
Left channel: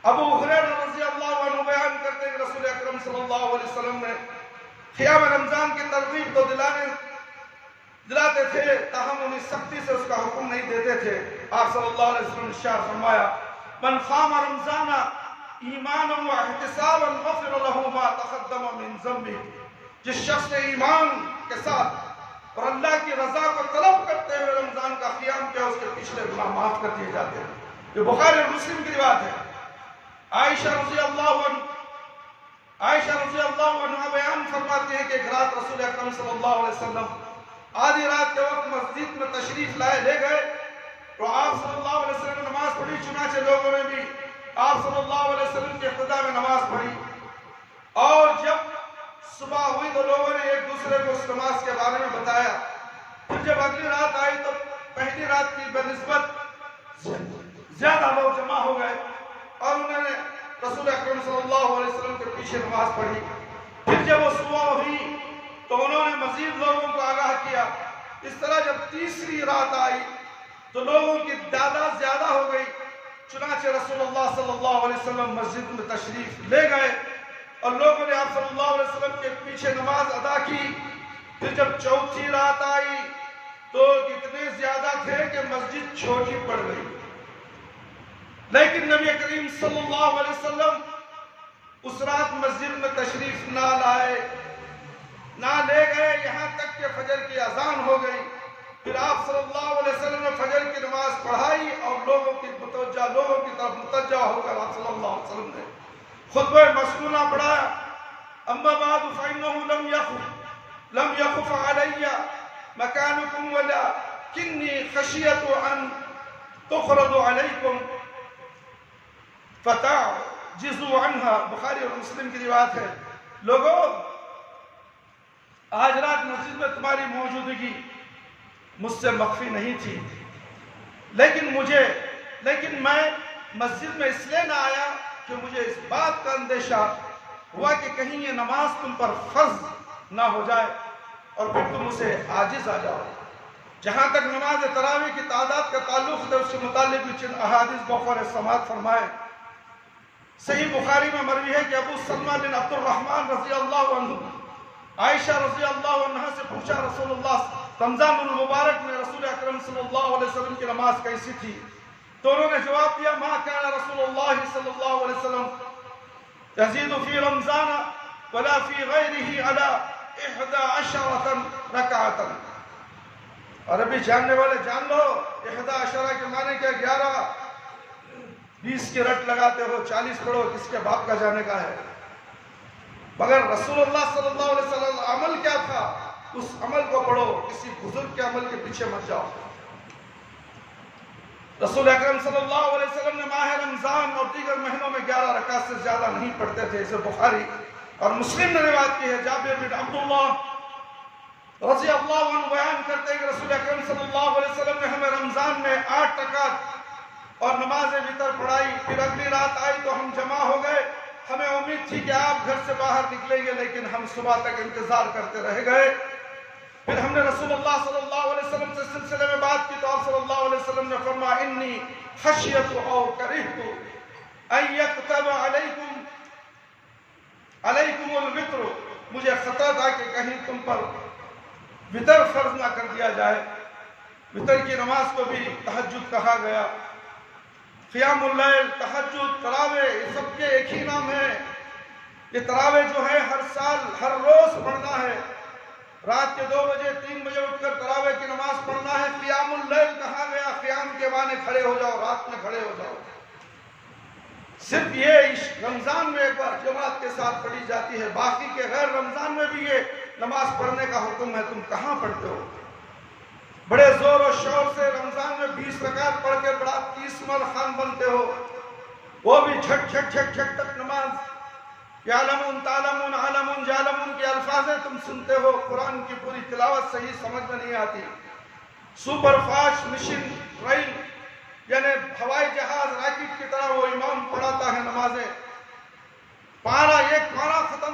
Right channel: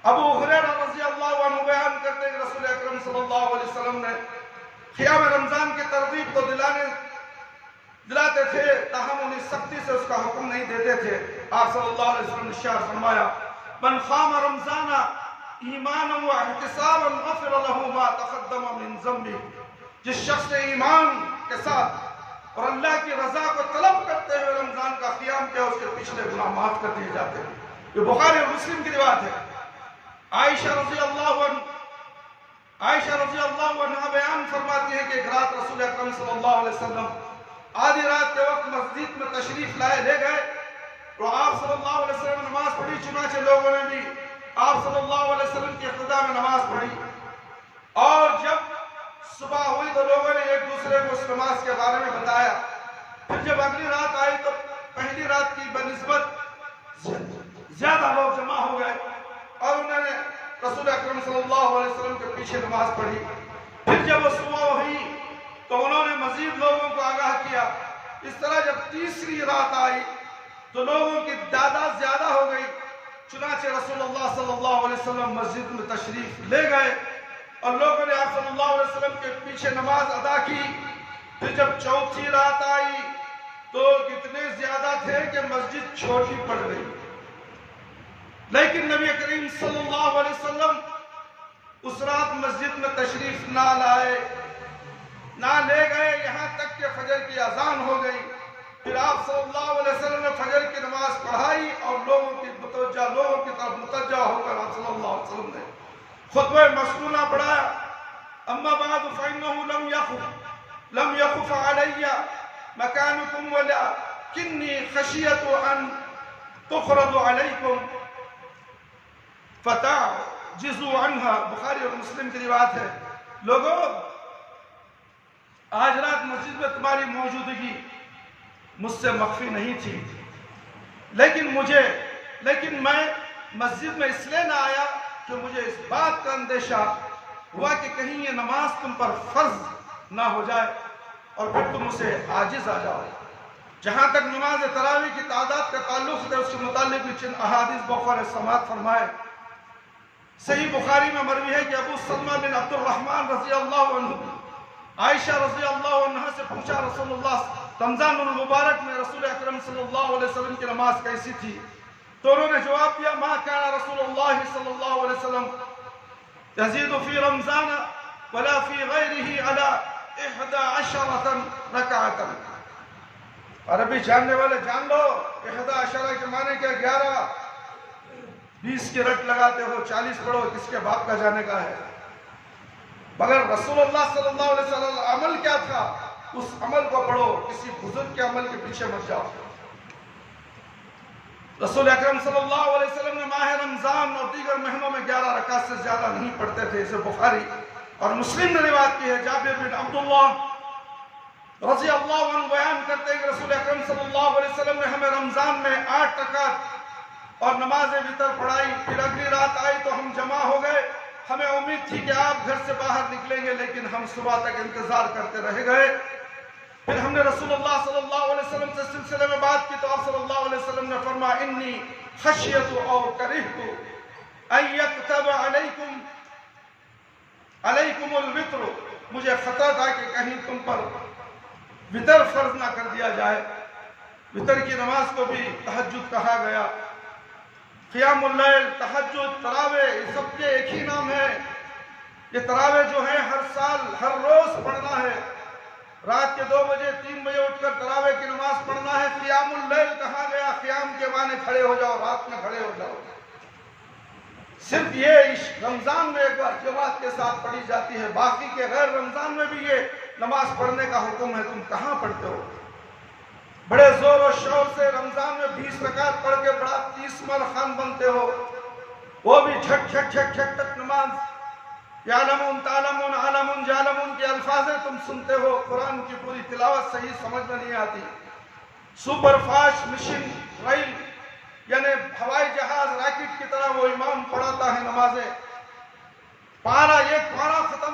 ابو ہریرہ رضی اللہ عنہ بیان کرتے ہیں کہ رسول اکرم صلی اللہ علیہ وسلم نے قیام رمضان کی ترغیب تو دلاتے تھے، تاہم انہیں سختی سے اس کا حکم نہیں دیتے تھے۔ آپ صلی اللہ علیہ وسلم نے ارشاد فرمایا، من قام رمضان ایمانا واحتسابا غفر له ما تقدم من ذنبہ، جس شخص نے ایمان کے ساتھ اور اللہ کی رضا کو طلب کرتے ہوئے رمضان کا قیام کیا، اس کے پچھلے گناہ معاف کر دیے جاتے ہیں۔ یہ بخاری اور مسلم کی روایت ہے۔ عائشہ رضی اللہ عنہ بیان فرماتی ہیں کہ ایک رات رسول اکرم صلی اللہ علیہ وسلم آدھی رات کے وقت مسجد میں تشریف لے گئے، تو آپ صلی اللہ علیہ وسلم نے نماز پڑھی، چنانچہ لوگوں نے بھی آپ صلی اللہ علیہ وسلم کی اقتداء میں نماز پڑھی، اور جب صبح ہوئی تو لوگوں نے ایک دوسرے کو اس نماز کے بارے میں بتایا۔ پھر جب اگلی رات آئی تو پہلی رات کی بنسبت زیادہ لوگ جمع ہو گئے، اور انہوں نے رسول اکرم صلی اللہ علیہ وسلم کے پیچھے نماز پڑھی۔ پھر جب وہ صبح ہوئی تو انہوں نے مزید لوگوں کو آگاہ کیا۔ اس طرح جب تیسری رات آئی تو لوگوں کی تعداد زیادہ ہو گئی، چنانچہ رسول اللہ صلی اللہ علیہ وسلم مسجد میں تشریف لے گئے اور لوگوں نے آپ صلی اللہ علیہ وسلم کے پیچھے نماز ادا کی۔ پھر جب چوتھی رات آئی تو اتنے زیادہ تھے کہ مسجد چھوٹی پڑ گئی، لیکن نبی کریم صلی اللہ علیہ وسلم اس رات مسجد میں تشریف نہ لے گئے، یہاں تک کہ فجر کی اذان ہو گئی۔ پھر آپ صلی اللہ علیہ وسلم نے فجر کی نماز پڑھائی اور لوگوں کی طرف متوجہ ہو کر آپ صلی اللہ علیہ وسلم نے خطبہ مسنونہ پڑھایا۔ اما بعد فإنه لم يخف علي مكانكم ولكني خشيت أن تفرض عليكم فتعجزوا عنها۔ بخاری اور مسلم کی روایت ہے، لوگوں آج رات مسجد میں تمہاری موجودگی مجھ سے مخفی نہیں تھی، لیکن میں مسجد میں اس لیے نہ آیا کہ مجھے اس بات کا اندیشہ ہوا کہ کہیں یہ نماز تم پر فرض نہ ہو جائے اور پھر تم اسے عاجز آ جاؤ۔ جہاں تک نماز تراویح کی تعداد کا تعلق ہے، اس کے متعلق بھی چند احادیث بخور سماعت فرمائے۔ صحیح بخاری میں مروی ہے کہ ابو سلمہ بن عبد الرحمن رضی اللہ عنہ عائشہ رضی اللہ عنہ سے پوچھا، رسول اللہ رمضان المبارک میں رسول اکرم صلی اللہ علیہ وسلم کی نماز کیسی تھی؟ تو انہوں نے جواب دیا، ما کان رسول اللہ صلی اللہ علیہ وسلم یزید فی رمضان ولا فی غیرہ علی 11 رکعتا۔ عربی جاننے والے جان لو، 11 کے معنی کیا؟ 11 20 کی رٹ لگاتے ہو، 40 پڑھو، کس کے باپ کا جانے کا ہے؟ مگر رسول اللہ صلی اللہ علیہ وسلم عمل کیا تھا، اس عمل کو پڑھو، کسی بزرگ کے عمل کے پیچھے مت جاؤ۔ رسول اکرم صلی اللہ علیہ وسلم نے ماہ رمضان اور دیگر مہینوں میں 11 رکعت سے زیادہ نہیں پڑھتے تھے۔ اسے بخاری اور مسلم نے روایت کی ہے۔ جابر بن عبداللہ رضی اللہ عنہ بیان کرتے ہیں کہ رسول اکرم صلی اللہ علیہ وسلم نے ہمیں رمضان میں 8 رکعت اور نماز وتر پڑھائی۔ پھر اگلی رات آئی تو ہم جمع ہو گئے، ہمیں امید تھی کہ آپ گھر سے باہر نکلیں گے، لیکن ہم صبح تک انتظار کرتے رہ گئے۔ پھر ہم نے رسول اللہ صلی اللہ علیہ وسلم سے سلسلے میں بات کی تو آپ صلی اللہ علیہ وسلم نے فرمایا، انی خشیت او کرہت ان یکتب علیکم الوتر، مجھے خطرہ تھا کہ کہیں تم پر وتر فرض نہ کر دیا جائے۔ وتر کی نماز کو بھی تہجد کہا گیا۔ قیام اللیل، تہجد، تراویح، یہ سب کے ایک ہی نام ہے۔ یہ تراویح جو ہے ہر سال ہر روز پڑھنا ہے۔ رات کے 2 بجے 3 بجے اٹھ کر تراویح کی نماز معنی کھڑے ہو جاؤ، رات میں کھڑے ہو جاؤ۔ صرف یہ رمضان میں ایک بار جماعت کے ساتھ پڑھی جاتی ہے، باقی کے غیر رمضان میں بھی یہ نماز پڑھنے کا حکم ہے۔ تم کہاں پڑھتے ہو؟ بڑے زور و شور سے رمضان میں 20 رکعت پڑھ کے بڑا 30 مر خان بنتے ہو، وہ بھی جھٹ جھٹ جھٹ جھٹ تک نماز، یعلمون تعلمون عالمون جالمون کے الفاظ تم سنتے ہو، قرآن کی پوری تلاوت صحیح سمجھ میں نہیں آتی۔ سپر فاسٹ مشین ریل یعنی ہوائی جہاز راکٹ کی طرح وہ امام پڑھاتا ہے نمازیں، ایک پارہ ختم،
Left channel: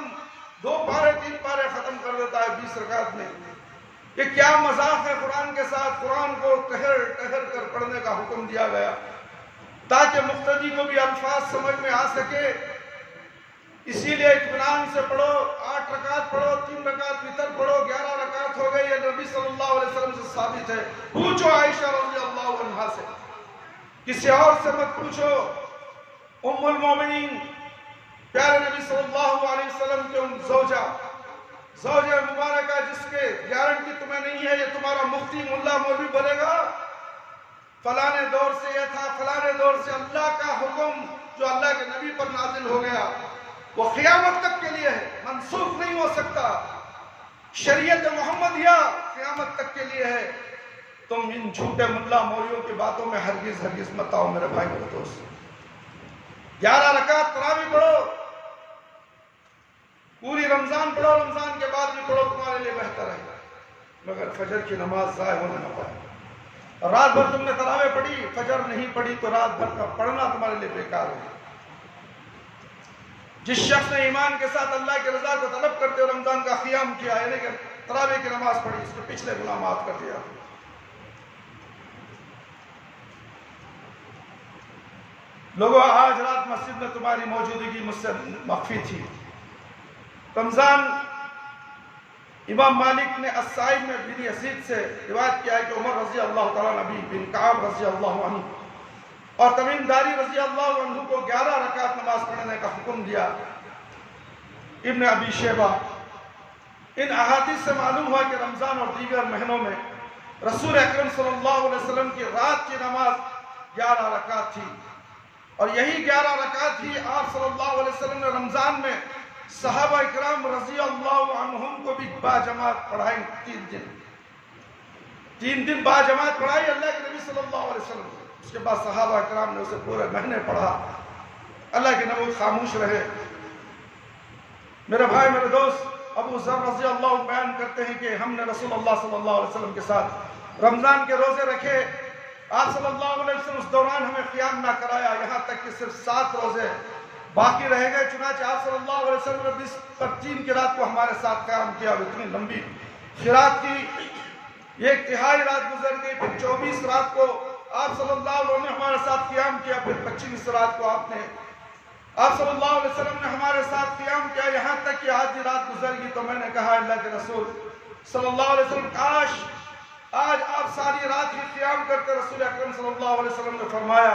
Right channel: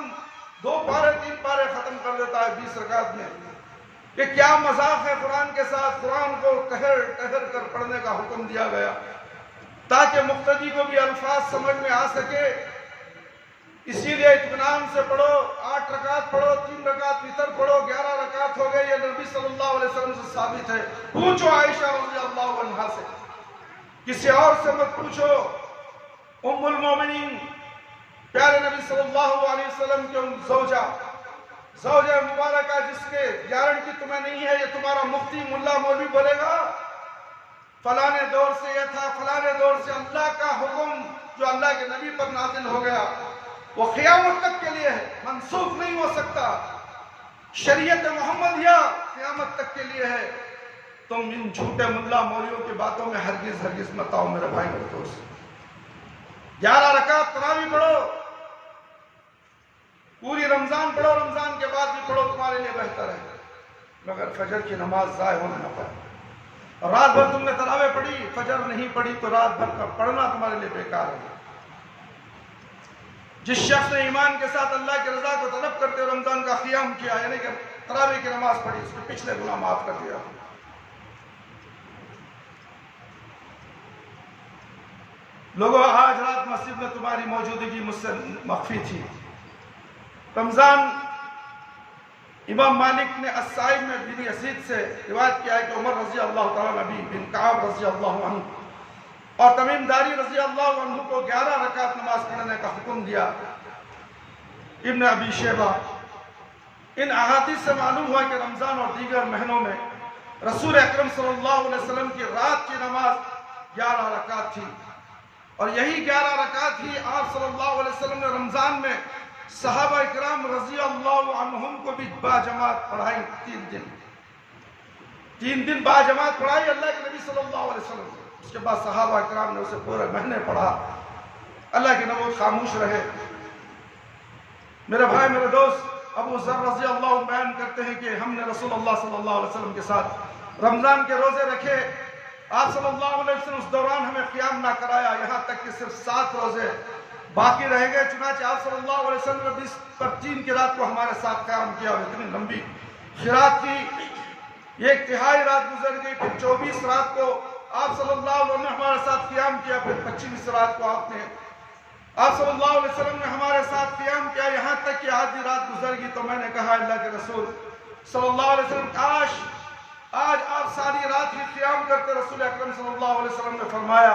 2 پارے 3 پارے ختم کر دیتا ہے 20 رکعت میں۔ یہ کیا مذاق ہے قرآن کے ساتھ؟ قرآن کو ٹہر ٹہر کر پڑھنے کا حکم دیا گیا تاکہ مقتدی کو بھی الفاظ سمجھ میں آ سکے۔ اسی لیے اطمینان سے پڑھو، 8 رکعت پڑھو، 3 رکعت وتر پڑھو، 11 رکعت ہو گئی، یہ نبی صلی اللہ علیہ وسلم سے ثابت ہے۔ پوچھو عائشہ رضی اللہ عنہا سے، کسی اور سے مت پوچھو۔ ام المومنین پیارے نبی صلی اللہ علیہ وسلم کے زوجہ مبارکہ، جس کے گارنٹی تمہیں نہیں ہے، یہ تمہارا مفتی ملا مولوی بولے گا فلانے دور سے یہ تھا، فلانے دور سے اللہ کا حکم جو اللہ کے نبی پر نازل ہو گیا وہ قیامت تک کے لیے ہے، منسوخ نہیں ہو سکتا۔ شریعت محمدیہ قیامت تک کے لیے ہے۔ تم ان جھوٹے ملا مولیوں کی باتوں میں ہرگز ہرگز مت آؤ میرے بھائی میرے دوست۔ 11 رکعت تراویح پڑھو، پوری رمضان پڑھو، رمضان کے بعد بھی پڑھو، تمہارے لیے بہتر ہے، مگر فجر کی نماز ضائع ہونے نہ پائے۔ اور رات بھر تم نے تراویح پڑھی، فجر نہیں پڑھی تو رات بھر کا پڑھنا تمہارے لیے بیکار ہے۔ جس شخص نے ایمان کے ساتھ اللہ کی رضا کو طلب کرتے ہوئے رمضان کا قیام کیا، یعنی کہ تراویح کی نماز پڑھی، اس کے پچھلے گناہ معاف کر دیا۔ لوگوں، آج رات مسجد میں تمہاری موجودگی مجھ سے مخفی تھی۔ رمضان امام مالک نے الصائب میں بن یزید سے روایت کیا ہے کہ عمر رضی اللہ تعالیٰ نبی بن کعب رضی اللہ عنہ اور تمیم داری رضی اللہ عنہ کو 11 رکعت نماز پڑھنے کا حکم دیا۔ ابن ابی شیبہ، ان احادیث سے معلوم ہوا کہ رمضان اور دیگر مہینوں میں رسول اکرم صلی اللہ علیہ وسلم کی رات کی نماز 11 رکعت تھی، اور یہی 11 رکعت ہی آپ صلی اللہ علیہ وسلم نے رمضان میں صحابہ اکرام رضی اللہ عنہم کو بھی باجماعت پڑھائی۔ 3 دن باجماعت پڑھائی اللہ کے نبی صلی اللہ علیہ وسلم نے۔ اس کے بعد صحابہ اکرام نے اسے پورے مہینے پڑھا، اللہ کے نبی خاموش رہے۔ میرے بھائی میرے دوست، ابو ذر رضی اللہ عنہ بیان کرتے ہیں کہ ہم نے رسول اللہ صلی اللہ علیہ وسلم کے ساتھ رمضان کے روزے رکھے، آپ صلی اللہ علیہ وسلم اس دوران ہمیں قیام نہ کرایا، یہاں تک کہ صرف 7 روزے باقی رہ گئے۔ چنانچہ آپ صلی اللہ علیہ وسلم نے 20 پر 3 کی رات کو ہمارے ساتھ قیام کیا، اور اتنی لمبی قرات کی، 1/3 رات گزر گئی، پھر 24 رات کو آپ صلی اللہ علیہ وسلم نے ہمارے ساتھ قیام کیا، پھر 25 رات کو آپ صلی اللہ علیہ وسلم نے ہمارے ساتھ قیام کیا، یہاں تک کہ آدھی رات گزر گئی۔ تو میں نے کہا اللہ کے رسول صلی اللہ علیہ وسلم، کاش آج آپ ساری رات ہی قیام کرتے۔ رسول اکرم صلی اللہ علیہ وسلم نے فرمایا،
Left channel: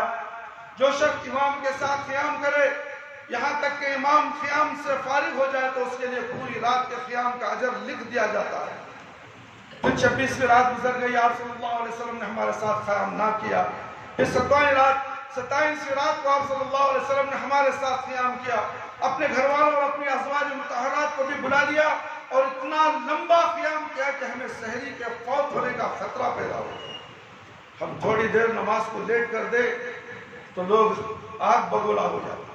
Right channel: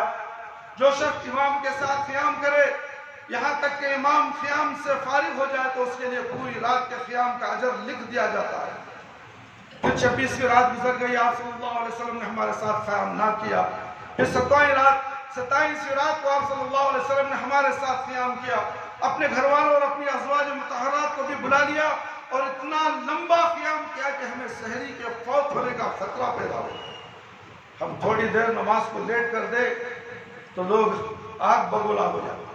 جو شخص امام کے ساتھ قیام کرے یہاں تک کہ امام قیام سے فارغ ہو جائے تو اس کے لیے پوری رات کے قیام کا اجر لکھ دیا جاتا ہے۔ پھر 26ویں رات گزر گئی، آپ صلی اللہ علیہ وسلم نے ہمارے ساتھ قیام نہ کیا۔ پھر 27ویں رات کو آپ صلی اللہ علیہ وسلم نے ہمارے ساتھ قیام کیا، اپنے گھر والوں اور اپنی ازواج مطہرات کو بھی بلا لیا، اور اتنا لمبا قیام کیا کہ ہمیں سحری کے فوت ہونے کا خطرہ پیدا ہو۔ ہم تھوڑی دیر نماز کو لیٹ کر دے تو لوگ آگ بگولا ہو جاتے۔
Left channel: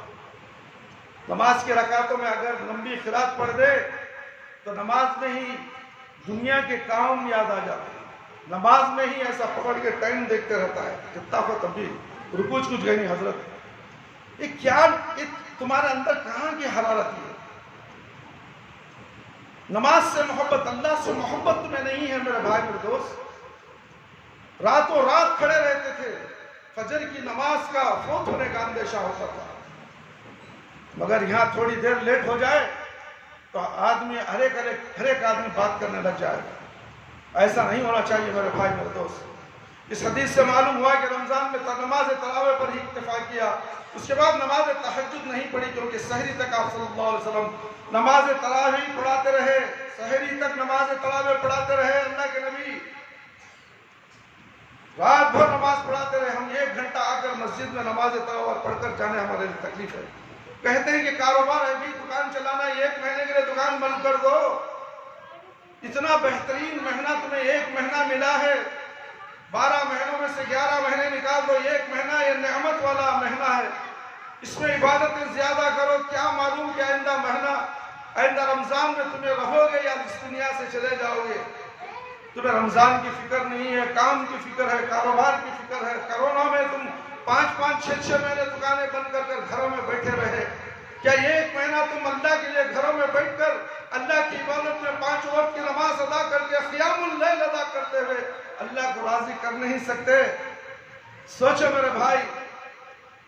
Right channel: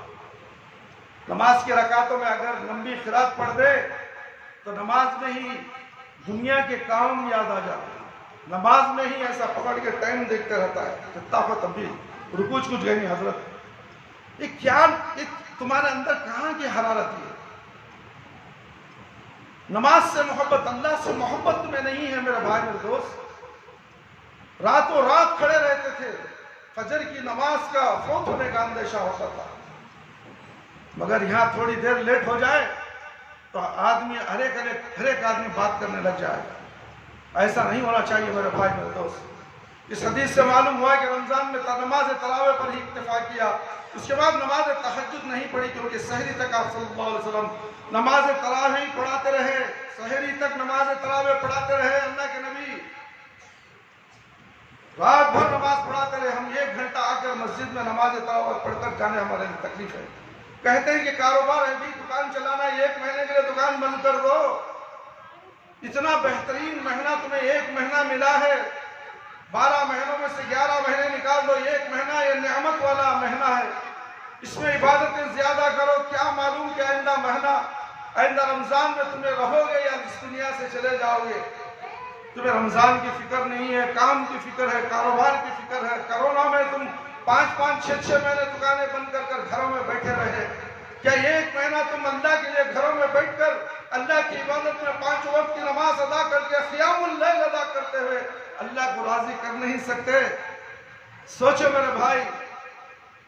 نماز کی رکعتوں میں اگر لمبی قرات پڑھ دے تو نماز میں ہی دنیا کے کام یاد آ جاتے ہیں، نماز میں ہی ایسا پکڑ کے ٹائم دیکھتے رہتا ہے کہ طاقت ابھی رکوع کچھ گئی نہیں حضرت۔ یہ کیا تمہارے اندر کہاں کی حرارت ہے؟ نماز سے محبت، اللہ سے محبت تمہیں نہیں ہے میرے بھائی میرے دوست۔ راتوں رات کھڑے رہتے تھے، فجر کی نماز کا فوت ہونے کا اندیشہ ہوتا تھا، مگر یہاں تھوڑی دیر لیٹ ہو جائے تو آدمی ہر ایک آدمی بات کرنے لگ جائے گا۔ ایسا نہیں ہونا چاہیے میرے بھائی میرے دوست۔ اس حدیث سے معلوم ہوا کہ رمضان میں نماز تراویح پر ہی اکتفا کیا، اس کے بعد نماز تہجد نہیں پڑھی، کیونکہ سحری تک آپ صلی اللہ علیہ وسلم نماز تراویح پڑھاتے رہے، سحری تک نماز تراویح پڑھاتے رہے۔ اللہ کے نبی رات بھر نماز پڑھاتے رہے، ہم مسجد میں نماز تراویح پڑھ کر جانے ہمارے لیے تکلیف ہے۔ کہتے ہیں کہ کاروبار ہے بھی، دکان چلانا ہے، 1 مہینے کے لیے دکان بند کر دو۔ اتنا بہترین مہینہ تمہیں 1 مہینہ ملا ہے، 12 مہینوں میں سے 11 مہینے نکال دو، 1 مہینہ یہ نعمت والا مہینہ ہے، اس میں عبادتیں زیادہ کرو۔ کیا معلوم کہ آئندہ مہینہ، آئندہ رمضان میں تمہیں رہو گے یا اس دنیا سے چلے جاؤ گے۔ تمہیں رمضان کی فکر نہیں ہے، کام کی فکر ہے، کاروبار کی فکر ہے۔ کرونا میں تم 5-5 6-6 مہینے دکانیں بند کر کر گھروں میں بیٹھے رہے۔ کیا یہ 1 مہینہ تم اللہ کے لیے گھروں میں بیٹھ کر اللہ کی عبادت میں 5 وقت کی نماز ادا کر کے قیام اللیل ادا کرتے ہوئے اللہ کو راضی کر نہیں سکتے؟ سوچو میرے بھائی،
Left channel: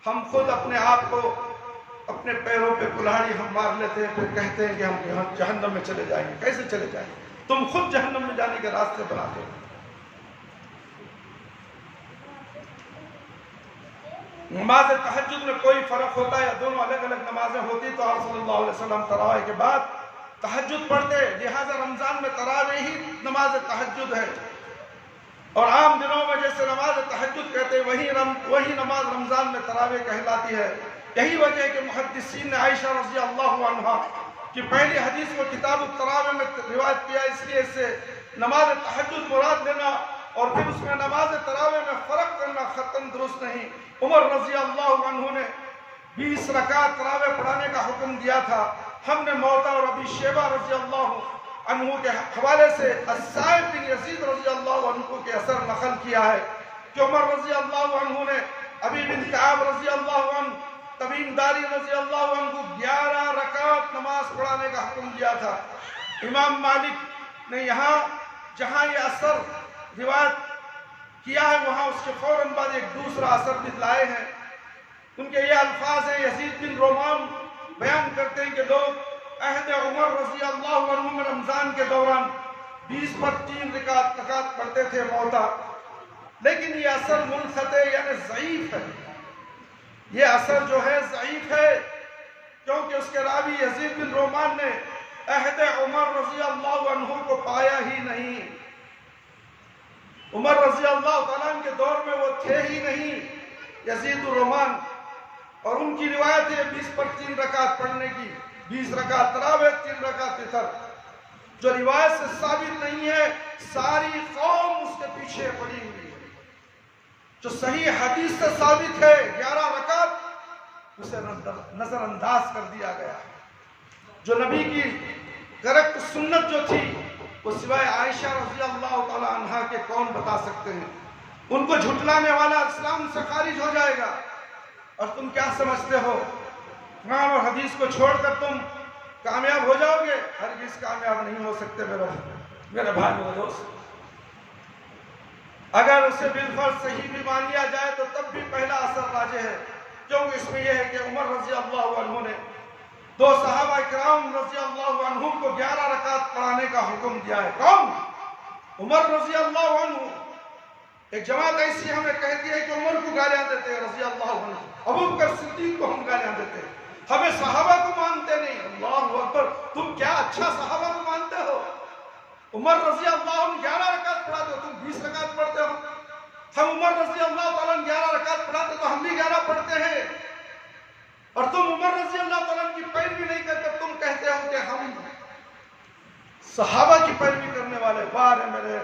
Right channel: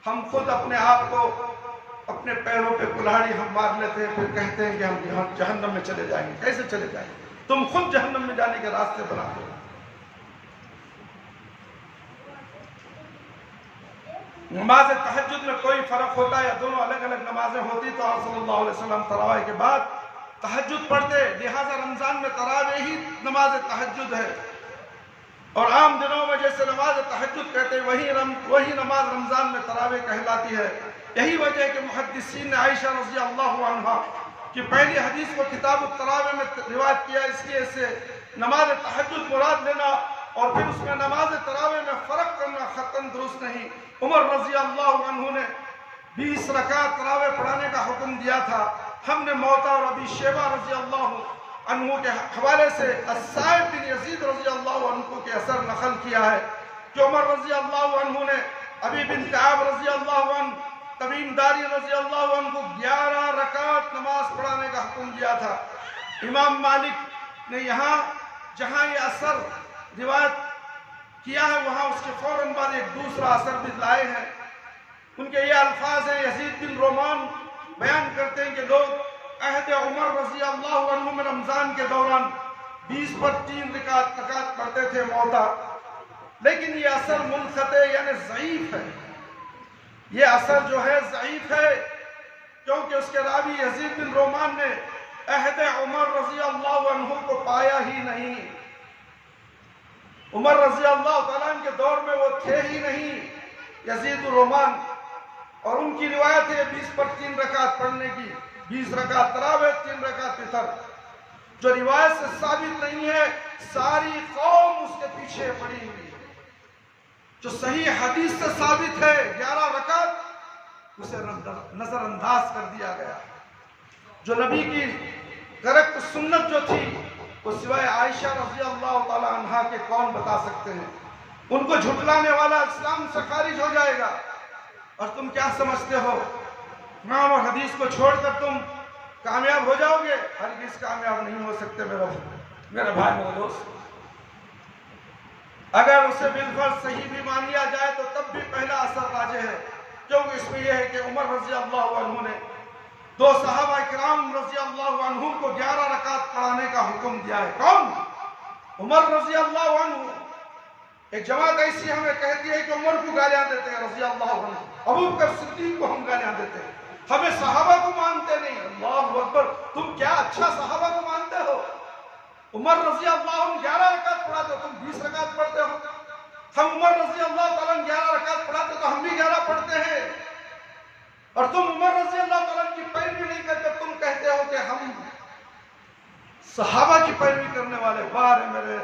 ہم خود اپنے آپ کو اپنے پیروں پہ کلہاڑی ہم مار لیتے ہیں، پھر کہتے ہیں کہ ہم جہنم میں چلے جائیں گے۔ کیسے چلے جائیں گے؟ تم خود جہنم میں جانے کے راستے بناتے ہو۔ نماز تہجد میں کوئی فرق ہوتا ہے یا دونوں الگ الگ نمازیں ہوتی تو آپ صلی اللہ علیہ وسلم تراویح کے بعد تہجد پڑھتے، لہٰذا رمضان میں تراویح ہی نماز تہجد ہے، اور عام دنوں میں جیسے نماز تہجد کہتے وہی نماز رمضان میں تراویح کہلاتی ہے۔ یہی وجہ ہے کہ محدثین نے عائشہ رضی اللہ عنہا کی پہلی حدیث کو کتاب التراویح میں روایت کیا، اس لیے سے نماز تہجد مراد لینا اور پھر اس میں نماز تراویح میں فرق کرنا خطاً درست نہیں۔ عمر رضی اللہ عنہ نے 20 رکعت تراویح پڑھانے کا حکم دیا تھا۔ ہم نے موطا اور ابی شیبہ رضی اللہ عنہ کے حوالے سے السائب بن یزید رضی اللہ عنہ کے اثر نقل کیا ہے کہ عمر رضی اللہ عنہ نے ابی بن کعب رضی اللہ عنہ، تمیم داری رضی اللہ عنہ کو 11 رکعت نماز پڑھانے کا حکم دیا تھا۔ امام مالک نے یہاں جہاں یہ اثر روایت کیا ہے وہاں اس کے فوراً بعد ایک دوسرا اثر بھی لائے ہیں۔ ان کے یہ الفاظ ہیں، یزید بن رومان بیان کرتے ہیں کہ لوگ عہد عمر رضی اللہ عنہ میں رمضان کے دوران 20 پر 3 رکعت پڑھتے تھے موطا، لیکن یہ اثر منقطع یعنی ضعیف ہے۔ یہ اثر جو ہے ضعیف ہے کیونکہ اس کے راوی یزید بن رومان نے عہد عمر رضی اللہ عنہ کو پایا ہی نہیں۔ عمر رضی اللہ تعالیٰ عنہ کے دور میں وہ تھے ہی نہیں یزید الرومان، اور ان کی روایت ہے 20 پر 3 رکعت پڑھنے کی، 20 رکعت تراویح 3 رکعت وتر، جو روایت سے ثابت نہیں ہے۔ ساری قوم اس کے پیچھے پڑی ہوئی ہے۔ جو صحیح حدیث سے ثابت ہے 11 رکعت، اسے نظر انداز کر دیا گیا۔ جو نبی کی کریکٹ سنت جو تھی وہ سوائے عائشہ رضی اللہ تعالی عنہا کے کون بتا سکتے ہیں؟ ان کو جھٹلانے والا اسلام سے خارج ہو جائے گا۔ اور تم کیا سمجھتے ہو قرآن اور حدیث کو چھوڑ کر تم کامیاب ہو جاؤ گے؟ ہرگز کامیاب نہیں ہو سکتے میرے بھائی میرے دوست۔ اگر اسے بالفرض صحیح بھی مان لیا جائے تو تب بھی پہلا اثر راجح ہے، کیونکہ اس میں یہ ہے کہ عمر رضی اللہ عنہ نے 2 صحابہ کرام رضی اللہ عنہ کو 11 رکعت پڑھانے کا حکم دیا ہے۔ کون؟ عمر رضی اللہ عنہ۔ ایک جماعت ایسی ہمیں کہتی ہے کہ عمر کو گالیاں دیتے ہیں رضی اللہ عنہ، ابو بکر صدیق کو ہم گالیاں دیتے ہیں، ہمیں صحابہ کو مانتے نہیں۔ اللہ اکبر، تم کیا اچھا صحابہ کو مانتے ہو؟ عمر رضی اللہ عنہ 11 رکعت پڑھاتے ہو، تم 20 رکعت پڑھتے ہو۔ ہم عمر رضی اللہ تعالیٰ عنہ 11 رکعت پڑھاتے تو ہم بھی 11 پڑھتے ہیں، اور تم عمر رضی اللہ تعالیٰ عنہ کی پیروی نہیں کرتے، تم کہتے ہو کہ ہم صحابہ کی پیروی کرنے والے۔ بار ہے میرے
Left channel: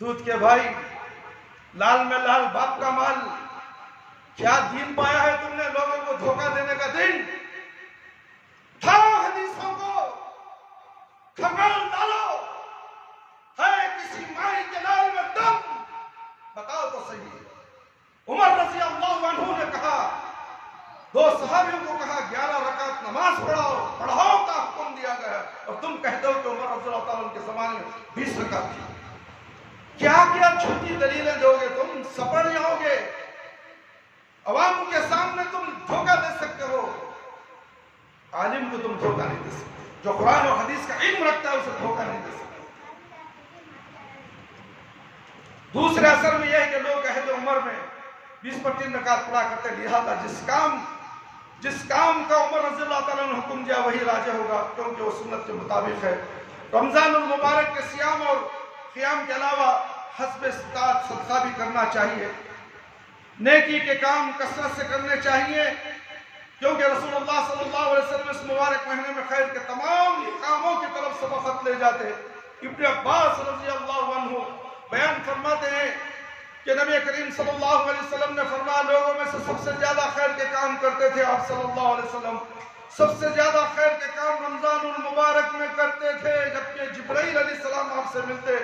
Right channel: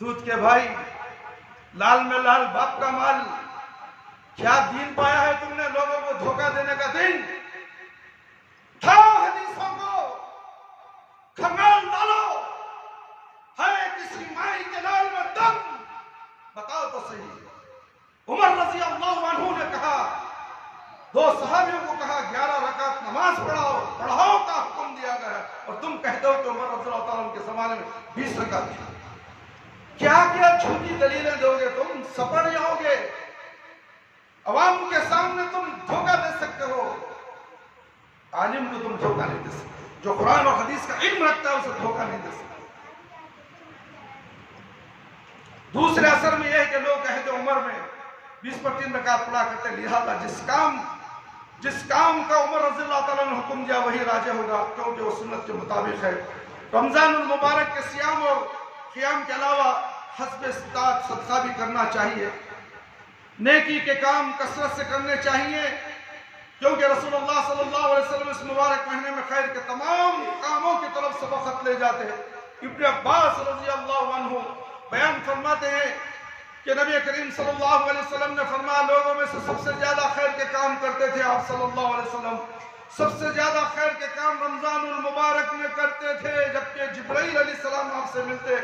دودھ کے بھائی، لال میں لال باپ کا مال، کیا دین پایا ہے تم نے؟ لوگوں کو دھوکہ دینے کا دین۔ اٹھاؤ حدیثوں کو، کھنگال ڈالو، ہے کسی مائی کے لال میں دم، بتاؤ تو صحیح۔ عمر رضی اللہ عنہ نے کہا، 2 صحابیوں کو کہا 11 رکعت نماز پڑھاؤ کا حکم دیا گیا، اور تم کہتے ہو کہ عمر رضی اللہ تعالیٰ عنہ کے زمانے میں 20 رکعت تھی۔ کیا کیا جھوٹی دلیلیں دو گے تم؟ سپڑ جاؤ گے۔ عوام کے سامنے تم دھوکہ دے سکتے ہو، عالم کو تم دھوکہ نہیں دے سکتے، جو قرآن اور حدیث کا علم رکھتا ہے اسے دھوکہ نہیں دے سکتے۔ دوسرے اثر میں یہ ہے کہ لوگ عہد عمر میں 20 پر 3 رکعت پڑھا کرتے، لہذا جس کام کا عمر رضی اللہ تعالیٰ نے حکم دیا وہی راجح ہوگا، کیونکہ وہ سنت کے مطابق ہے۔ رمضان المبارک کے صیام اور قیام کے علاوہ حسب استطاعت صدقہ بھی کرنا چاہیے۔ نیکی کے کام کثرت سے کرنے چاہیے، کیونکہ رسول اللہ صلی اللہ علیہ وسلم اس مبارک مہینے میں خیر کے تمام کاموں کی طرف سبقت لے جاتے ہیں۔ ابن عباس رضی اللہ عنہ بیان فرماتے ہیں کہ نبی کریم صلی اللہ علیہ وسلم نے فرمایا لوگوں میں سے سب سے زیادہ خیر کے کام کرتے تھے آپ صلی اللہ علیہ وسلم، سب سے زیادہ خیر کے کام رمضان المبارک میں کرتے تھے، جبکہ جبرائیل علیہ السلام آپ سے ملتے،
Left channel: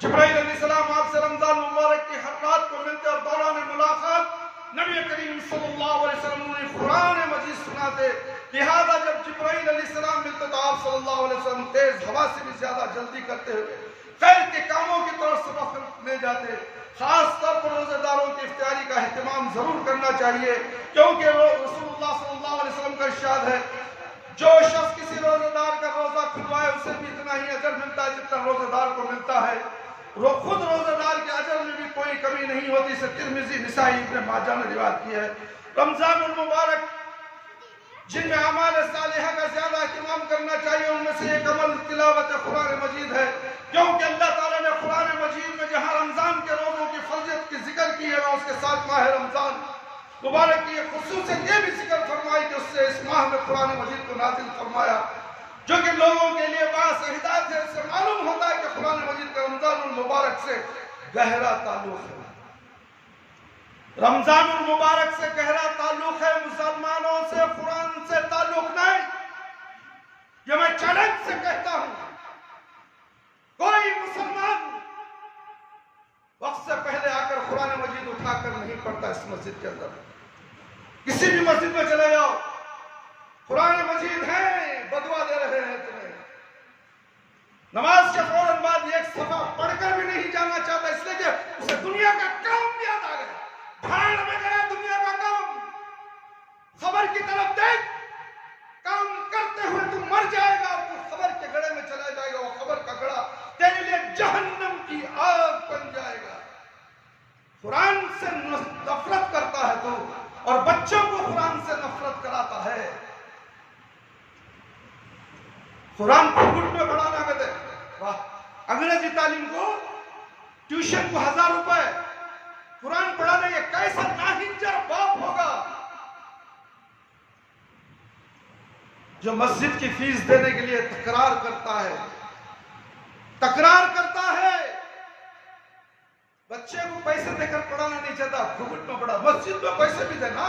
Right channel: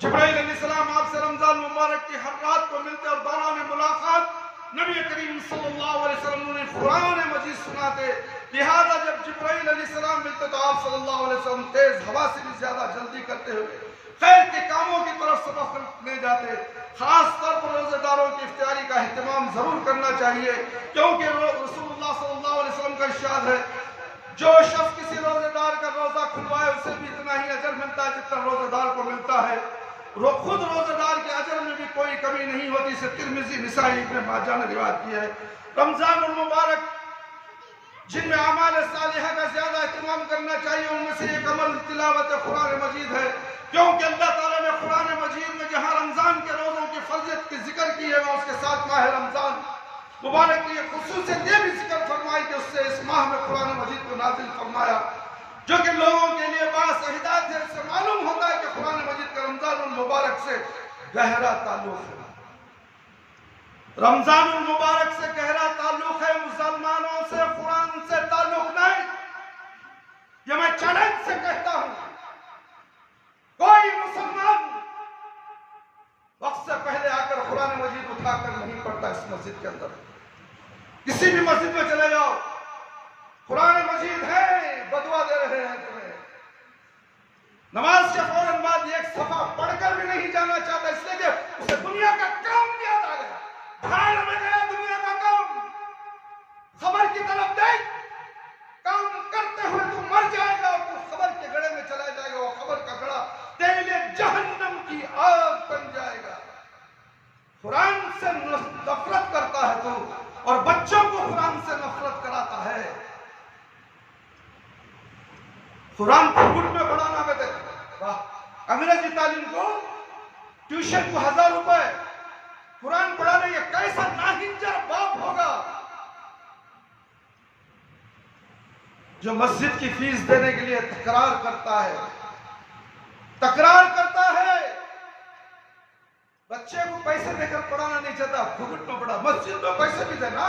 جبرائیل علیہ السلام آپ سے رمضان المبارک کی ہر رات کو ملتے اور دوران ملاقات نبی کریم صلی اللہ علیہ وسلم نے قرآن مجید سناتے، لہذا جب جبرائیل علیہ السلام ملتے تو آپ صلی اللہ علیہ وسلم تیز ہوا سے بھی زیادہ جلدی کرتے ہوئے خیر کے کاموں کی طرف سبقت لے جاتے۔ خاص طور پر روزہ داروں کی افطاری کا اہتمام ضرور کرنا چاہیے، کیونکہ رسول اللہ صلی اللہ علیہ وسلم کا ارشاد ہے جو شخص کسی روزہ دار کا روزہ کھلوائے اسے بھی اتنا ہی اجر ملتا ہے جتنا روزہ دار کو ملتا ہے، خود روزہ دار کے اجر میں بھی کوئی کمی نہیں ہوتی۔ اسے ترمذی، نسائی، ابن ماجہ نے روایت کی ہے۔ رمضان المبارک جن میں اعمال صالحہ کا زیادہ اہتمام کرنا چاہیے ان میں سے ایک عمل تلاوت قرآن مجید ہے، کیونکہ اللہ تعالیٰ نے قرآن مجید میں جہاں رمضان کے روزوں کی فضیلت کی ذکر کی ہے وہاں اس کے ساتھ ماہ رمضان مبارک کی خصوصیت یہ بھی ذکر فرمائی کہ اس سے اس ماہ میں قرآن مجید کو نازل فرمایا، جو کہ لوگوں کے لیے باعث ہدایت ہے۔ اس سے معلوم ہوتا ہے کہ قرآن مجید کا رمضان المبارک سے گہرا تعلق ہے، رمضان المبارک سے گہرا تعلق ہے، مسلمانوں سے قرآن سے تعلق نہیں۔ یہ میں چیلنج سے کہتا ہوں، کوئی مسلمان وقت سے پہلے آ کر قرآن مجید اٹھا کر نہیں پڑھتا اس مسجد کے اندر۔ کسی بھی مسجد میں چلے جاؤ، قرآن مجید ہے، بدوا دے رہے ہیں تمہیں، نماز کے فوراً بعد ایک صفحہ پڑھ کر بھی نہیں جانا چاہتا، اس لیے کہ اسے دنیا کا کام یاد آ گیا، بھاڑ میں گیا دنیا کا کام، خبر کی طرف دیکھ، کام کرتے ہوئے تو مر جائے گا، تو خبر کے گڑھے میں چلا جائے گا، وہ خبر کا گڑھا تیرے لیے جہنم کی آگ بن جائے گا۔ قرآن سے نفرت کرتا ہے تو، اور بچوں کو قرآن سے نفرت کراتا ہے۔ قرآن کو گھٹ میں پڑھانا کہتے ہیں، انگریزی تعلیم کو، ٹیوشن کو 1000 روپے، قرآن پڑھانے یہ کیسا ناہنجر باپ ہوگا جو مسجد کی فیس دینے کے لیے تکرار کرتا ہے، بچے کو پیسے دے کر پڑھانا نہیں چاہتا، گھٹ میں پڑھا، مسجد میں پیسے بھی دینا،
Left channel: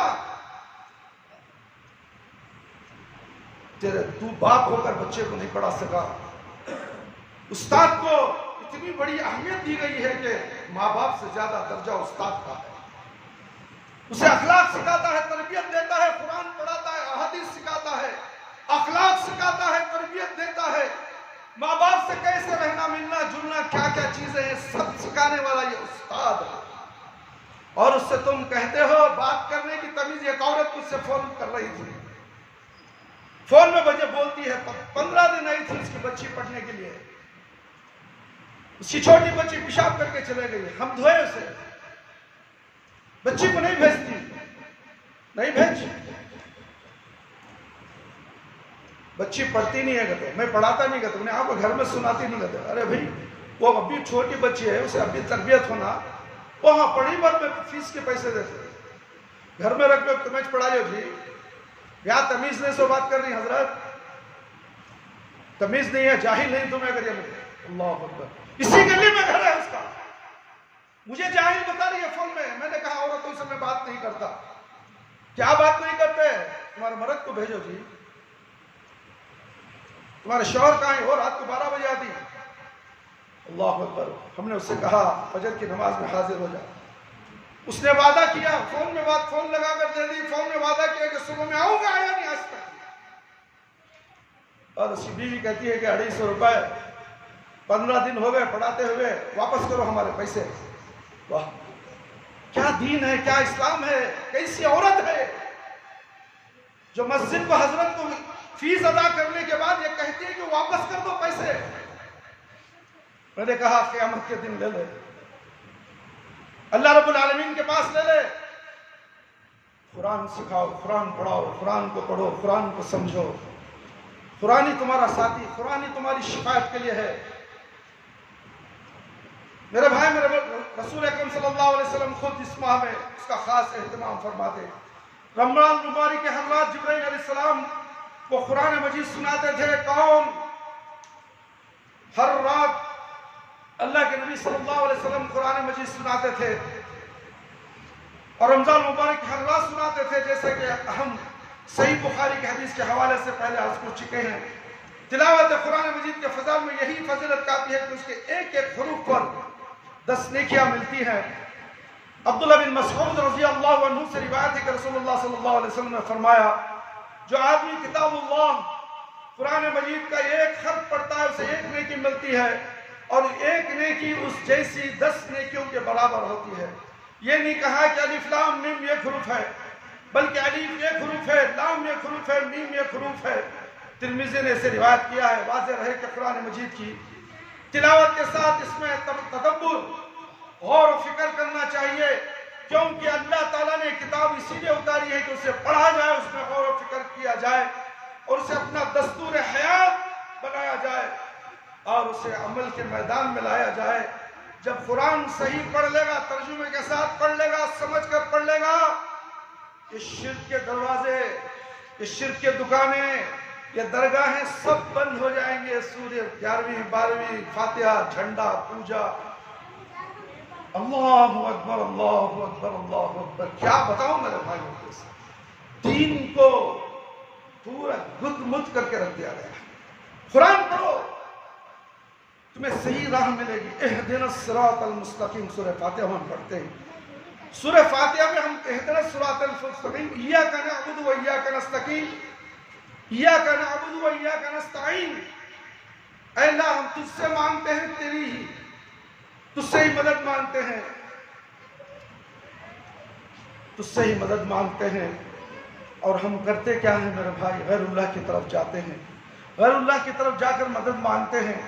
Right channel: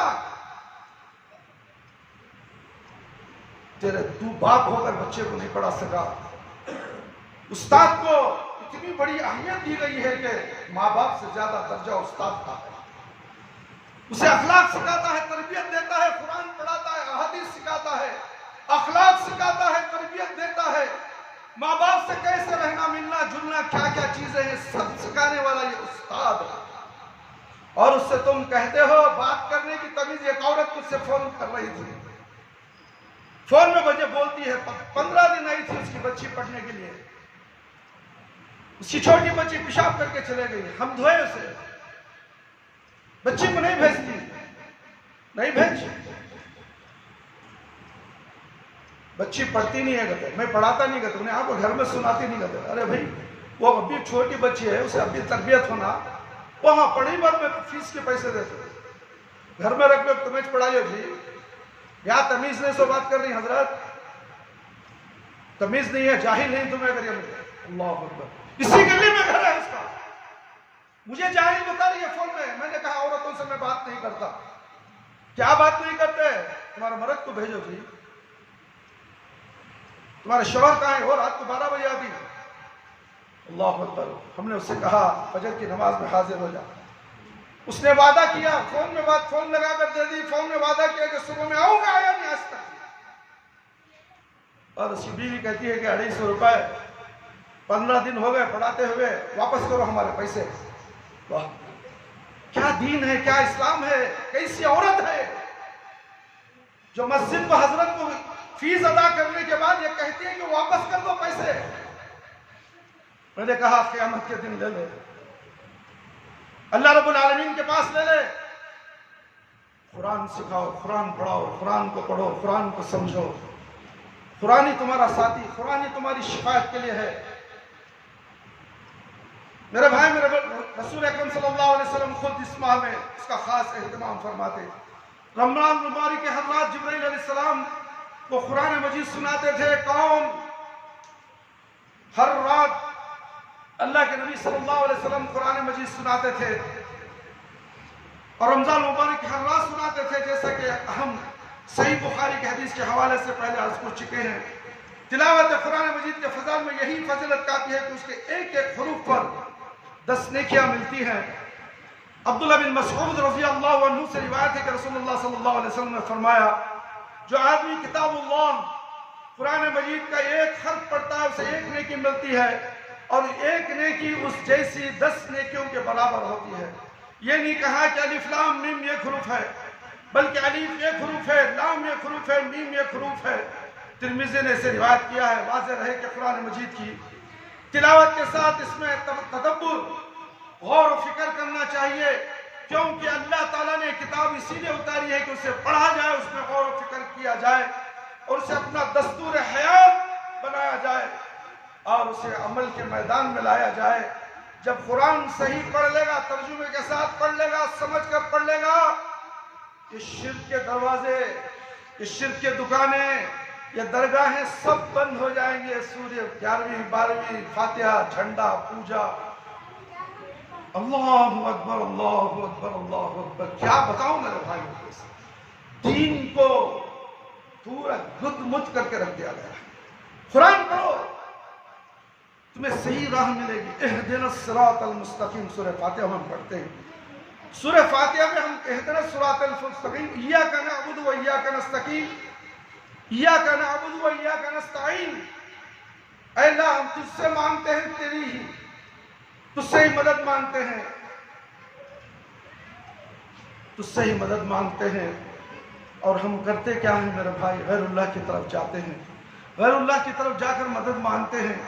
تو باپ ہو کر بچے کو نہیں پڑھا سکا۔ استاد کو اتنی بڑی اہمیت دی گئی ہے کہ ماں باپ سے زیادہ درجہ استاد کا ہے، اسے اخلاق سکھاتا ہے، تربیت دیتا ہے، قرآن پڑھاتا ہے، احادیث سکھاتا ہے، اخلاق سکھاتا ہے، تربیت دیتا ہے، ماں باپ سے کیسے رہنا، ملنا جلنا، کیا کیا چیزیں ہیں سب سکھانے والا یہ استاد ہے۔ اور اس سے تم کہتے ہو بات کرنے کی تمیز، ایک عورت مجھ سے فون کر رہی تھی، فون میں مجھے بولتی ہے 15 دن آئی تھی اس کی بچی پڑھنے کے لیے، اس کی چھوٹی بچی پیشاب کر کے چلے گئی، ہم دھوئے اسے، بچی کو نہیں بھیجتی، نہیں بھیج، بچی پڑھتی نہیں ہے، کہتے میں پڑھاتا نہیں، کہتے انہیں آپ کو گھر میں سناتی نہیں، کہتے ارے بھائی وہ ابھی چھوٹی بچی ہے، اسے ابھی تربیت ہونا، وہاں پڑھی بات میں فیس کے پیسے دیتے، گھر میں رکھ لو تمہیں پڑھائی ہو جی، یا تمیز نہیں سو بات کر رہی حضرت، تمیز نہیں ہے، جاہل نہیں تمہیں کریے مجھے، اللہ اکبر، اسی گلی میں گھر ہے اس کا، مجھے جاہل بتا رہی ہے فون میں۔ میں نے کہا عورتوں سے میں بات نہیں کرتا۔ کیا بات نہیں کرتے؟ تمہارے مرد کو بھیجو جی، تمہارے شوہر کہاں ہے؟ وہ رات کو 12 بجے آتی، اللہ اکبر۔ ہم نے اس سے کہا فجر کی نماز میں حاضر ہو جا، اس نے وعدہ کیا، فون میں بات فون لگا کر دے دی، فون میں وعدہ کیا کہ صبح میں آؤں گا، آیا نہیں آج تک۔ اور اس کی بیوی کہتی ہے کہ 250 روپے 15 دن ہو گئے پڑھاتے ہوئے، واپس کرو ہمارے پیسے۔ واہ، کیا دین ہے، کیا اسلام ہے، کیسی عورت ہے جو مسجد کو حضرت کو فیس ادا کرنے کے بعد یہ کہتی ہے کہ واپس کر دو پیسے۔ میں نے کہا قیامت کے دن لے لے، اللہ رب العالمین کے پاس لے لے، قرآن سکھاؤ، قرآن پڑھاؤ، قرآن کو پڑھو، قرآن کو سمجھو، قرآن ہی تمہارا ساتھی، قرآن ہی تمہاری شفاعت کے لیے ہے۔ میرے بھائی، میرے رسول اکرم صلی اللہ علیہ وسلم خود اس ماہ میں اس کا خاص اہتمام فرماتے. رمضان المبارک کے ہر رات جبرائیل علیہ السلام کو قرآن مجید سناتے تھے. کون؟ ہر رات اللہ کے نبی صلی اللہ علیہ وسلم قرآن مجید سناتے تھے اور رمضان المبارک کی ہر رات سناتے تھے، جیسے کہ ہم صحیح بخاری کے حدیث کے حوالے سے پہلے عرض کر چکے ہیں. تلاوت قرآن مجید کے فضل میں یہی فضیلت کافی ہے کہ اس کے ایک ایک حروف پر 10 نیکیاں ملتی ہیں. عبداللہ بن مسعود رضی اللہ عنہ سے روایت ہے کہ رسول اللہ صلی اللہ علیہ وسلم نے فرمایا، جو آدمی کتاب اللہ قرآن مجید کا ایک حرف پڑھتا ہے اسے ایک نیکی ملتی ہے، اور ایک نیکی اس جیسی 10 نیکیوں کے برابر ہوتی ہے. یہ نہیں کہا کہ الف لام میم ایک حروف ہے، بلکہ الف ایک حروف ہے، لام ایک حروف ہے، میم ایک حروف ہے. ترمذی نے اسے روایت کیا ہے. واضح رہے کہ قرآن مجید کی تلاوت کے ساتھ اس میں تدبر، غور و فکر کرنا چاہیے، کیونکہ اللہ تعالیٰ نے کتاب اسی لیے اتاری ہے کہ اسے پڑھا جائے، اس میں غور و فکر کیا جائے اور اسے اپنا دستور حیات بنایا جائے اور اسے عمل کے میدان میں لایا جائے. جب قرآن صحیح پڑھ لے گا، ترجمے کے ساتھ پڑھ لے گا، سمجھ کر پڑھ لے گا، یہ شرک کے دروازے، یہ شرک کے دکانیں، یہ درگاہیں سب بند ہو جائیں گے. سورہ 11ویں 12ویں فاتحہ، جھنڈا، پوجا. اللہ اکبر اللہ اکبر اللہ اکبر. کیا بتاؤں میرے بھائیوں کو، دین کو پورا گد مد کر کے رکھ دیا گیا. قرآن پڑھو، تمہیں صحیح راہ ملے گی. اہدنا الصراط المستقیم سورہ فاتحہ میں ہم پڑھتے ہیں. سورہ فاتحہ میں ہم اہدنا الصراط المستقیم، ایاک نعبد و ایاک نستعین، ایاک نعبد و ایاک نستعین. اے اللہ ہم تجھ سے مانگتے ہیں، تیری ہی تجھ سے ہی مدد مانگتے ہیں، تجھ سے ہی مدد مانگتے ہیں. اور ہم کرتے کیا ہیں میرے بھائی؟ غیر اللہ کی طرف جاتے ہیں، غیر اللہ کی طرف جا کر مدد مانگتے ہیں.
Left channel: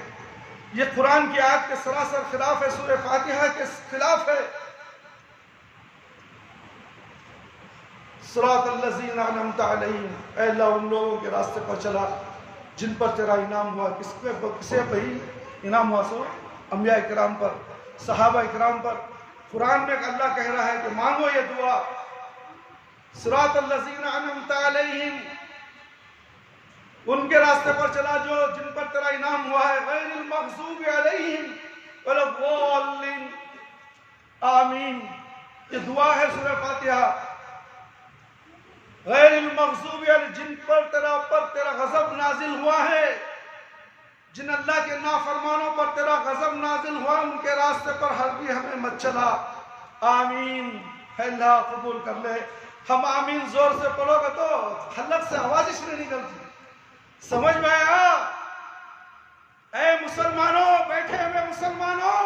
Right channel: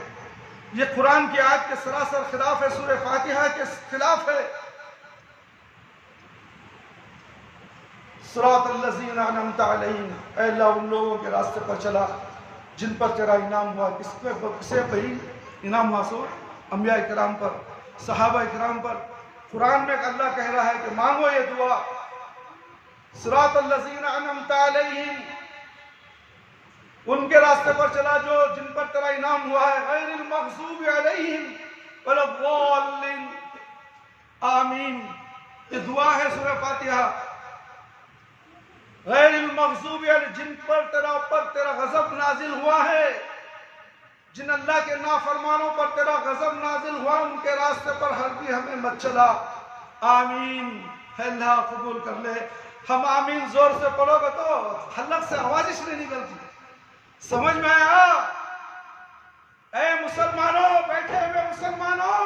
یہ قرآن کی آیت کے سراسر خلاف ہے، سورہ فاتحہ کے خلاف ہے. صراط الذین انعمت علیہم، اے اللہ ان لوگوں کے راستے پر چلا جن پر تیرا انعام ہوا. کسے پر انعام ہوا؟ سو انبیاء کرام پر، صحابہ کرام پر. قرآن میں اللہ کہہ رہا ہے کہ مانگو یہ دعا. صراط الذین انعمت علیہم، ان کے راستے پر چلا جو جن پر تیرا انعام ہوا ہے. غیر المغضوب علیہم ولا الضالین. آمین. یہ دعا ہے سورہ فاتحہ. غیر المغضوب علیہم، جن پر تیرا غضب نازل ہوا ہے، جن اللہ کے نافرمانوں پر تیرا غضب نازل ہوا، ان کے راستے پر ہرگز ہمیں مت چلا. آمین. اللہ قبول کر لے. ہم آمین زور سے پڑھو گے تو حلق سے آواز اس میں نکلتی. سمجھ میں آیا؟ اے مسلمانوں، بیٹھے ہوئے مسلمانوں،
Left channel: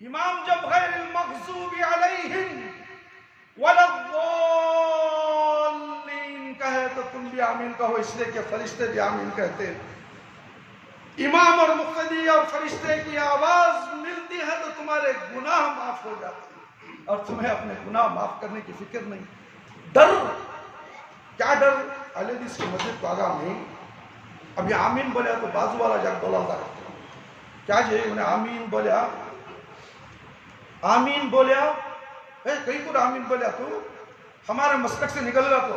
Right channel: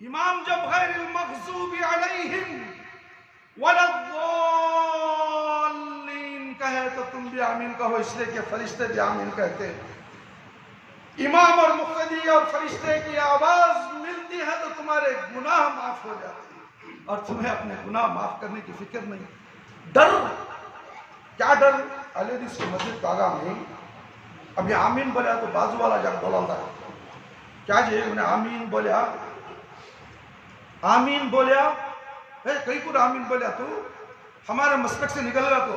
امام جب غیر المغضوب علیہم ولا الضالین کہے تو تم بھی آمین کہو، اس لیے کہ فرشتے بھی آمین کہتے ہیں. امام اور مقتدی اور فرشتے کی آواز ملتی ہے تو تمہارے گناہ معاف ہو جاتے ہیں اور تمہیں اپنے گناہ معاف کرنے کی فکر نہیں. ڈر، کیا ڈر؟ علی حدیث کی مسجد پاگا میں اب یہ آمین بولیا تو بازو والا جب بولا ہے کیا جی انہیں آمین بولیا، آمین بولیا، کئی کو آمین بولیا تو ہمارے مسلک سے نکل گا. تو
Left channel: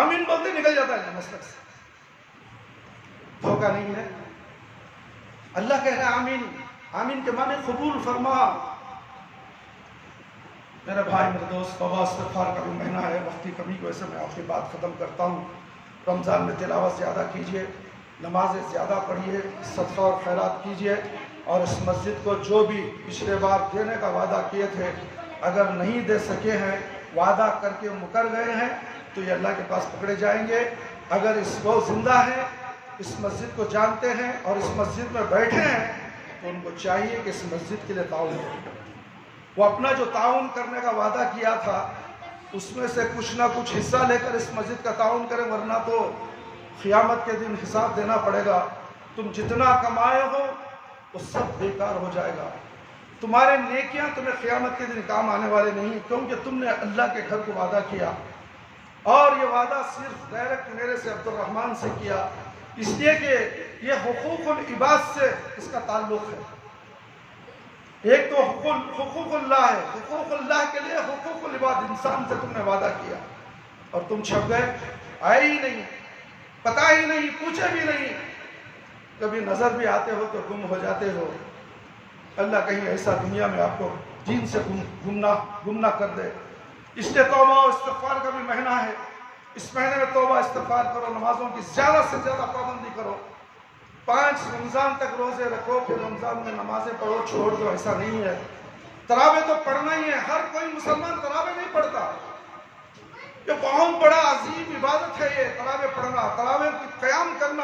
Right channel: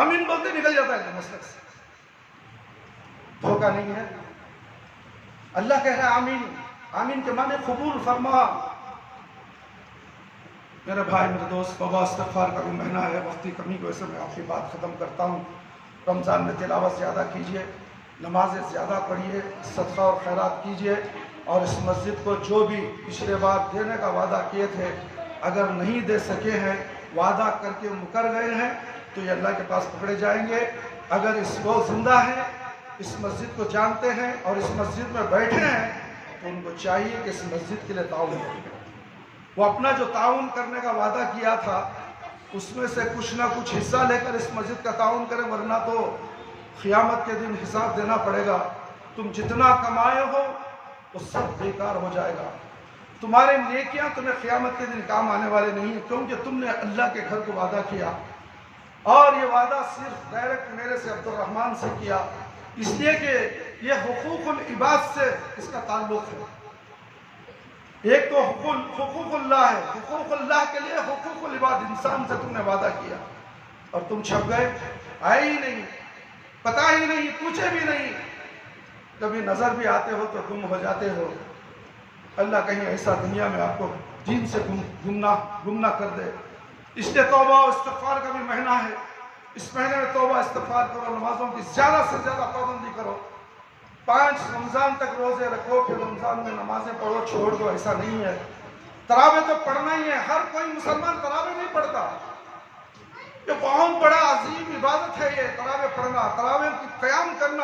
آمین بولتے نکل جاتا ہے مسلک سے. دھوکہ نہیں ہے. اللہ کہہ رہا ہے آمین. آمین کے معنی قبول فرما. میرے بھائی، میرے دوست، توبہ استغفار کا بھی مہینہ ہے، وقت کی کمی کی وجہ سے میں آپ کی بات ختم کرتا ہوں. رمضان میں تلاوت زیادہ کیجئے، نمازیں زیادہ پڑھیے، صدقہ اور خیرات کیجئے، اور اس مسجد کو جو بھی پچھلے بار دینے کا وعدہ کیے تھے اگر نہیں دے سکے ہیں، وعدہ کر کے مکر گئے ہیں تو یہ اللہ کے پاس پکڑے جائیں گے. اگر وہ زندہ ہیں، اس مسجد کو جانتے ہیں اور اس مسجد میں بیٹھے ہیں تو ان کو چاہیے کہ اس مسجد کے لیے تعاون کریں. وہ اپنا جو تعاون کرنے کا وعدہ کیا تھا اس میں سے کچھ نہ کچھ حصہ لے کر اس مسجد کا تعاون کریں، ورنہ تو قیامت کے دن حساب دینا پڑے گا. تم جتنا کمائے ہو وہ سب بیکار ہو جائے گا. تمہارے نیکیاں تمہیں قیامت کے دن کام آنے والے نہیں ہیں، کیونکہ تم نے اللہ کے گھر کو وعدہ کیا اور یہ وعدہ صرف ڈائریکٹ میرے سے عبد الرحمن سے کیا، اس لیے کہ یہ حقوق العباد سے اس کا تعلق ہے. ایک تو حقوق اللہ ہے، حقوق اللہ کے لیے حقوق العباد، انسان سے تم نے وعدہ کیا اور تم چھپ گئے، آئے ہی نہیں، پتہ ہی نہیں، پوچھے بھی نہیں، کبھی نظر بھی آتے ہو تو گم ہو جاتے ہو۔ اللہ کہیں ایسا دنیا میں آپ کو دین سے گم نہ کر دے۔ اس لیے توبہ و استغفار کا بھی مہینہ ہے، اس مہینے میں توبہ استغفار کرو، نمازوں کی زیادہ سے زیادہ پابندی کرو، 5 رمضان تک روزے رکھو، پھر رمضان میں نمازیں پڑھو، چھوڑ دو، ایسا نہیں ہے۔ تراویح تو پڑھنا ہی ہے، ہر کوئی مسلمان تراویح نہیں پڑھتا، یہ بہت بڑا عظیم عبادت ہے، یہ تراویح پڑھنا، تراویح کی قیام کرنا۔